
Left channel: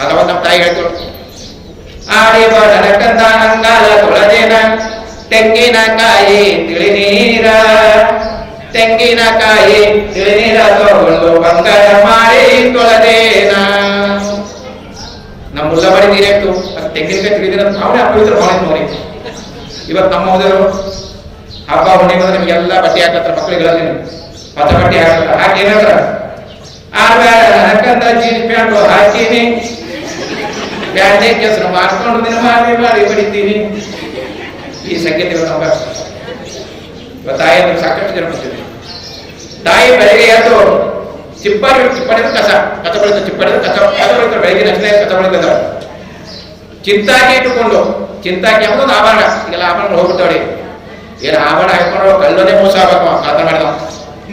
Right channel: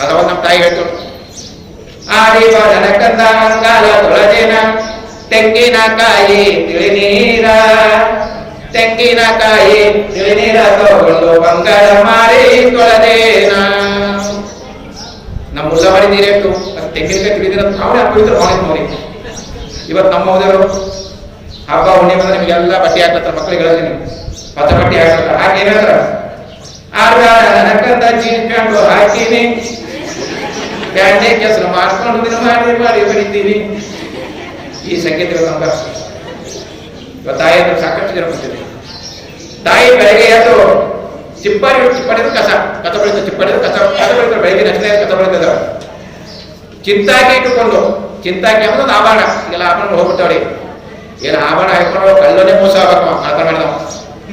ಅದಾವಾಗ ನಮ್ಮ ತಾಯಿ ಹೇಳ್ತೇವೆ, ಆಡಿವ ನನಕಂದ ಅಂಗಾಲ ತೊಳದೇನ ತೆಂಗಿನಕಾಯಿ ತಿಳಿನೀರ ತಗೊಂಡು ಬಂಗಾರ ಮಾಡಿ ತೊಳದೇನ. ನಮ್ಮ ಮುಲ್ಲ ಮಾಡಿ ನೀರೇಟು ಅದು ತೆಂಗಿನಕಾಯಿ ತಿಳಿದಿರ ಅವನೇ ಅಪವಿತ್ರ ಅವನೇ ನೋಡಿ. ಇವತ್ತು ನಮ್ಮ ಹೋದರು ಹಬ್ಬ ಹುಣ್ಣಿಮೆ ಬಂದ್ರೆ ನಿಮಗೆಲ್ಲ ಬಟ್ಟೆ ಹಾಕ್ಲತ್ತಾರ ಮಕ್ಕಳಿಗಳಲ್ಲಿ, ಹೊಸ ಬಟ್ಟೆ ಹಾಕಲ್ಲ. ಹಾಕಿ ಏನಂತಾರ, ಆಡ್ಬೇಡ ನನಕಂದ ಜೀನ್ಸ್ ಪ್ಯಾಂಟು ಹಾಕೀನಿ, ಪ್ಯಾಂಟೇ ಕೆಸರು ಮಾಡ್ಕೊಂಡು ದಿನ ಮಾಡಿ ಬಡಿತೀನಿ. ಈ ಸಂಗೀತ ಇವತ್ತು ನಮ್ಗೆ ಇವತ್ತು ತಾಯಿ ಅಂದ್ರೆ ಸಾಕಷ್ಟು ಜನ ಬರ್ತಿದೆ. ತಾಯಿ ಬೆಳಗ್ಗೆ ಎದ್ದು ಚಿಪ್ಪಾಡಿ ಕಸ ಬೆಳಿತಾರೆ, ಕಸ ಬೆಳಿತಾರೆ ಬೆಳಗ್ಗೆ ನಷ್ಟನೇ ಕಸ ಬೆಳಿತದ. ಚಿಂತಾಕಿ ಇಟ್ಟುಕೊಂಡು, ಚಿಂತಾಕಿ ಅನ್ನೋದು ಆಭರಣ. ಈಗೆಲ್ಲ ಆಭರಣ ಹೋಗ್ಬಿಟ್ಟವ್ರಿ. ಏನು ಆಭರಣ ಹಾಕೊಂಡು ಕಲ್ಲೋದೇ ಮೋಸ ಆಗ್ಬೇಕು. ಆತರ ಮಾಡಿದವ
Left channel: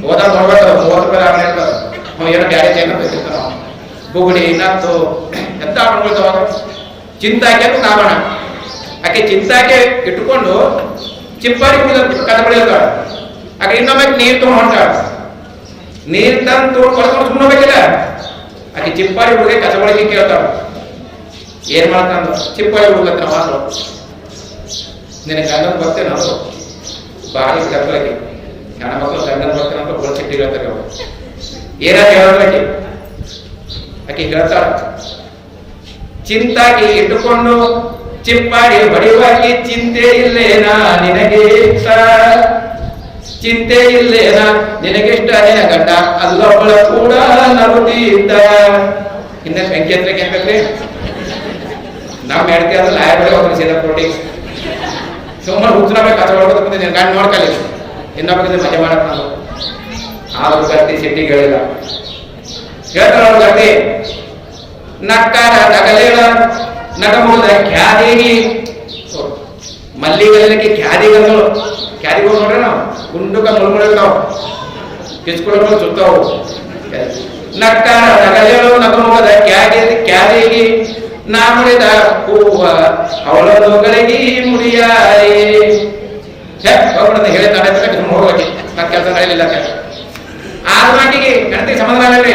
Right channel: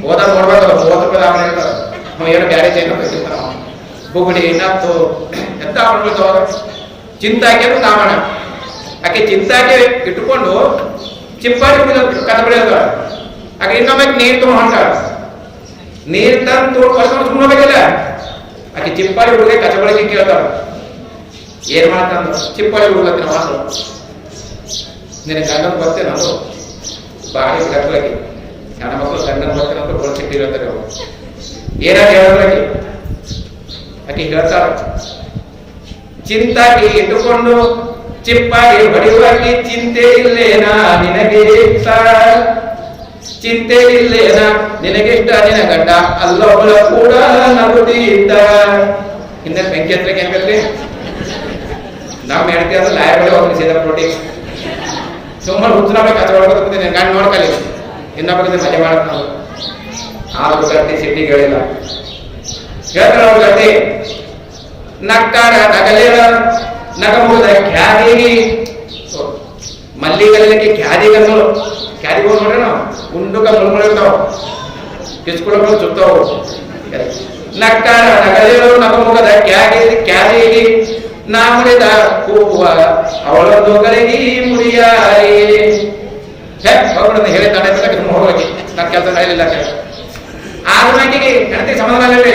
ಹೋದಾಗ ನೋಡ್ಬೇಕದ 30 ರೂಪಾಯಿ ಆಭರಣ ಇರ್ತದ. ಅವ ಏನೋ ಬ್ಯಾರೆ ಚೈನ ಬೇಕಿರ್ತಾನ, ಬುಗುಡಿ ನತ್ತು ಎಂತ ಆಭರಣಗಳು ಅವಾಗ. ಚಿಂತಾಕಿ ಅನ್ನೋದು ಆಭರಣ. ಆಕೆ ಚಿಂತಾಕಿ ಇಟ್ಟುಕೊಂಡು ಚಿಪ್ಪಾಡಿ ಕಸ ಬೆಳೆಯೋದ. ಆಕೆ ಇನ್ನೊಮ್ಮೆ ನೀರು ತೊಗೊಂಡು ಹೊಂಟಾಳ. ನೀರು ತಂದು ಕಳ್ಕೊಂಡು ಸುಮ್ಮನೆ ಹೋಗ್ಬೇಕಿಲ್ಲ. ಆಕೆ ಚಿಪ್ಪಾಡಿ ಹುಡುಗ ಕಸ ಬಳಕೆ ಕೇಳ್ತಾಳ. ಏನ್ ಮಾಡ್ತಾನ ಚಿಪ್ಪಾಡಿ ಹುಡುಗತ್ತಿನ ಮಾತು, ನಿನ್ನ ಗಂಡನ ಬರ್ತೇನೆ ನಾವು ಬಾರಿ ಬಿಡಕ್ಕೆ ಹೆಣ್ಣ ಮಕ್ಕಳು ಗಂಡನ ಬರ್ತೇನೆ ಅಂತ ಗೋಲ್ ಸಿಟ್ಟಿ ಹೇಳ್ತಾರೆ ಅವರು. ಏನಾದ್ರು ಹೇಳೋದ್ರಾಕಿ ಆಕೆ ಹೇಳ್ತಾಳ, ಚಿಂತಾಗಿ ಇಟ್ಟುಕೊಂಡು ಚಿಪ್ಪಾಡಿ ಹೊಡೆಯುವಾಕಿ ಚಿಂತೆ ಇಲ್ಲೇನಾ ನಿನಗೇಷ್ಟ, ಚಿಂತೆ ಇಲ್ಲೇನಾ ನಿನಗೆಷ್ಟ, ನಿನ ಗಂಡ ಅಲ್ಲೊಬ್ಬಳ ಕೂಡ ನಗುತ್ತಿದ್ದ. ಹಿಂದೆ ಬೆಂಕಿ ಹತ್ರಕ್ಕೆ ಏನ್ ಬೇಕ್ರಿ? ನಾವು ಹೇಳ್ತೀವಿ ಅಂದ್ರೆ ಲಾಯರ್ ಬಳಿ ಹೋಗ್ರಿ ಸೀದಾ ಪ್ರೋಟಿ ಸುಮ್ಮನೆ ಹುಚ್ಚನ ಬೇಕು ಕಸ ಹೊಡ್ಕೋತ ನೀನು ಗಂಡು ನೋಡ್ಕಲಿ ಇನ್ನೊಬ್ಬ ಮಜಾ ಮಾಡಕ್ ನಾವು. ಆದ್ರೂ ಗಟ್ಟಿ ಸಿಟ್ಟಿಗೆ ಹೇಳಿಲ್ಲ. ಹೇಳ್ತಾರ ಅವ್ರ ಗಟ್ಟಿ, ನಕ್ಕಾರ ನಗಲೇಳ ನಗಮುಗದ ಖ್ಯಾದಿಗಿ ಮಲ್ಲಿಗಲ್ಲಕ್ಕೆ ಖ್ಯಾದಿಗಂದಳು. ಖ್ಯಾದಿಗಳು ನೋಡ್ರಿ ನಾವು ಗುಂಡುಕ ಮುಳ್මුಳಿರ್ತಾವ, ಕಿಸ್ಕೊಳಗಳು ಸುತ್ತಾವು. ನಕ್ಕಾರ ನಗಲೇಳು ನಗಮುಗದ ಖ್ಯಾದಿಗಿ ನಾ ಮುಡಿದ ಹೂವ ಅವಳೊಂದುಗಳಿಗೆ ಮುಡಿಯಾರಿ. ಹೋಗ್ಬಿಡ ಹೇಳಿ ತಾಂಡ ಹೋಗಿ ನನ್ನ ಕೆಲಸ ನಡೆಯಲಿಲ್ಲ ಅಂತ ಹೇಳಿ. ಆದ್ರೂ ಆಕೆಗೆ ಹೆಣ್ತಿಗೆ ಸಮಾಧಾನ ಅಲ್ಲರಿ.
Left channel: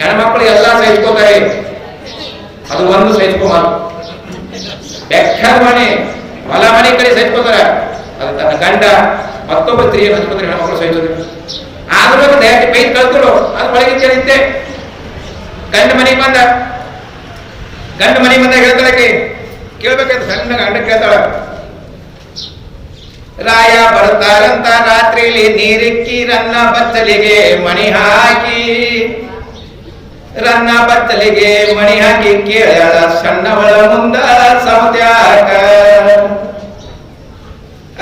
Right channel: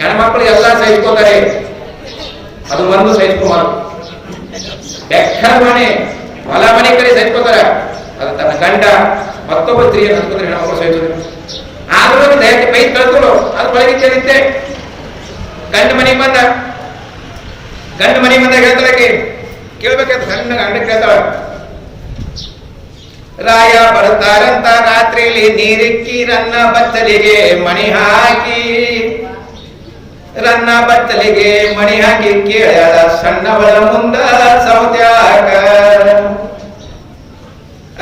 ಹೆಣ್ಮಕ್ಳು ಎಲ್ಲ ಸಹಿಸ್ಕೋತಾರೆ, ಅದು ಒಂದು ಸಹಿಸ್ಕೋಮಾರು. ಬೆಕ್ಕದ ಮನೆ ಹೊಲ ಮನೆ ಕಡೆ ಸಹಿಸ್ಕೋತಾರ, ಅದು ತನ್ನ ಗಂಡ ಮತ್ತೊಬ್ಬ ಸ್ತ್ರೀಯನ್ನು ಹಚ್ಕೋತಾರೆ ಹೆಣ್ಮಕ್ಳು ಸಹಿಸೋದಿಲ್ಲ. ಆದ್ರೂ ದಯಕ್ಕೆ ಬೈಕ್ ಕಳ್ತಳು, ಅದು ಒಳಗೆ ಚಲಿತ್ತೆ. ಗಂಡ ಮನೆಗೆ ಬಂದ ಹೇಳ್ತಾಳಕ್ಕೆ ಕೇಳ್ಬೇಕಾದ್ರೆ ಸಣ್ಣ ಗಂಡ ಕೇಳ್ತಾಳ, ರಾಯ ಬರ್ತಾರಂತ ರಾತ್ರಿಲಿ ನೀರಿಕ್ಕಿ ರನ್ನ ಬತ್ತಲಿಗೆ ಮಣಿ ಹಾಕಿ ಕೇಳ್ಯಾಳ ಸಣ್ಣವಳ ಮುಂದ ಸಮತ್ಯಾಕ.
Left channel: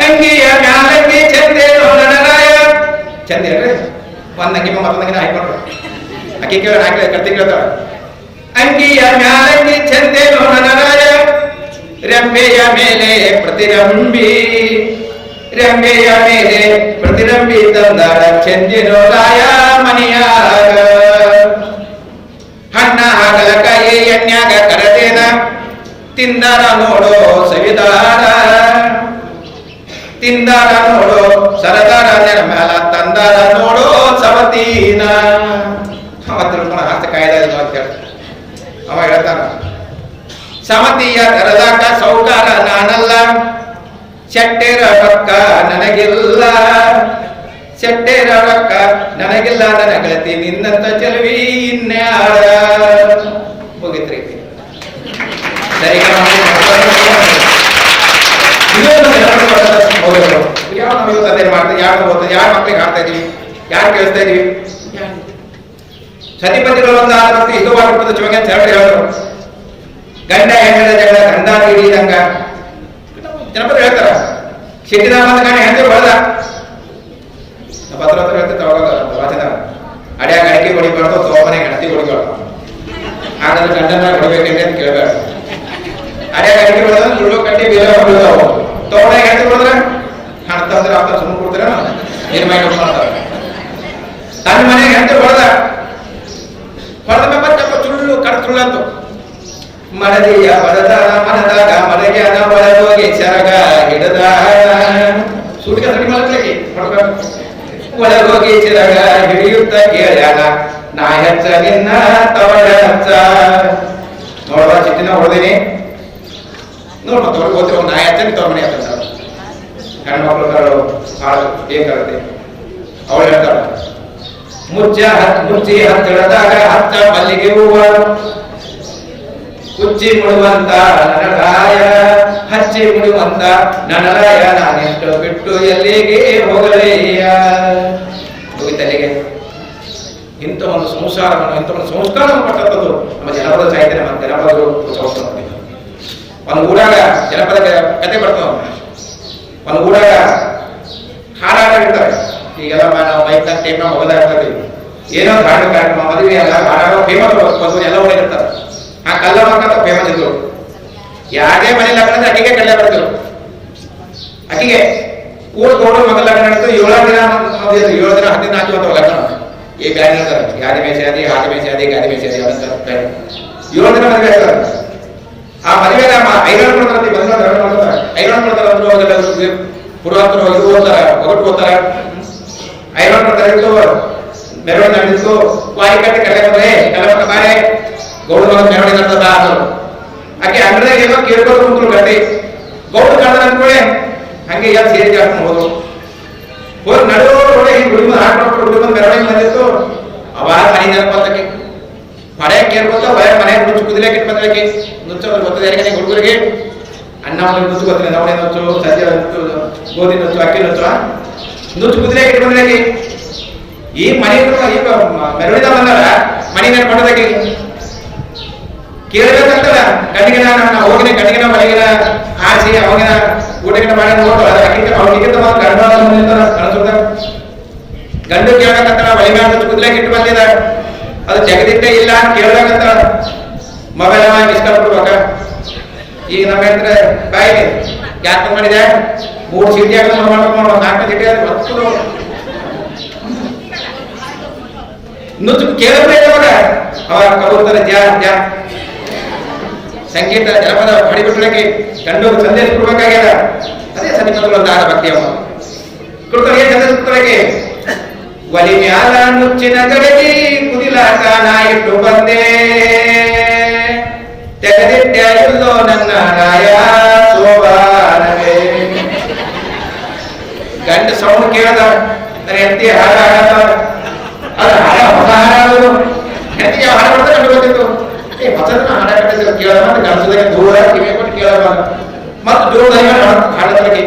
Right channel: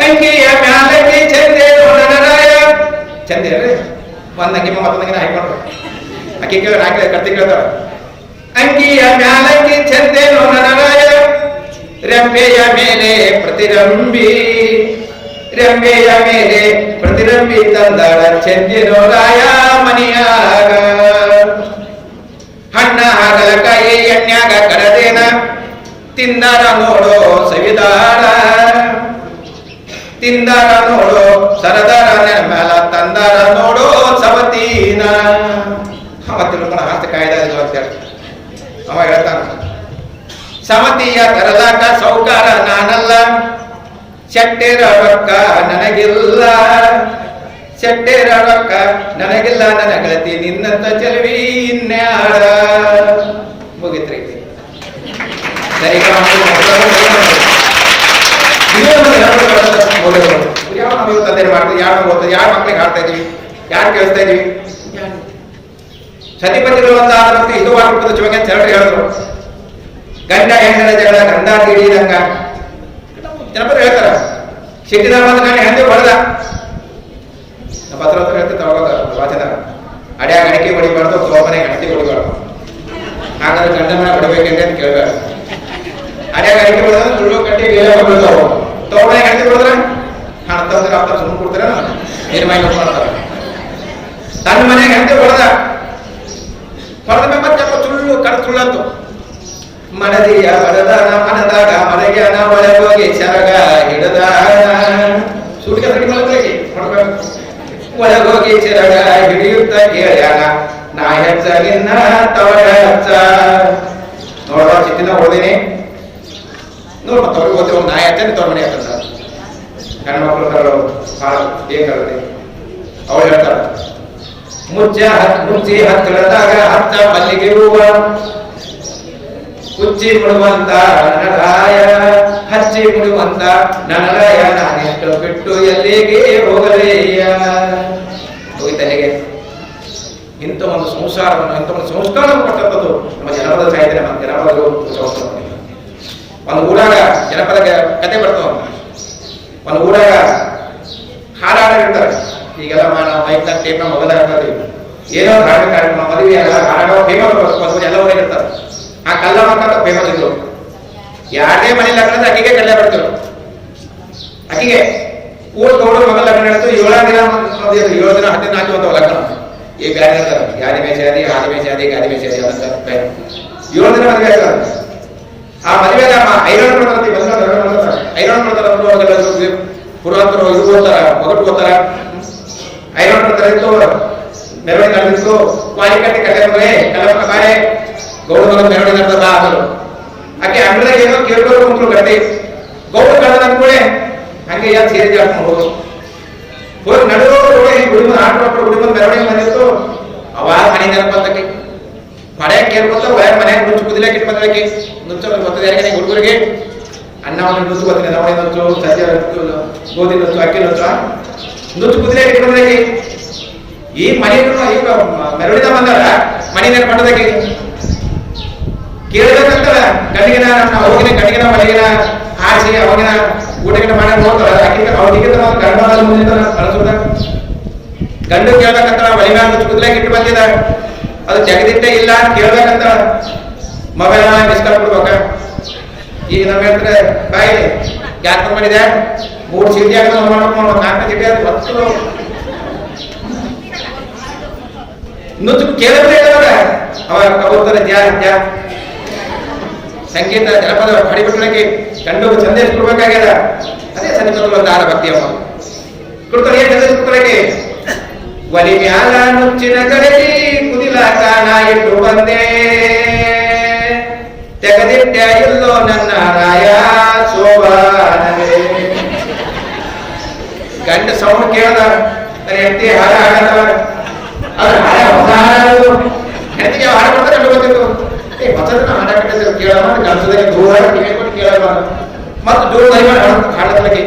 ಅಂಗಿಯ ಮ್ಯಾಲಂಗಿ ಚಂದೇನು ನನ್ನ ರಾಯ, ಚಂದ ಹೇಳ್ರಿ ಒಂದಂಗಿ ಮತ್ತೊಂದಂಗಿನ ಹಾಕೊಂಡ್ರು. ಆಕೆ ಕೇಳ ನಾಲ್ಕು ಕರ್ತಿ ಕೇಳ್ತಾಳ, ಅಂಗಿಯ ಮ್ಯಾಲಂಗಿ ಚಂದೇನು ನನ್ನ ರಾಯ, ರೆಂಬೆಯ ಮೇಲೆ ಪ್ರತಿರಂಬಿ ತಂದಾಳ ಚಂದಿರೋ ರಾಯ ಮನಿಯಾಗ. ಹಣ್ಣ ಹಾಗಲಕಾಯಿ ಎಣ್ಣ್ಯಾಗ ಕರದೇನ ತಿಂದಾರ ನೋಡೋ ಸವಿದಾರ, ಸರದಾರ ನೆನ ಮ್ಯಾಲ ತಂದಾರ ನೋಡೋ ಸವತೀನ. ಅವ ತಿಳ್ಕೊಂಡ ಹಸ್ತ ಕಾಯ್ದಾಯಿಲ್ಲ ಅಂತ ಹೇಳಿ ಅವ ಹೇಳ್ತಾನ, ಸಮತಿಯ ತರಲಾಕ ಸೌಕಾರ ನಾನಲ್ಲ, ಶೆಟ್ಟೆರ ರೊಕ್ಕ ನನಗಿಲ್ಲ, ನನ್ನ ಗೆಳತಿ ನಿನ್ನಂತ ಚೆಲುವಿ ಇನ್ಯಾರ. ಮುಗಿತ್ರಿ ಸರಿ. ಯಾವ ನಾವು ಇವತ್ತು ಅದೇನು ಮಾಡ್ತೀವಿ, ಯಾರು ಓದ್ತದೆ, ಯಾರ ಮಕ್ಳಿಗೆ ಆಡ್ತಾ ಇದೀವಿ, ಯಾರು ಕೇಳಿಸ್ತಾ ಇದೀವಿ. ಸತಿಪತಿಗಳು ಅಂತ ಬರ್ತೀವಿ ಇದು ಆಗಿರ್ಬೋದು ಚಿವಂಗ ಅಂತ ಹೇಳ್ರಿ ಹೇಳಿದ್ರು. ಗಂಡ ಹೆಂಡರ ಜಗಳ ಗಂಡ ಹಿಡಿದಂಗ ಜನಪದ ಹೇಳ್ತಾರ. ಸಿಟ್ಟಿನ ಬಂದ ಗಂಡ ಹೆಂಡತಿ ಹೊಡೆದ, ನಮ್ಮ ಹತ್ರ ಹೇಳ್ತಿರ್ತ ವಾಚನ, ಅಡ್ಯಾಗ ಅಡಿಕೆ ಹೊಡಿಬಾರ್ದು, ತೋಮನೆಗೆ ಹೆಂಡತಿ ಹೊಡಿಬಾರ್ದು. ಹಾಗಾದ್ರೆ ಗಂಡನ ಹೊಡಬೇಕಂದ್ರೆ ಅಂತ ಕೇಳಬೇಡ. ಅಡ್ಯಾಗ ಅಡಿಕೆ ಹೊಡೆದ್ರೆ ಸುಳ್ಳು ಕಟ್ಟಿ ಬೀಲ ಹೊಡೆದು, ತೋಮನೆಗೆ ಹೆಂಡತಿ ಹೊಡೆದ್ರೆ ಹಣ ತಂದ್ರೆ ಅಪ್ಪ ಸುಮ್ಮನೆ ಕೊಡ್ತಾರ, ನಿರ್ಮಾಣ ಮಾಡ್ತಾರ. ತನ್ನ ಮನೆಗೆ ಹೆಂಡತಿ ಹೊಡೆದ ಮತ್ತೆ ಸುಳ್ಳು ಕಡ್ ಸುಳ್ಳಂತು. ಮನದಿಯ ಬಡದಾನ ಮನದಾಗ ಮನೆಗ್ಯಾನ ಒಳಗೋಗಿ ಸೆರಗ ಹಿಡದ ಸುಟ್ಟಿಗೆ ಸಡಿ ಮಲಗಿ ಹೊಡ್ಬೇಕು. ಒಳಗೋಗಿ ಸೆರಗ ಹಿಡಿಯುತ್ತ ಕೇಳ್ಯಾನ ನಾ ಹೆಚ್ಚ ನಿನ್ನ ತವಡ ಹಚ್ಚ. ನೋಡುವ ಚಿಟ್ಟಿನ ಹೊಡೆದೀನಿ ನೋಡ್ ಮತ್ತೆ ಅವ್ರಿಗೆ ಹೋದ್ರೆ ನಾ ಹೆಚ್ಚ ತವ್ರ ಮನೆ ಹತ್ತ. ಗಂಡು ಮಕ್ಕಳು ಬರಲು ಭಾಳ ಬೇಕಾಗುತ್ತೆ. ಅವಳು ಹೇಳ್ತಾಳ, ಮುಚ್ಚಿ ಹತ್ತಿರದಾಗ ಹತ್ತ ಮಲ್ಲಿಗೆ ಹೂವ ಕುಚ್ಚಿ ಮುಡುವಂತ ನನರಾಯ, ಹಚ್ಚಿ ಮುಡುವಂತ ನನರಾಯ, ನಾನಿಷ್ಟು ಬಿಟ್ಟು ಎಲ್ಲಿಗೆ ಹೋಗಲಯ್ಯ. ಹೋಗಿತ್ತಲ್ಲಿಗೆ ಇಂಥ ಒಂದು ಸಂಸಾರವನ್ನು, ಇಂಥ ಒಂದು ಸಂಸ್ಕಾರವನ್ನು ಕೊಟ್ಟಂಥದ್ದು ನಮ್ಮ ಜನಪದ ಸಾಹಿತ್ಯ, ನಮ್ಮ ಜನಪದರು ಸಂಸ್ಥೆ. ಒಂದು ಊರಾಗ ಜನಪದ ಕತೆ ಬರ್ತಾವ. ಒಂದು ಊರಾಗ ಹಾಡಾಡಿರ್ತಾರೆ. ಈಗೆಲ್ಲ ನಾವು ಮೈಕ್ ಟೇಪ್ನ ಮೊಬೈಲ್ ಹಾಕ್ತೀವಿ, ಏನೋ ಧಾರ್ಮಿಕ ಕಾರ್ಯಕ್ರಮ, ಮದುವೆ ಎಲ್ಲ ಹಾಡಾಡೋ ಫೇಮಸ್ ಎಲ್ಲ ಊರಾಗಿರ್ತಾರೆ. ಆ ಕಲ್ಲ ಮಕ್ಕಳ ಫೇಮಸ್ ಇದ್ರು. ಯಾರೇ ಮನೆ ಲಗ್ನ ಅಕ್ಕಿಗೆ ಕಡಲೆ ಬರ್ತಿರು. ಅಕ್ಕಿಗೆ ಊರ್ ಗೌಡರ ಮಗನ ಲಗ್ನ ನಡೆದು 7 ದಿನ 7 ದಿನ 10 ದಿನ ಆಚೆ ಹೋಗ್ತಾವ ಲಗ್ನ. ಈ ಬ್ಯಾನ್ ಹೇಳ್ತಾರೆ, ಯಾದಿ ಮೇ ಶಾದಿ, ಹಾದಿ ಮೇ ಶಾದಿ, ಗಾದಿ ಮೇ ಶಾದಿ ಅಂತ 7 ದಿನ ಮದುವೆ ಆಗ್ತಾರೆ. ಆ ಮದುವೆಗೆ ಐರಾಣ ಕೊಡ್ತಾರಂತೆ, ಐರಾಣ ಕೊಡ್ತಾರಂದ್ರು. ಅವಾಗೆಲ್ಲ ಪುರಾತರು ಇದು ಓದ್ತಾರ, ಒಗಟು ಓದ್ತಾರ, ಐರಾಣ ಕೊಡ್ತಾರ. ಇತ್ತು ಮೆರವಣಿಗೆ ನಡೆದಿತ್ತು. ವಾರಿ ಕಟ್ಟಿ ಕಟ್ಟೆ ಬಂದ್ರೆ ಕಲ್ಲಮಕ್ಕ ಬಾರೆ ಗೌಡ ಮಗನ ಮೆರವಣಿಗೆ ನಡೆದ ಆದರು. ಆಕೆ ಅಂಗಡಿದಾಗ ಏನೋ ಕೇಳ್ಕೊಂಡು ಕುಂತ್ರು ಗಟ್ಟಿ. ಗೌಡ ಕಳೆದ ಅಂದ್ಕೊಳ್ಳೆ ಹಂಗೆ ಯಾರು ಸೇರಿ ಜಾಸ್ತಿ ಹೋದ್ರು. ಹೋಗಿ ನಡುವೆ ಗುಡಿ ಮುಂದೆ ಹಾಡ್ಕೊಂಡು ಗುಡಿ ಮುಂದೆ ಮೆರವಣಿಗೆ ಬಂದಿತ್ತು. ಅವಾಗ ಮನೆ ನೆನಪತ್ತಕ್ಕೆ ಹೊಡೆ ಕೇಳ್ಕೊತ ಒಳ್ಳೆ ಮನೆಗೆ ನುಚ್ಚು ಕುದಿಲಾಕ ಇಟ್ಟು ಬಂದಕ್ಕೆ ನುಚ್ಚು ಗೊತ್ತದೆ ಯಾರಿಗೆ ಹುಡುಗರಿಗೆ. ಅನ್ನ ಮನೆ ನುಚ್ಚು ಗೊತ್ತಿಲ್ಲ, ನವಣೆ ನುಚ್ಚು, ಸಜ್ಜೆ ಗೋಧಿ ನುಚ್ಚು, ಅಕ್ಕಿ ನುಚ್ಚು, ನುಚ್ಚು ಕುದಿಲಾಕ ಇಟ್ಟು ಬಂದಕ್ಕೆ. ಈ ಮನೆ ಈಗ ಮೆರವಣಿದ ಬಂದಳ ಮನೆ ನೆನಪಟ್ಟದಕ್ಕೆ ಕೇಳಬೇಕಂತಲ್ಲ. ಗಂಡಿಗಿನ ನಾವು ಹೋಗಿನ ಗಂಡಿಗಿನ ಮನೆಗಿನ ಆರಿಸಿ ಅವಾಗಿನ ಊಟಗಿನ ಮಾಡಿ ನೋಡ್ತಾಳ. ಅವ್ರಿಗಿಂತ ಗಂಡ ಅನಿಸುತ್ತ ಗಂಡು ಕೇಳ್ಬೇಕಂತ ಒಲಿ ಮ್ಯಾಲ ನುಚ್ಚು ಕುದಿಲಾಕ ಇಟ್ಟು ಬಂದಿದ. ಅದು ಜಗದಿಟ್ಟೆ ಇಲ್ಲ ಅಂತ ಕೇಳ್ಬೇಕಂತ ಮೊಬೈಲ್ ಮಿಸ್ ಕಾಲ್ ಕೊಡ್ಬೇಕ. ಈಗ ನಮ್ಮ ಹೇಳ್ತಾರೆ ಬಾಯಿಲಿ ಯಾಕೆ ಮಾಡಿದೆ 3 ಸೀಟಿ ಆಗ ಮಾಡ್ಬೇಕು, 4 ಸೀಟಿ ಆದ್ರೆ ಹೊತ್ತು ನುಚ್ಚು ಕೇಳಬೇ ಇಲ್ಲವಾಗ. ಅವಾಗ ಕಬೂತರ ಜಾ ಸಂಗೀತ ಜನಪದ ಹಾಡಿಬಿಟ್ಟೊಳಗೆ ಗಂಡು ಸಂದೇಶ ಕೊಡ್ಬೇಕಾಗ್ಯದ. ಅದೇ ಸನ್ನಿಪದ ಒಂದು ಆಡ ಭಕ್ತಿ ಅಮ್ಮ ಕೊಡ್ತಾಳೆ. ಏನ್ ಸಂದೇಶ ಕೊಡ್ತಾಳೆ? ಒಲಿ ಮ್ಯಾಲ ನುಚ್ಚಿನ ಗಡಗಿ ಕುದಿಲಾಕ ನಾ ಇಟ್ಟು ಬಂದೆ, ತೆಗೆದಿಟ್ಟ ಇಲ್ಲೋ ನನ್ನ ರಾಯ ಸೋಬಾನವೇ. ಗಂಡ ಸೌಂಡ್ ಕೇಳದ, ನನ್ನ ಹೆಂಡತಿ ಹಾಡ ಹಾಡದವ. ಅದು ಹಾಡ ಹೊಸ ಹಾಡು. ಹೆಂಡತಿಗೆ ಯಾವ ಹಾಡ ಬರ್ತಾ ಕಂಡು ಗೊತ್ತಿತ್ತು. ಹೊಸದನ್ನ ಹಾಡ ಕಟ್ಟಿದ್ರು ಕೇಳ ಅಂತ ಗಣಸದಾಗ ದೂರ ಕಿವಿ ಕೊಟ್ಟು ಕೇಳಬ ಮತ್ತು ದೂರ ಹಾಡದೊಳಗೆ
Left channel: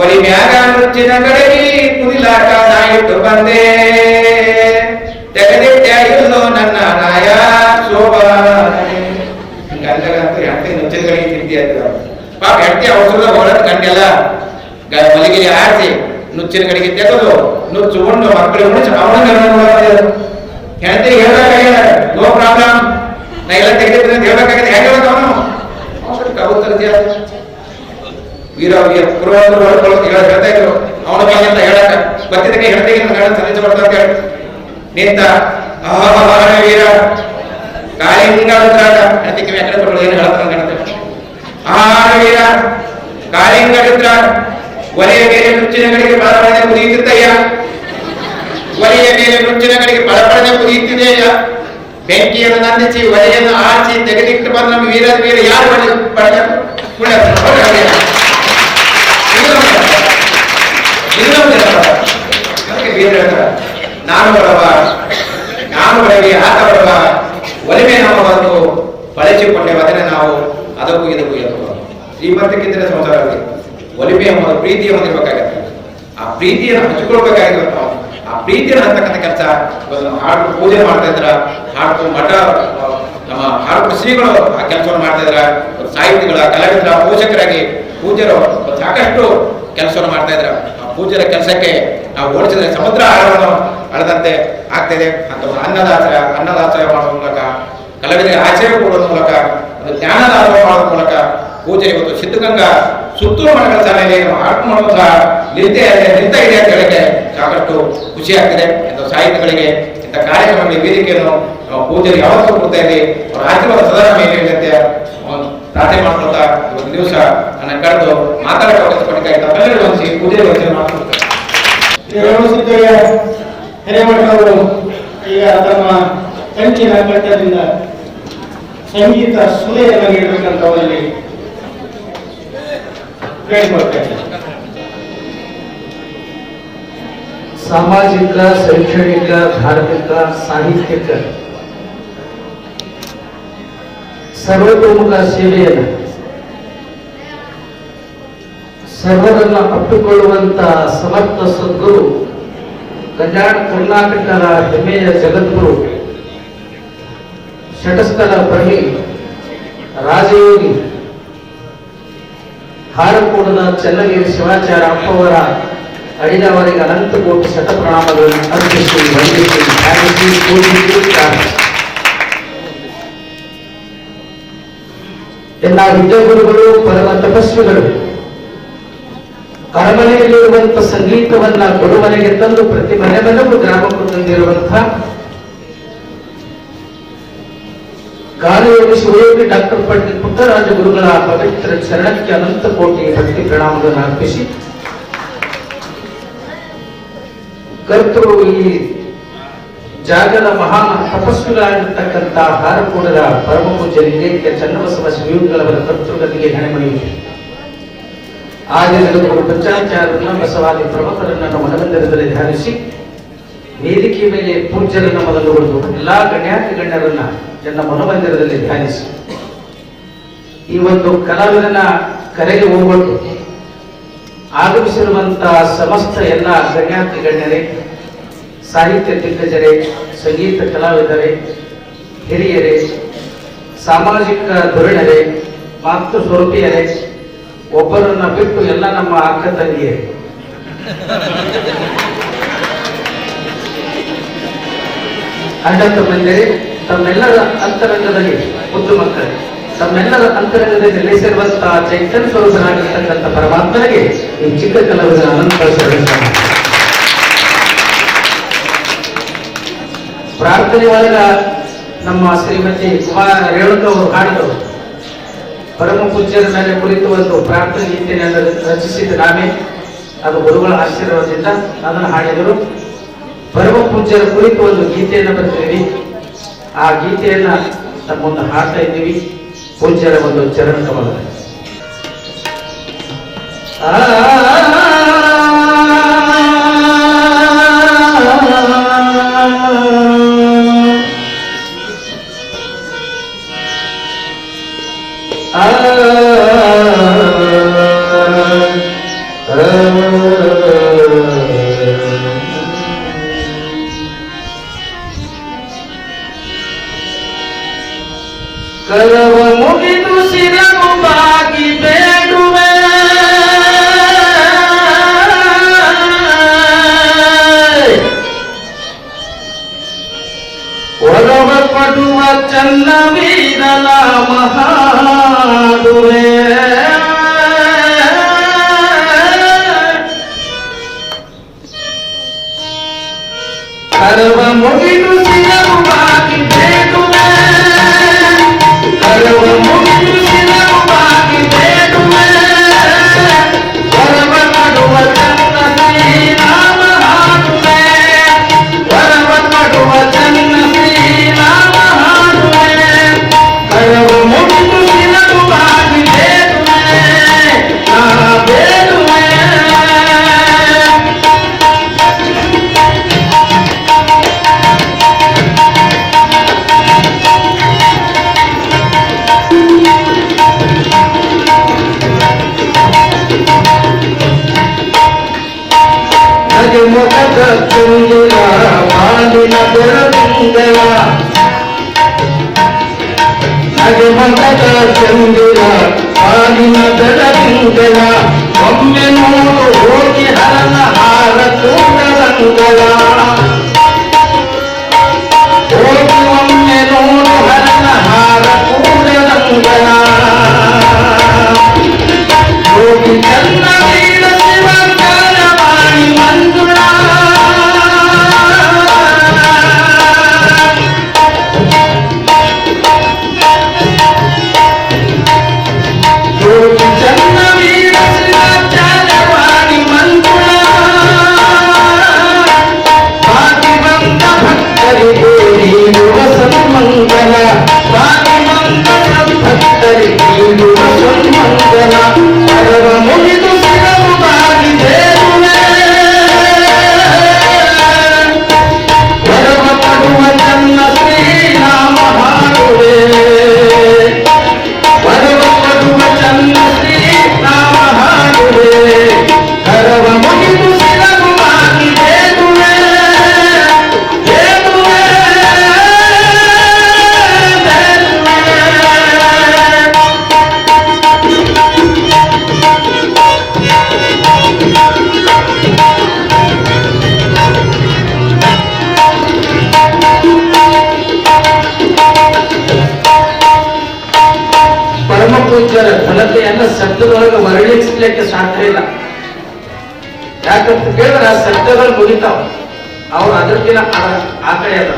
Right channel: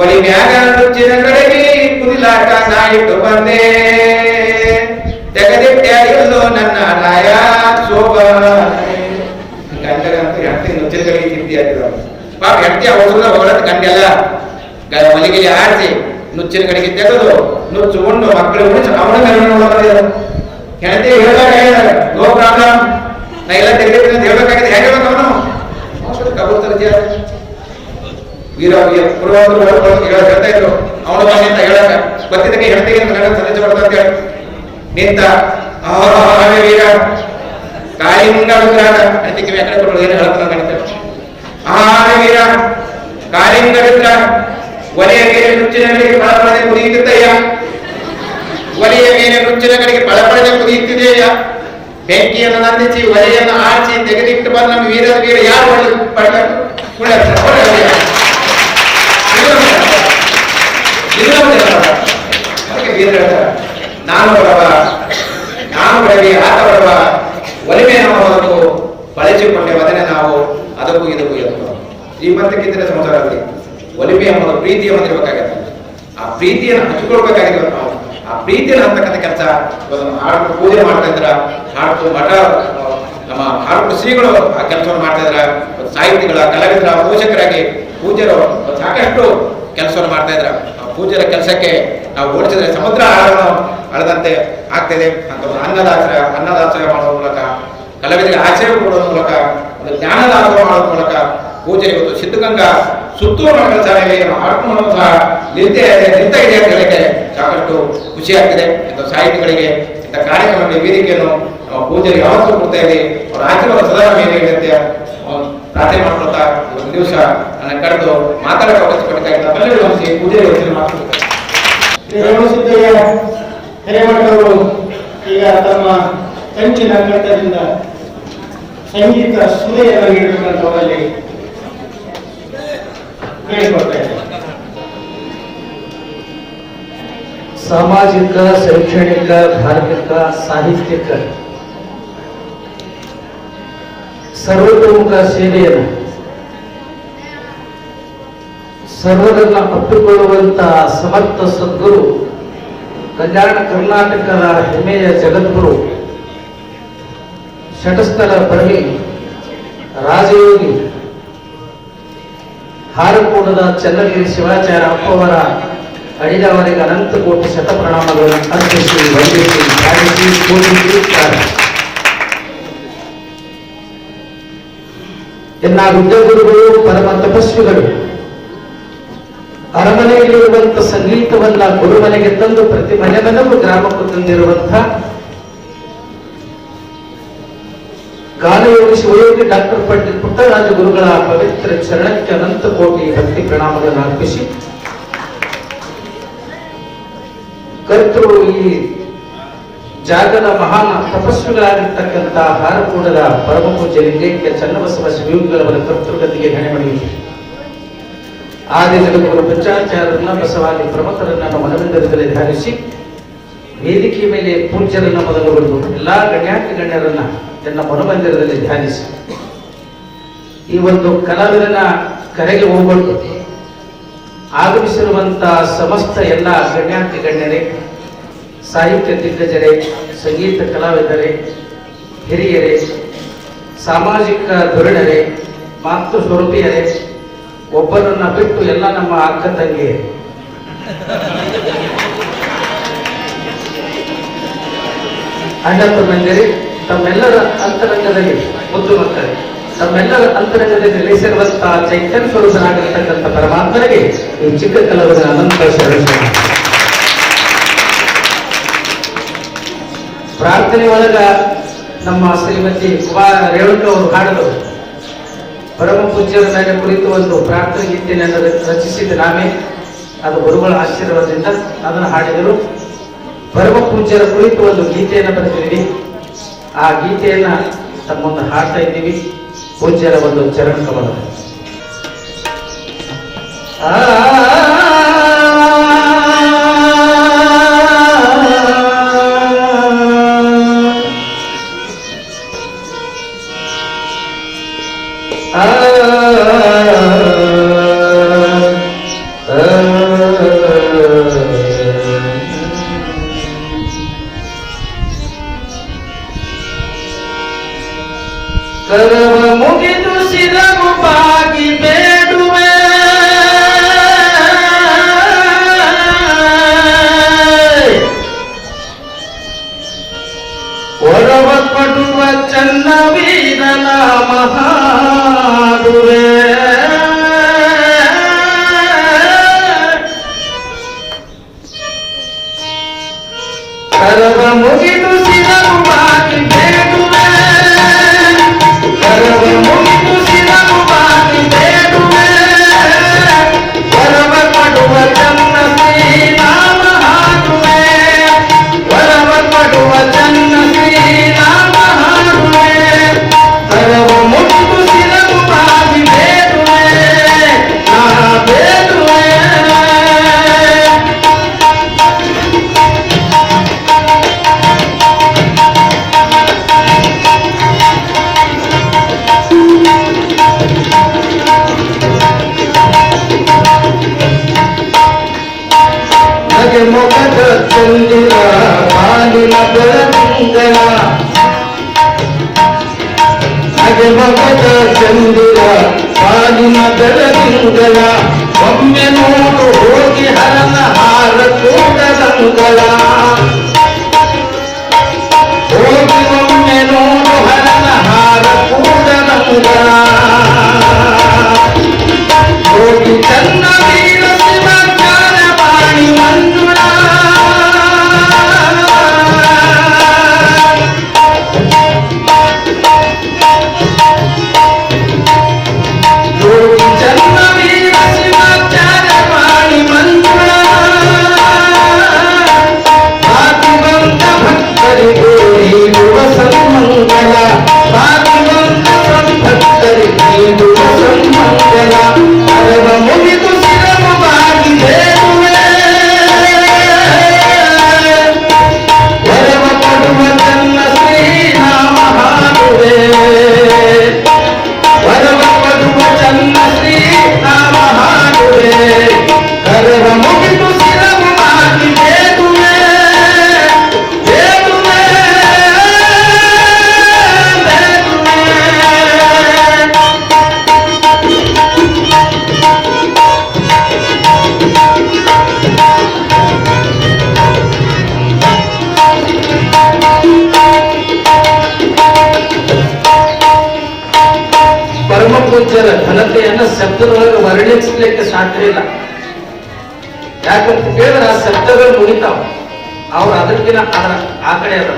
ಒಲಿ ಮ್ಯಾಗ ನುಚ್ಚಿನ ಗಡಗಿ ಕುದಿಲಾಕ ನಾ ಇಟ್ಟು ಬಂದೆ, ತೆಗೆದಿಟ್ಟ ಇಲ್ಲೋ ನನ್ನ ರಾಯ ಸೋಬಾನವೇ. ಗಂಡಗಂತೂ ಹೆಂಡತಿ ನುಚ್ಚಿನ ಗಡಿಗೆ ತಿಂದಿ ಅಂತಿದ್ರು. ಪಾಪ ಹೆಂಡತಿ ಔಷಧ ಹೊಗಳದ ಗಂಡೆಲ್ಲ ಮಲಿಗೆಲಿ ಆರಿಸಿ ನುಚ್ಚಿನ ಕಡೆಗೆ ತೆಗೆದು ನುಚ್ಚು ಉಂಡು ಮಕ್ಕಳು ಉಣಿಸಿ ಅವನ ಹೆಂಡತಿ ಹೇಳ್ದಾಗ ನೋ ಪ್ರಾಬ್ಲಮ್, ನಾ ಎಲ್ಲ ತೆಗೆದಿದ್ದೀನಿ ಅಂತ ಹೇಳ್ಬೇಕಾಗಿದೆ. ಹೆಂಗೆ ಹೇಳ್ಬೇಕು ಅವನು ಕಬೂತರ ವೀರ ಪುರವಂತರು ಹೇಳ್ತಾ ಇದ್ರು. ಅವನು ಬಂದ ಅಂತ ಹೇಳಕ ಗೊತ್ತಿದ್ದಕ್ಕೆ ಹೆಂಡತಿಗೆ ಗಂಡ ಸಂದೇಶ ಬರ್ತಾ ಅಂತ ಹೇಳಿ ನಿಂತ ವೀರ ಕಾಳಿಂಗ ರುದ್ರಾಟ. ಹೆಂಡತಿ ಕಿವಿ ಯಾಕಡೆ ಕೊಟ್ಟರು ಏನು ಹೇಳ್ತಾರ ಗಣತ. ವೀರ ಕಾಳಿಂಗ ರುದ್ರ ಒಲೆಯ ಮೇಲೆ ನುಚ್ಚಿನ ಕಡೆಗೆ ಬಳಪಡದೆ ಕುದಿಯುತ್ತಿದ್ದಯ್ಯ, ಒಲೆಯ ಮೇಲೆ ನುಚ್ಚಿನ ಕಡೆಗೆ ಬಳಪಡದೆ ಕುದಿಯುತ್ತಿದೆಯ. ಬೆಂಕಿಯನ್ನು ನಂದಿಸಿ ಒಲೆಯನ್ನು ಆರಿಸಿ ತೆಗೆದಿಟ್ಟು ಬಂದ ನಮ್ಮ ವೀರದ ವೀರ ಯಾರು ಅದಕ್ಕೆ ಬೀರ ಹೇಳ್ತಾರೆ, ನಾನು ಬಡವ, ನಾನು ಬಡವಿ, ಆತ ಬಡವ, ಒಲಿಮೆ ನಮ್ಮ ಬದುಕು ಬಳಸಿಕೊಂಡೆ ಅದನ್ನೇ ನಾವು ಅದಕ್ಕೂ ಇದಕ್ಕೂ ಎದ್ದು ಶ್ರೀಮಂತಕ್ಕಿಂತಲೇ ಸಂಸಾರ ಆಗಲಿ. ಒಲಿಮೆ ಎಂಬುದು ಪ್ರೀತಿ ಎಂಬುದಿರ್ಬೇಕಾಗತ್ತೆ. ಆ ಪ್ರೀತಿಯನ್ನು ಹಂಚಿಕೊಳ್ಬೇಕಾಗಿದೆ ನಾವು. ಆ ಪ್ರೀತಿಯನ್ನು ಹಂತಕ್ಕಂಥ ಕೆಲಸ ಇವತ್ತು ಹಾಡ್ಕೊಂಡು ಪೂಜೆ ಮಾಡ್ತಾ ಇದ್ರ, ಹಾಡ್ಕೊಂಡು ಮಠ ನಮ್ಮ ಹಾಡು ಶ್ರೀಗಳು ಆ ಕೆಲಸವನ್ನು ಮಾಡ್ತಾ ಇದ್ರ, ಸಾಹಿತಿಗಳ ಕಲಾವಿದರ ಪೋಷಕರಾಗಿ ಪೂಜ್ಯರು ಸಾಕಷ್ಟು ಕೆಲಸವನ್ನು ಮಾಡ್ತಾ ಇದ್ರ. ಆ ಪೂಜ್ಯರ ಕೆಲಸಕ್ಕೆ ನಾವು ಹೋಲಿಸಿದ್ರೆ ಸಮುದ್ರ ಆಳವನ್ನು ಅಳದಂತೆ ಆಗ್ತಿದೆ ಅಂತ ಒಂದು ಅನ್ನದಾಸೋಹ ಮಾಡುವ ಮೂಲಕ, ಕಲಾವಿದರಿಗೆ ಆಶ್ರಯ ಕೊಡುವ ಮೂಲಕ, ಒಂದು ಜ್ಞಾನದಾಸೋಹ ಮಾಡುವ ಮೂಲಕ ಪೂಜೆ ಇವತ್ತು ಸಿದ್ಧಗಂಗಾ ಸುತ್ತೂರು ಮಠಗಳ ಶಾಲೆಯಲ್ಲಿ ಹಾಡು ಮಾಡುವ ಸಹ ನಿಲ್ತಾ ಇದೆ ಅಂತ ಹೇಳಿಕೆ ಸಾಕಷ್ಟು ಖುಷಿ ಆಗ್ತಿದೆ. ಇಂಥ ಸಾಹಿತಿಗಳಿಗೆ ಇಂಥ ಕಾರ್ಯಕ್ರಮಗಳ ವೇದಿಕೆಯನ್ನು ನಮ್ಮ ಪೂಜೆಗೆ ಯಾವತ್ತೂ ಕೊಡ್ತಾ ಇದ್ದೀವಿ. ಅವರ ಆಶೀರ್ವಾದ ಸದಾ ಮೇಲೆ ಇಲ್ಲಂತೆ ಪ್ರಾರ್ಥನೆ ಮಾಡ್ಕೊಳ್ತಾ ಇವತ್ತು ದಿವಸ ನನ್ನ ಕರೆದು ಮಾತಾಡಕ್ಕೆ ಅವಕಾಶ ಕೊಟ್ಟಿದ್ದಾಗಿ ತಮ್ಮೆಲ್ಲರಿಗೂ ಅನಿಸಿ ಪೂಜೆಗೆ ಮಾಡ್ಕೊಳ್ತಾರೆ. ರೇವಣಸಿದ್ದಯ್ಯ ಹಿರೇಮಠವರು ಈಗ ತಮ್ಮ ಕಂಚಿನ ಕಂಠದಿಂದ ಸಂಗೀತ ಸುಲೆಯನ್ನು ನೀಡಬೇಕಂತ ಅವರಲ್ಲಿ ಕೇಳಿಕೊಳ್ತಾ ಇದ್ದಾರೆ. ಸಾಮಾಜಿಕ, ಶೈಕ್ಷಣಿಕ, ಧಾರ್ಮಿಕ, ಸಾಹಿತ್ಯಿಕ ಸರ್ವತೋಮುಖ ಸೇವೆಯನ್ನು ಸರ್ವರನ್ನು ಅಪ್ಪಿಕೊಳ್ಳುವಂತಹ ಸಮರ್ಥ ಸದ್ಗುರು, ಕಲ್ಯಾಣ ಕರ್ನಾಟಕದ ಹೆಮ್ಮೆಯ ಜಗದ್ಗುರು, ಷಟಸ್ಥರ ಬಳಿ ರಾಜಯೋಗಿ, ಹಾರಕೂಡದ ಚನ್ನಗಿರಿ ಶಿವಾಚಾರ್ಯ ಅಪ್ಪವರ ಅಡಿದವರಿಗೆ ಅನಂತ ಕೋಟಿ ಶತಪ್ರಣಾಮಗಳನ್ನು ಅರ್ಪಿಸಿ ವಂದಿಸಿ ಧ್ಯಾನಿಸಿ ಪೂಜಿಸಿ ಎಲ್ಲ ವಿದ್ಯಾಗುರುಗಳು, ಪರಮ ತಪಸ್ವಿಗಳು ಅರಮನೆಯಲ್ಲಿರುವಂತಹ ಸಂಗೀತವನ್ನ ಗುರುಮನೆಗೆ ತಂದು ಪ್ರತಿ ಮನೆ ಮನೆಗೂ ಗ್ರಾಮಕ್ಕೂ ತಂದಿರುವಂತಹ ಗಾನಯೋಗಿ ಶಿವಯೋಗಿ ಡಾಕ್ಟರ್ ಪಂಡಿತ್ ಪುಟ್ಟರಾಜ ಗುರುಗಳ ಪವಿತ್ರ ಚರಣಕ್ಕೆ ಅನಂತ ಕೋಟಿ ಭಕ್ತಿ ಪ್ರಣಾಮಗಳನ್ನು ಅರ್ಪಿಸಿ, ಕರ್ತರು ಈ ಜಾಗದ ಮಹಾನ್ ತಪಸ್ವಿಗಳಾಗಿರ್ತಕ್ಕಂಥ ಹಾರಕೂಡದ ಪರಮ ಪೂಜ್ಯರಿಗೆ ಚನ್ನಬಸವ ಶಿವಯೋಗಿಗಳವರ ಕರ್ತೃಗತಿಗೆ ಹೆಣೆಮಣಿಯಿದೆ. ಆದಿ ಜಗದ್ಗುರು ಪಂಚಾಚಾರ್ಯರನ್ನ, ಬಸವಾದಿ ಪ್ರಮುಖರನ್ನ ಮನಗಂಧರದಲ್ಲಿ ಧ್ಯಾನಿಸಿ, ವೇದಿಕೆ ಮೇಲೆ ಪೂಜ್ಯರನ್ನ ಮೊದಲುಗೊಂಡು ಎಲ್ಲಾ ಗಣ್ಯಾತಿ ಗಣ್ಯರನ್ನ ತನ್ನ ಮನೋಮಂದಿರದಲ್ಲಿ ಧ್ಯಾನಿಸಿ, ಈ ಒಂದು ಕಲಾವಿದನ ಕರೆಗೆ ಹೋಗ್ಬಿಟ್ಟು ಆಗಮಿಸಿರುವಂತಹ ಸಮಸ್ತ ಎಲ್ಲ ಗಣ್ಯಾತಿ ಗಣ್ಯರೇ, ಸಾಹಿತ್ಯ ದಿಗ್ಗಜರೇ, ಸಂಗೀತ ಕಲಾವಿದರೇ, ಹಿರಿಯರೇ, ಸಾಮಾಜಿಕ ಧೋರಣರೇ, ಮಾತೃ ಸ್ವರೂಪಿಯರೇ, ಒಬ್ಬರನ್ನ ಬಿಟ್ಟು ಎಲ್ಲ ನಮ್ಮ ಅಕ್ಕ ತಂಗಿಯರೇ, ಅಣ್ಣ ತಮ್ಮಂದಿರೇ, ತಮ್ಮೆಲ್ಲರ ಅಂತರಂಗದಲ್ಲಿ ಮುದ್ದು ಮಕ್ಕಳೇ, ತಮ್ಮೆಲ್ಲರ ಅಂತರಂಗದಲ್ಲಿ ನೆಲೆಸಿರುವಂತಹ ಚೈತನ್ಯ ಸ್ವರೂಪನಾಗಿರ್ತಕ್ಕಂಥ ಪರಮಾತ್ಮನಿಗೆ ಈ ಚಿಕ್ಕ ಕಲಾವಿದರ ಅನಂತ ಶರಣ. ಪ್ರಾರ್ಥನೆ ಒಳಗ ನಮ್ಮ ಶ್ರೀಮತಿ ರೇಣುಕ ಅವರು ಹಾಡಿದು ಪರಮ ಪೂಜ್ಯರ ಮೇಲೆ ಕುರಿತು ಒಂದು ಪ್ರಾರ್ಥನೆ ಗೀತೆಯನ್ನು ರಚಿಸಿದ ನಾವೇ, ಅದು ಗುರುಗಳ ಆಶೀರ್ವಾದದಿಂದ ಅದನ್ನು ಹಾಡಿದರು. ಪರಮ ಪೂಜ್ಯರ ಕುರಿತು ಒಂದು ಗೀತೆಯನ್ನು ಬರೆದಿದ್ದೀವಿ. ಆ ಗೀತೆಯನ್ನ ನಮ್ಮ ಮುಂದೆ ಹಾಡ್ತಾ ಇದ್ದೀವಿ. ಪೂಜ್ಯರ ಒಂದು ಚರಣ ಕಮಲ. ಕಲವ ಮುಗಿದು ಸಿರವು ಬಾಗಿ ಬೇಡುವೆ, ಒಡವ ಪಡುವ ಚನ್ನವೀರನ ಮಹಾಡುವೆ, ಕಲವ ಮುಗಿದು ಸಿರವು ಬಾಗಿ ಬೇಡುವೆ, ಕರವ ಮುಗಿದು ಸಿರವು ಬಾಗಿ ಬೇಡುವೆ, ವರವ ಪಡುವ ಚನ್ನ ಶ್ರೀನಾಮ ಹಾಡುವೆ, ವರವ ಪಡುವ ಚನ್ನ ಶ್ರೀನಾಮ ಹಾಡುವೆ, ಕರವ ಮುಗಿದು ಸಿರವು ಬಾಗಿ ಬೇಡುವೆ, ಬೇಡುವೆ. ಮುಖದ ಚುಂಗಿಲ ಬಾಲಿನ ಬೆಳದಿಂಗಳ ಧಗೆ ಮಗದ ಚಂದಿರ ಕಾಲಿನ ಬೆಳದಿಂಗಳ ಒಮ್ಮೆ ನೋಡು ಹೋಗಿ ಹರನ ಹಾರ ಕೂಡದಂಗಳ ಹೋಗಿ ಒಮ್ಮೆ ನೋಡು ಹರನ ಹಾರ ಕೂಡದಂಗಳ ಹೋಗಿ ಚನ್ನ ವೀರ ಶಿವ ಜ್ಞಾನವಾಣಿ ಮಂಜುಳ ಹೋಗಿ ಚನ್ನ ವೀರ ಶಿವ ಜ್ಞಾನವಾಣಿ ಮಂಜುಳ ಬಾಕಿ ಬಂದ ಭಕ್ತರಿಗೆ ನೀಡುವ ಸನ್ಮಂಗಲ ಬಾಕಿ ಬಂದ ಭಕ್ತರಿಗೆ ನೀಡುವ ಸನ್ಮಂಗಲ ಅರವ ಮುಗಿದು ಶಿರವು ಬಾಗಿದೇರುವೆ ವರವ ಕೊಡುವ ಚನ್ನ ಶ್ರೀರಾಮ ಹಾಡುವೆ ವರವ ಕೊಡುವ ಚನ್ನ ಶ್ರೀರಾಮ ಹಾಡುವೆ ಕರವ ಮುಗಿದು ಶಿರವು ಬಾಗಿದೇರುವೆ ದೇರುವೆ ಪರಮ ಪೂಜ್ಯರ ಘನತೆಯನ್ನು ಶಬ್ದದೊಳಗೆ ವರ್ಣಿಸಲಿಕ್ಕೆ ಸಾಧ್ಯ ಇಲ್ಲ. ಯಾಕಂತ ಕೇಳಿದ್ರೆ ಆ ಶಬ್ದಗಳು ಮುಗಿತಾವ, ಅವ್ರು ಅದಕ್ಕಿಂತ ಆ ಕಡೆ ಅದ,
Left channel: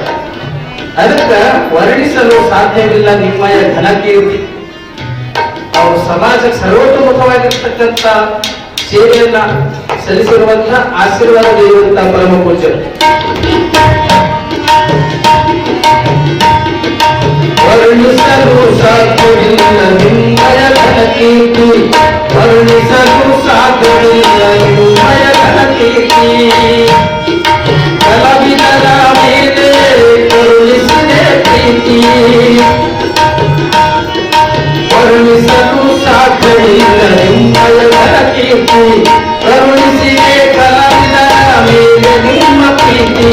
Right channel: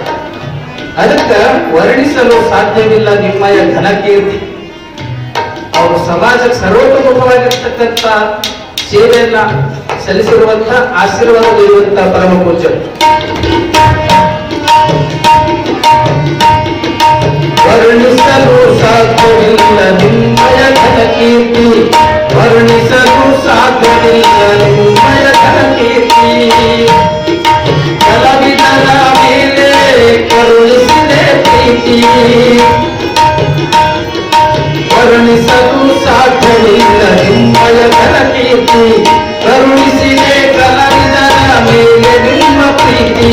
ಅದಕ್ಕೆ ವರ್ಣಿಸಲು ಸಾಧ್ಯವಿಲ್ಲ ನಿಮ್ಮಯ ಘನಕೀರ್ತಿ. ಅವರು ಸಮಾಜಕ್ಕೆ ಸರ್ವತೋಮುಖವಾಗಿರ್ತಕ್ಕಂಥ ಸೇವೆಯನ್ನ ಸಲ್ಲಿಸಿರುವಂತ ಆಶೀರ್ವಾದ ನೀಡುವಂತ ಪರಮ ಪೂಜ್ಯರು. ವರ್ಣಿಸಲು ಸಾಧ್ಯವಿಲ್ಲ ನಿಮ್ಮಯ ಘನಕೀರ್ತಿ, ವರ್ಣಿಸಲು ಸಾಧ್ಯವಿಲ್ಲ ನಿಮ್ಮಯ ಘನಕೀರ್ತಿ. ಕಲಾವಿದರ ಮೇಲೆ ಕರುಣಿಸಿದೆ ಪ್ರೀತಿ, ವರ್ಣಿಸಲು ಸಾಧ್ಯವಿಲ್ಲ ನಿಮ್ಮಯ ಘನಕೀರ್ತಿ. ಕರುಣಿಸಿದೆ ಕಲಾವಿದರ ಮೇಲೆ ನಿಮ್ಮ ಪ್ರೀತಿ.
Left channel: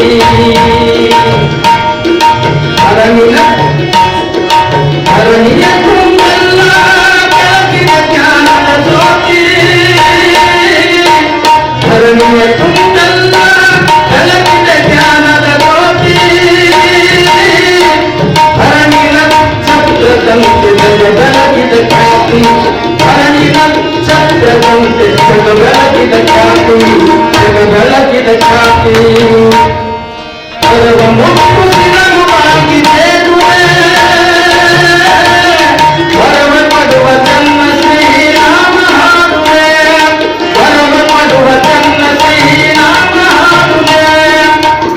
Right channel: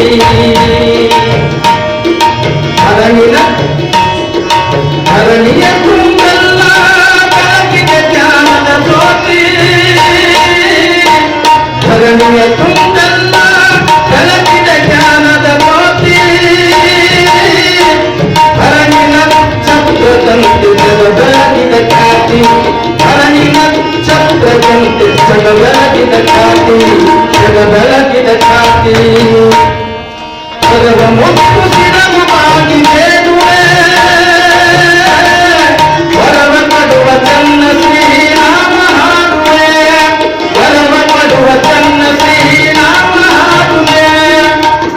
ಧರಣಿಯ ಕುಂದಲ್ಲ ಬೆಳಗಿದ ಜ್ಞಾನದ ಜ್ಯೋತಿ, ಧರಣಿಯ ಕುಂದಲ್ಲ ಬೆಳಗಿದ ಜ್ಞಾನದ ಜ್ಯೋತಿ. ಧರಣಿನ ಛತ್ರದಂತೆ ಜಗ ಬೆಳಗಿದ ಖ್ಯಾತಿ, ಧರಣಿನ ಛತ್ರದಂತೆ ಜಗ ಬೆಳಗಿದ ಖ್ಯಾತಿ, ಜಗ ಬೆಳಗಿದ ಖ್ಯಾತಿ. ಸರ್ವ ಮುಕ್ತು ಶಿರವಾಗಿ ಸೇರುವೆ ವರವ ಪಡುವ ಚನ್ನ ಶ್ರೀರಾಮ ಹಾಡುವೆ, ವರವ ಪಡುವ ಚನ್ನ ಶ್ರೀರಾಮ ಹಾಡುವೆ.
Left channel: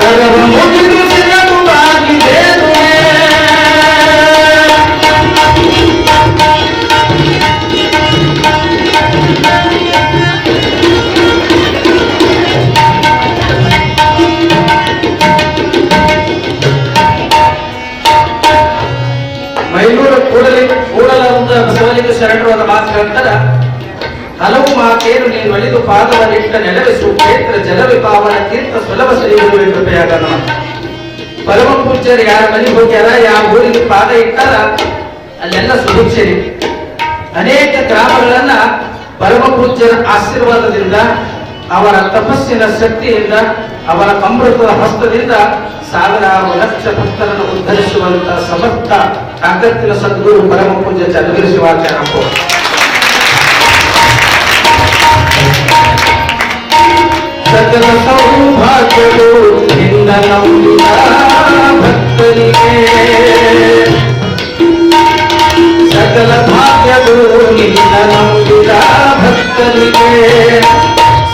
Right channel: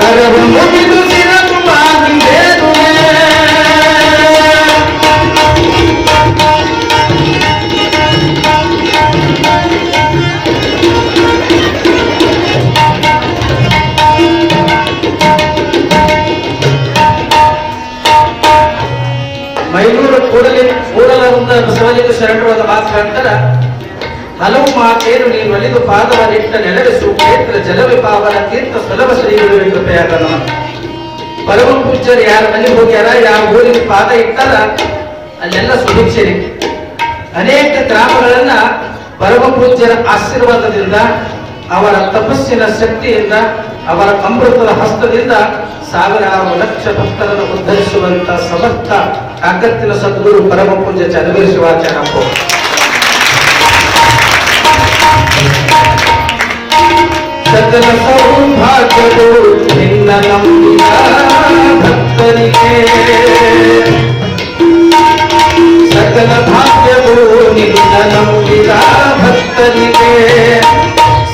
ಕರವ ಮುಗಿದು ಶಿರವಾಗಿ ಸೇರುವೆ. ಮೈಲೂರು ಕೂಡಲಗುಂದ ಬಸವಲಿಂಗ ಶರಣರಾದ ಮಾತು ಹೇಳ್ತಾರ, ಹಲವು ಮಾತೇನು ನೀನು ಒಲಿದು ಪಾದವನ್ನಿಟ್ಟ ನೆಲವಿಸು ಕ್ಷೇತ್ರ ಜಲವಿ ಪಾವನ ತೀರ್ಥ ಸುಲಭ ಶ್ರೀಗಳು ಕೃಪೆಯಾಗಲ್ಲ. ಪರಮ ಪೂಜ್ಯರು ಯಾರ ಮನೆಗೆ ಹೋಗ್ಯಾರ, ಯಾವ ಊರಿಗೆ ಪಾದ ಇಟ್ಟಾರ ಅಲ್ಲೆಲ್ಲ ಸುಭಿಕ್ಷರಿ. ಅನೇಕ ಗ್ರಾಮಗಳನ್ನ ಪರಮ ಪೂಜ್ಯರ ಆಶೀರ್ವಾದದಿಂದ, ಅವರ ತಪಸ್ಸಿನ ಶಕ್ತಿಯಿಂದ, ಅವರ ಅಮೃತದ ಹಸ್ತದಿಂದ ಸಾವಿರಾರು ಲಕ್ಷ ಭಕ್ತರನ್ನು ಉದ್ಧರಿಸುವಂತ ಸಮರ್ಥ ಅಗತ್ಯನ ಸದ್ಗುರು ಪರಮ ಪೂಜ್ಯ ಚನ್ನವೀರ ಶಿವಾಚಾರ್ಯ. ಸಕಲ ಸೌಭಾಗ್ಯಗಳು ನಿನ್ನ ನಂಬಿದ ಭಕ್ತರಿಗೆ, ಸಕಲ ಭಾಗ್ಯಗಳು ನಿನ್ನ ನಂಬಿದ ಭಕ್ತರಿಗೆ.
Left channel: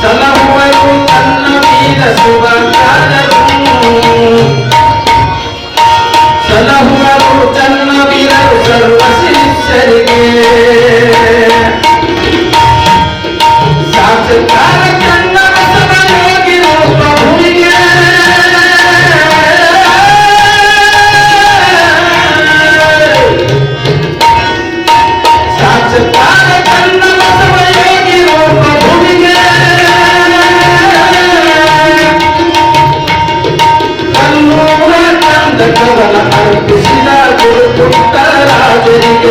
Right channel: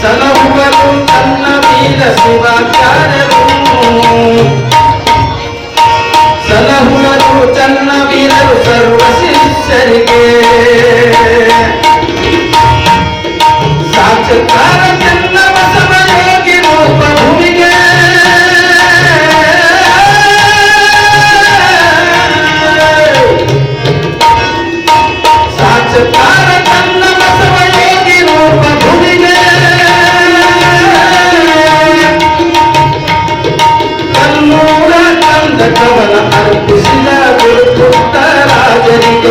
ಸಲಹುವರು ತನ್ನ ವೀರ ಶಿವಾಚಾರ್ಯರು, ಸಲಹುವರು ತನ್ನ ವೀರರು ಸರ್ವ ಶಿಷ್ಯರಿಗೆ. ಸಾಕ್ಷಾತ್ಕಾರ ಚನ್ನ ಬಸವ ಯೋಗಿ ರೂಪ ಭೂಮಿಗೆ, ಸಾಕ್ಷಾತ್ಕಾರ ಚನ್ನ ಬಸವ ಯೋಗಿ ರೂಪ ಭೂಮಿಗೆ. ಕಲ್ಲೂರ ಚಂದ ಕವನ ಅರ್ಪಿಸಿದ ಗುರು ಪುಟ್ಟರಾಜರಿಗೆ,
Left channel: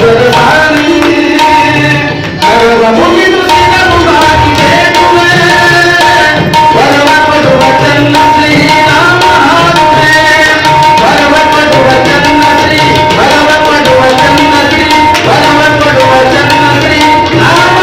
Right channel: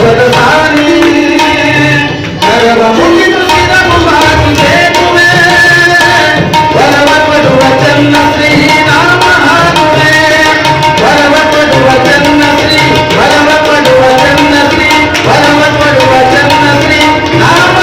ದೈವದ ಸಾರಿ ಸರ್ವ ಮುಗಿದು ಸಿರಗುವಾಗಿ ಬೇಕುವೆ ವರವ ಕೊಡುವ ಚನ್ನ ಶ್ರೀ ರಾಮ ಹಾಕುವೆ ವರವ ಕೊಡುವ ಚನ್ನ ಶ್ರೀ ವರವ ಕೊಡುವ ಚನ್ನ ಶ್ರೀ ವರವ ಕೊಡುವ ಚನ್ನ ಶ್ರೀ ರಾಮ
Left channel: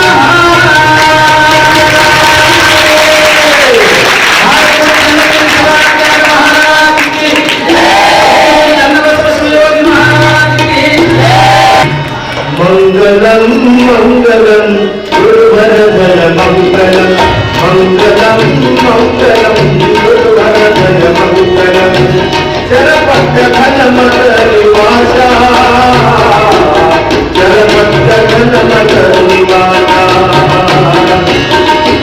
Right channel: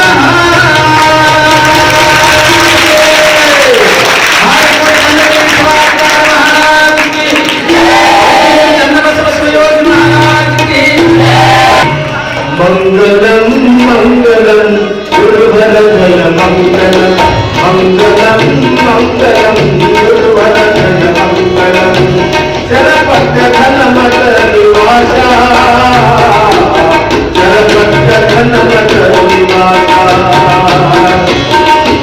ಮಂಗಲಂ ಮಂಗಲಂ ಗುರುವರದಯ ಮಂಗಲಂ ಮಂಗಲಂ ಮಂಗಲಂ ಗುರುವರದಯ ಮಂಗಲಂ ಚರಪಟ್ಟ ಘನಮಠ ನಿವಾಸ ಚರಪಟ್ಟ ಘನಮಠ ನಿವಾಸ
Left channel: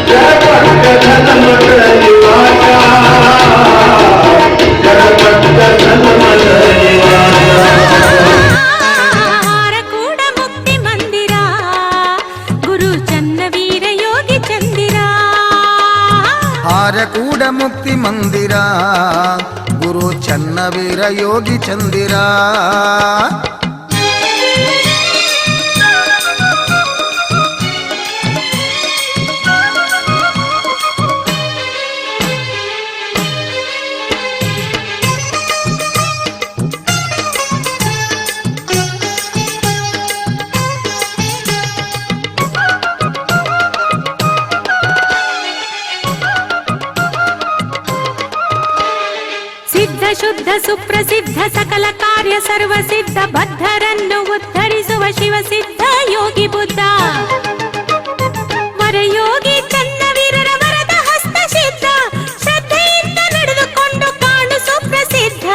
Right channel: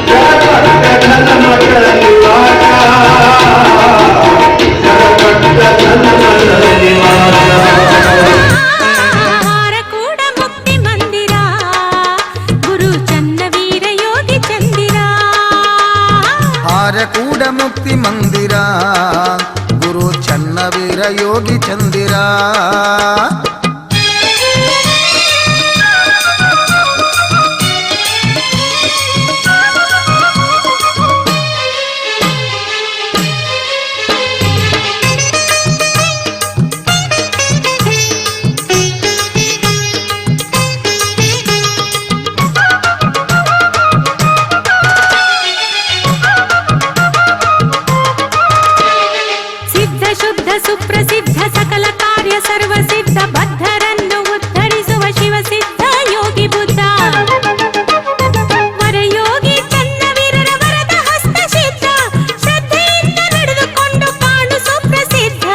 ಚರಪಟ್ಟ ಘನಮಠ ನಿವಾಸ ಚರಪಟ್ಟ ಘನಮಠ ನಿವಾಸ ಹಾರಕೂಡ ಮುಕ್ತಿ ಮಂದಿರ ಗುರು ಚನ್ನವೀರ ಯೋಗಿ ಚಂದಿರ ಹಾರಕೂಡ ಮುಕ್ತಿ ಮಂದಿರ ಗುರು ಚನ್ನವೀರ ಯೋಗಿ ಚಂದಿರ ಸಿದ್ಧ ಶುದ್ಧ ಸುಪ್ರಸಿದ್ಧ ಸಕಲ ಕಾರ್ಯ ಸರ್ವ ಸಿದ್ಧ ಬದ್ಧರನ್ನು ಉದ್ಧರಿಸುವ ಶಿವ ಸಿದ್ಧ ಯೋಗಿ ಬುದ್ಧ ವರಯೋಗಿ ಚನ್ನವೀರರ ವರದ ಹಸ್ತ ಸಿದ್ಧ ಶ್ರದ್ಧೆಯಿಂದ ನಡೆದುಕೊಂಡು ಕಾಣು ಸುಪ್ರಸಿದ್ಧ.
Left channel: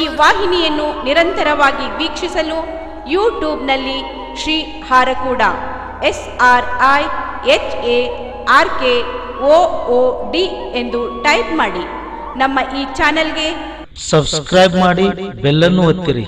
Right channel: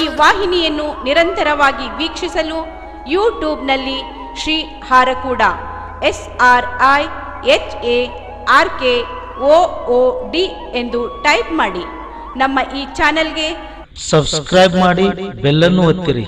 ಈ ವಾಹಿನಿಯನ್ನು ನಿರಂತರವಾಗಿ ವೀಕ್ಷಿಸಲು ಯೂಟ್ಯೂಬ್ನಲ್ಲಿ ಶ್ರೀ ಹಾರಕೂಡ SRIHARKOOD ಎಂದು ಟೈಪ್ ಮಾಡಿ. ನಮ್ಮ ಈ ಚಾನೆಲ್ಗೆ ಸಬ್ಸ್ಕ್ರೈಬ್ ಮಾಡಿ, ಬೆಲ್ ಅನ್ನು ಒತ್ತಿರಿ.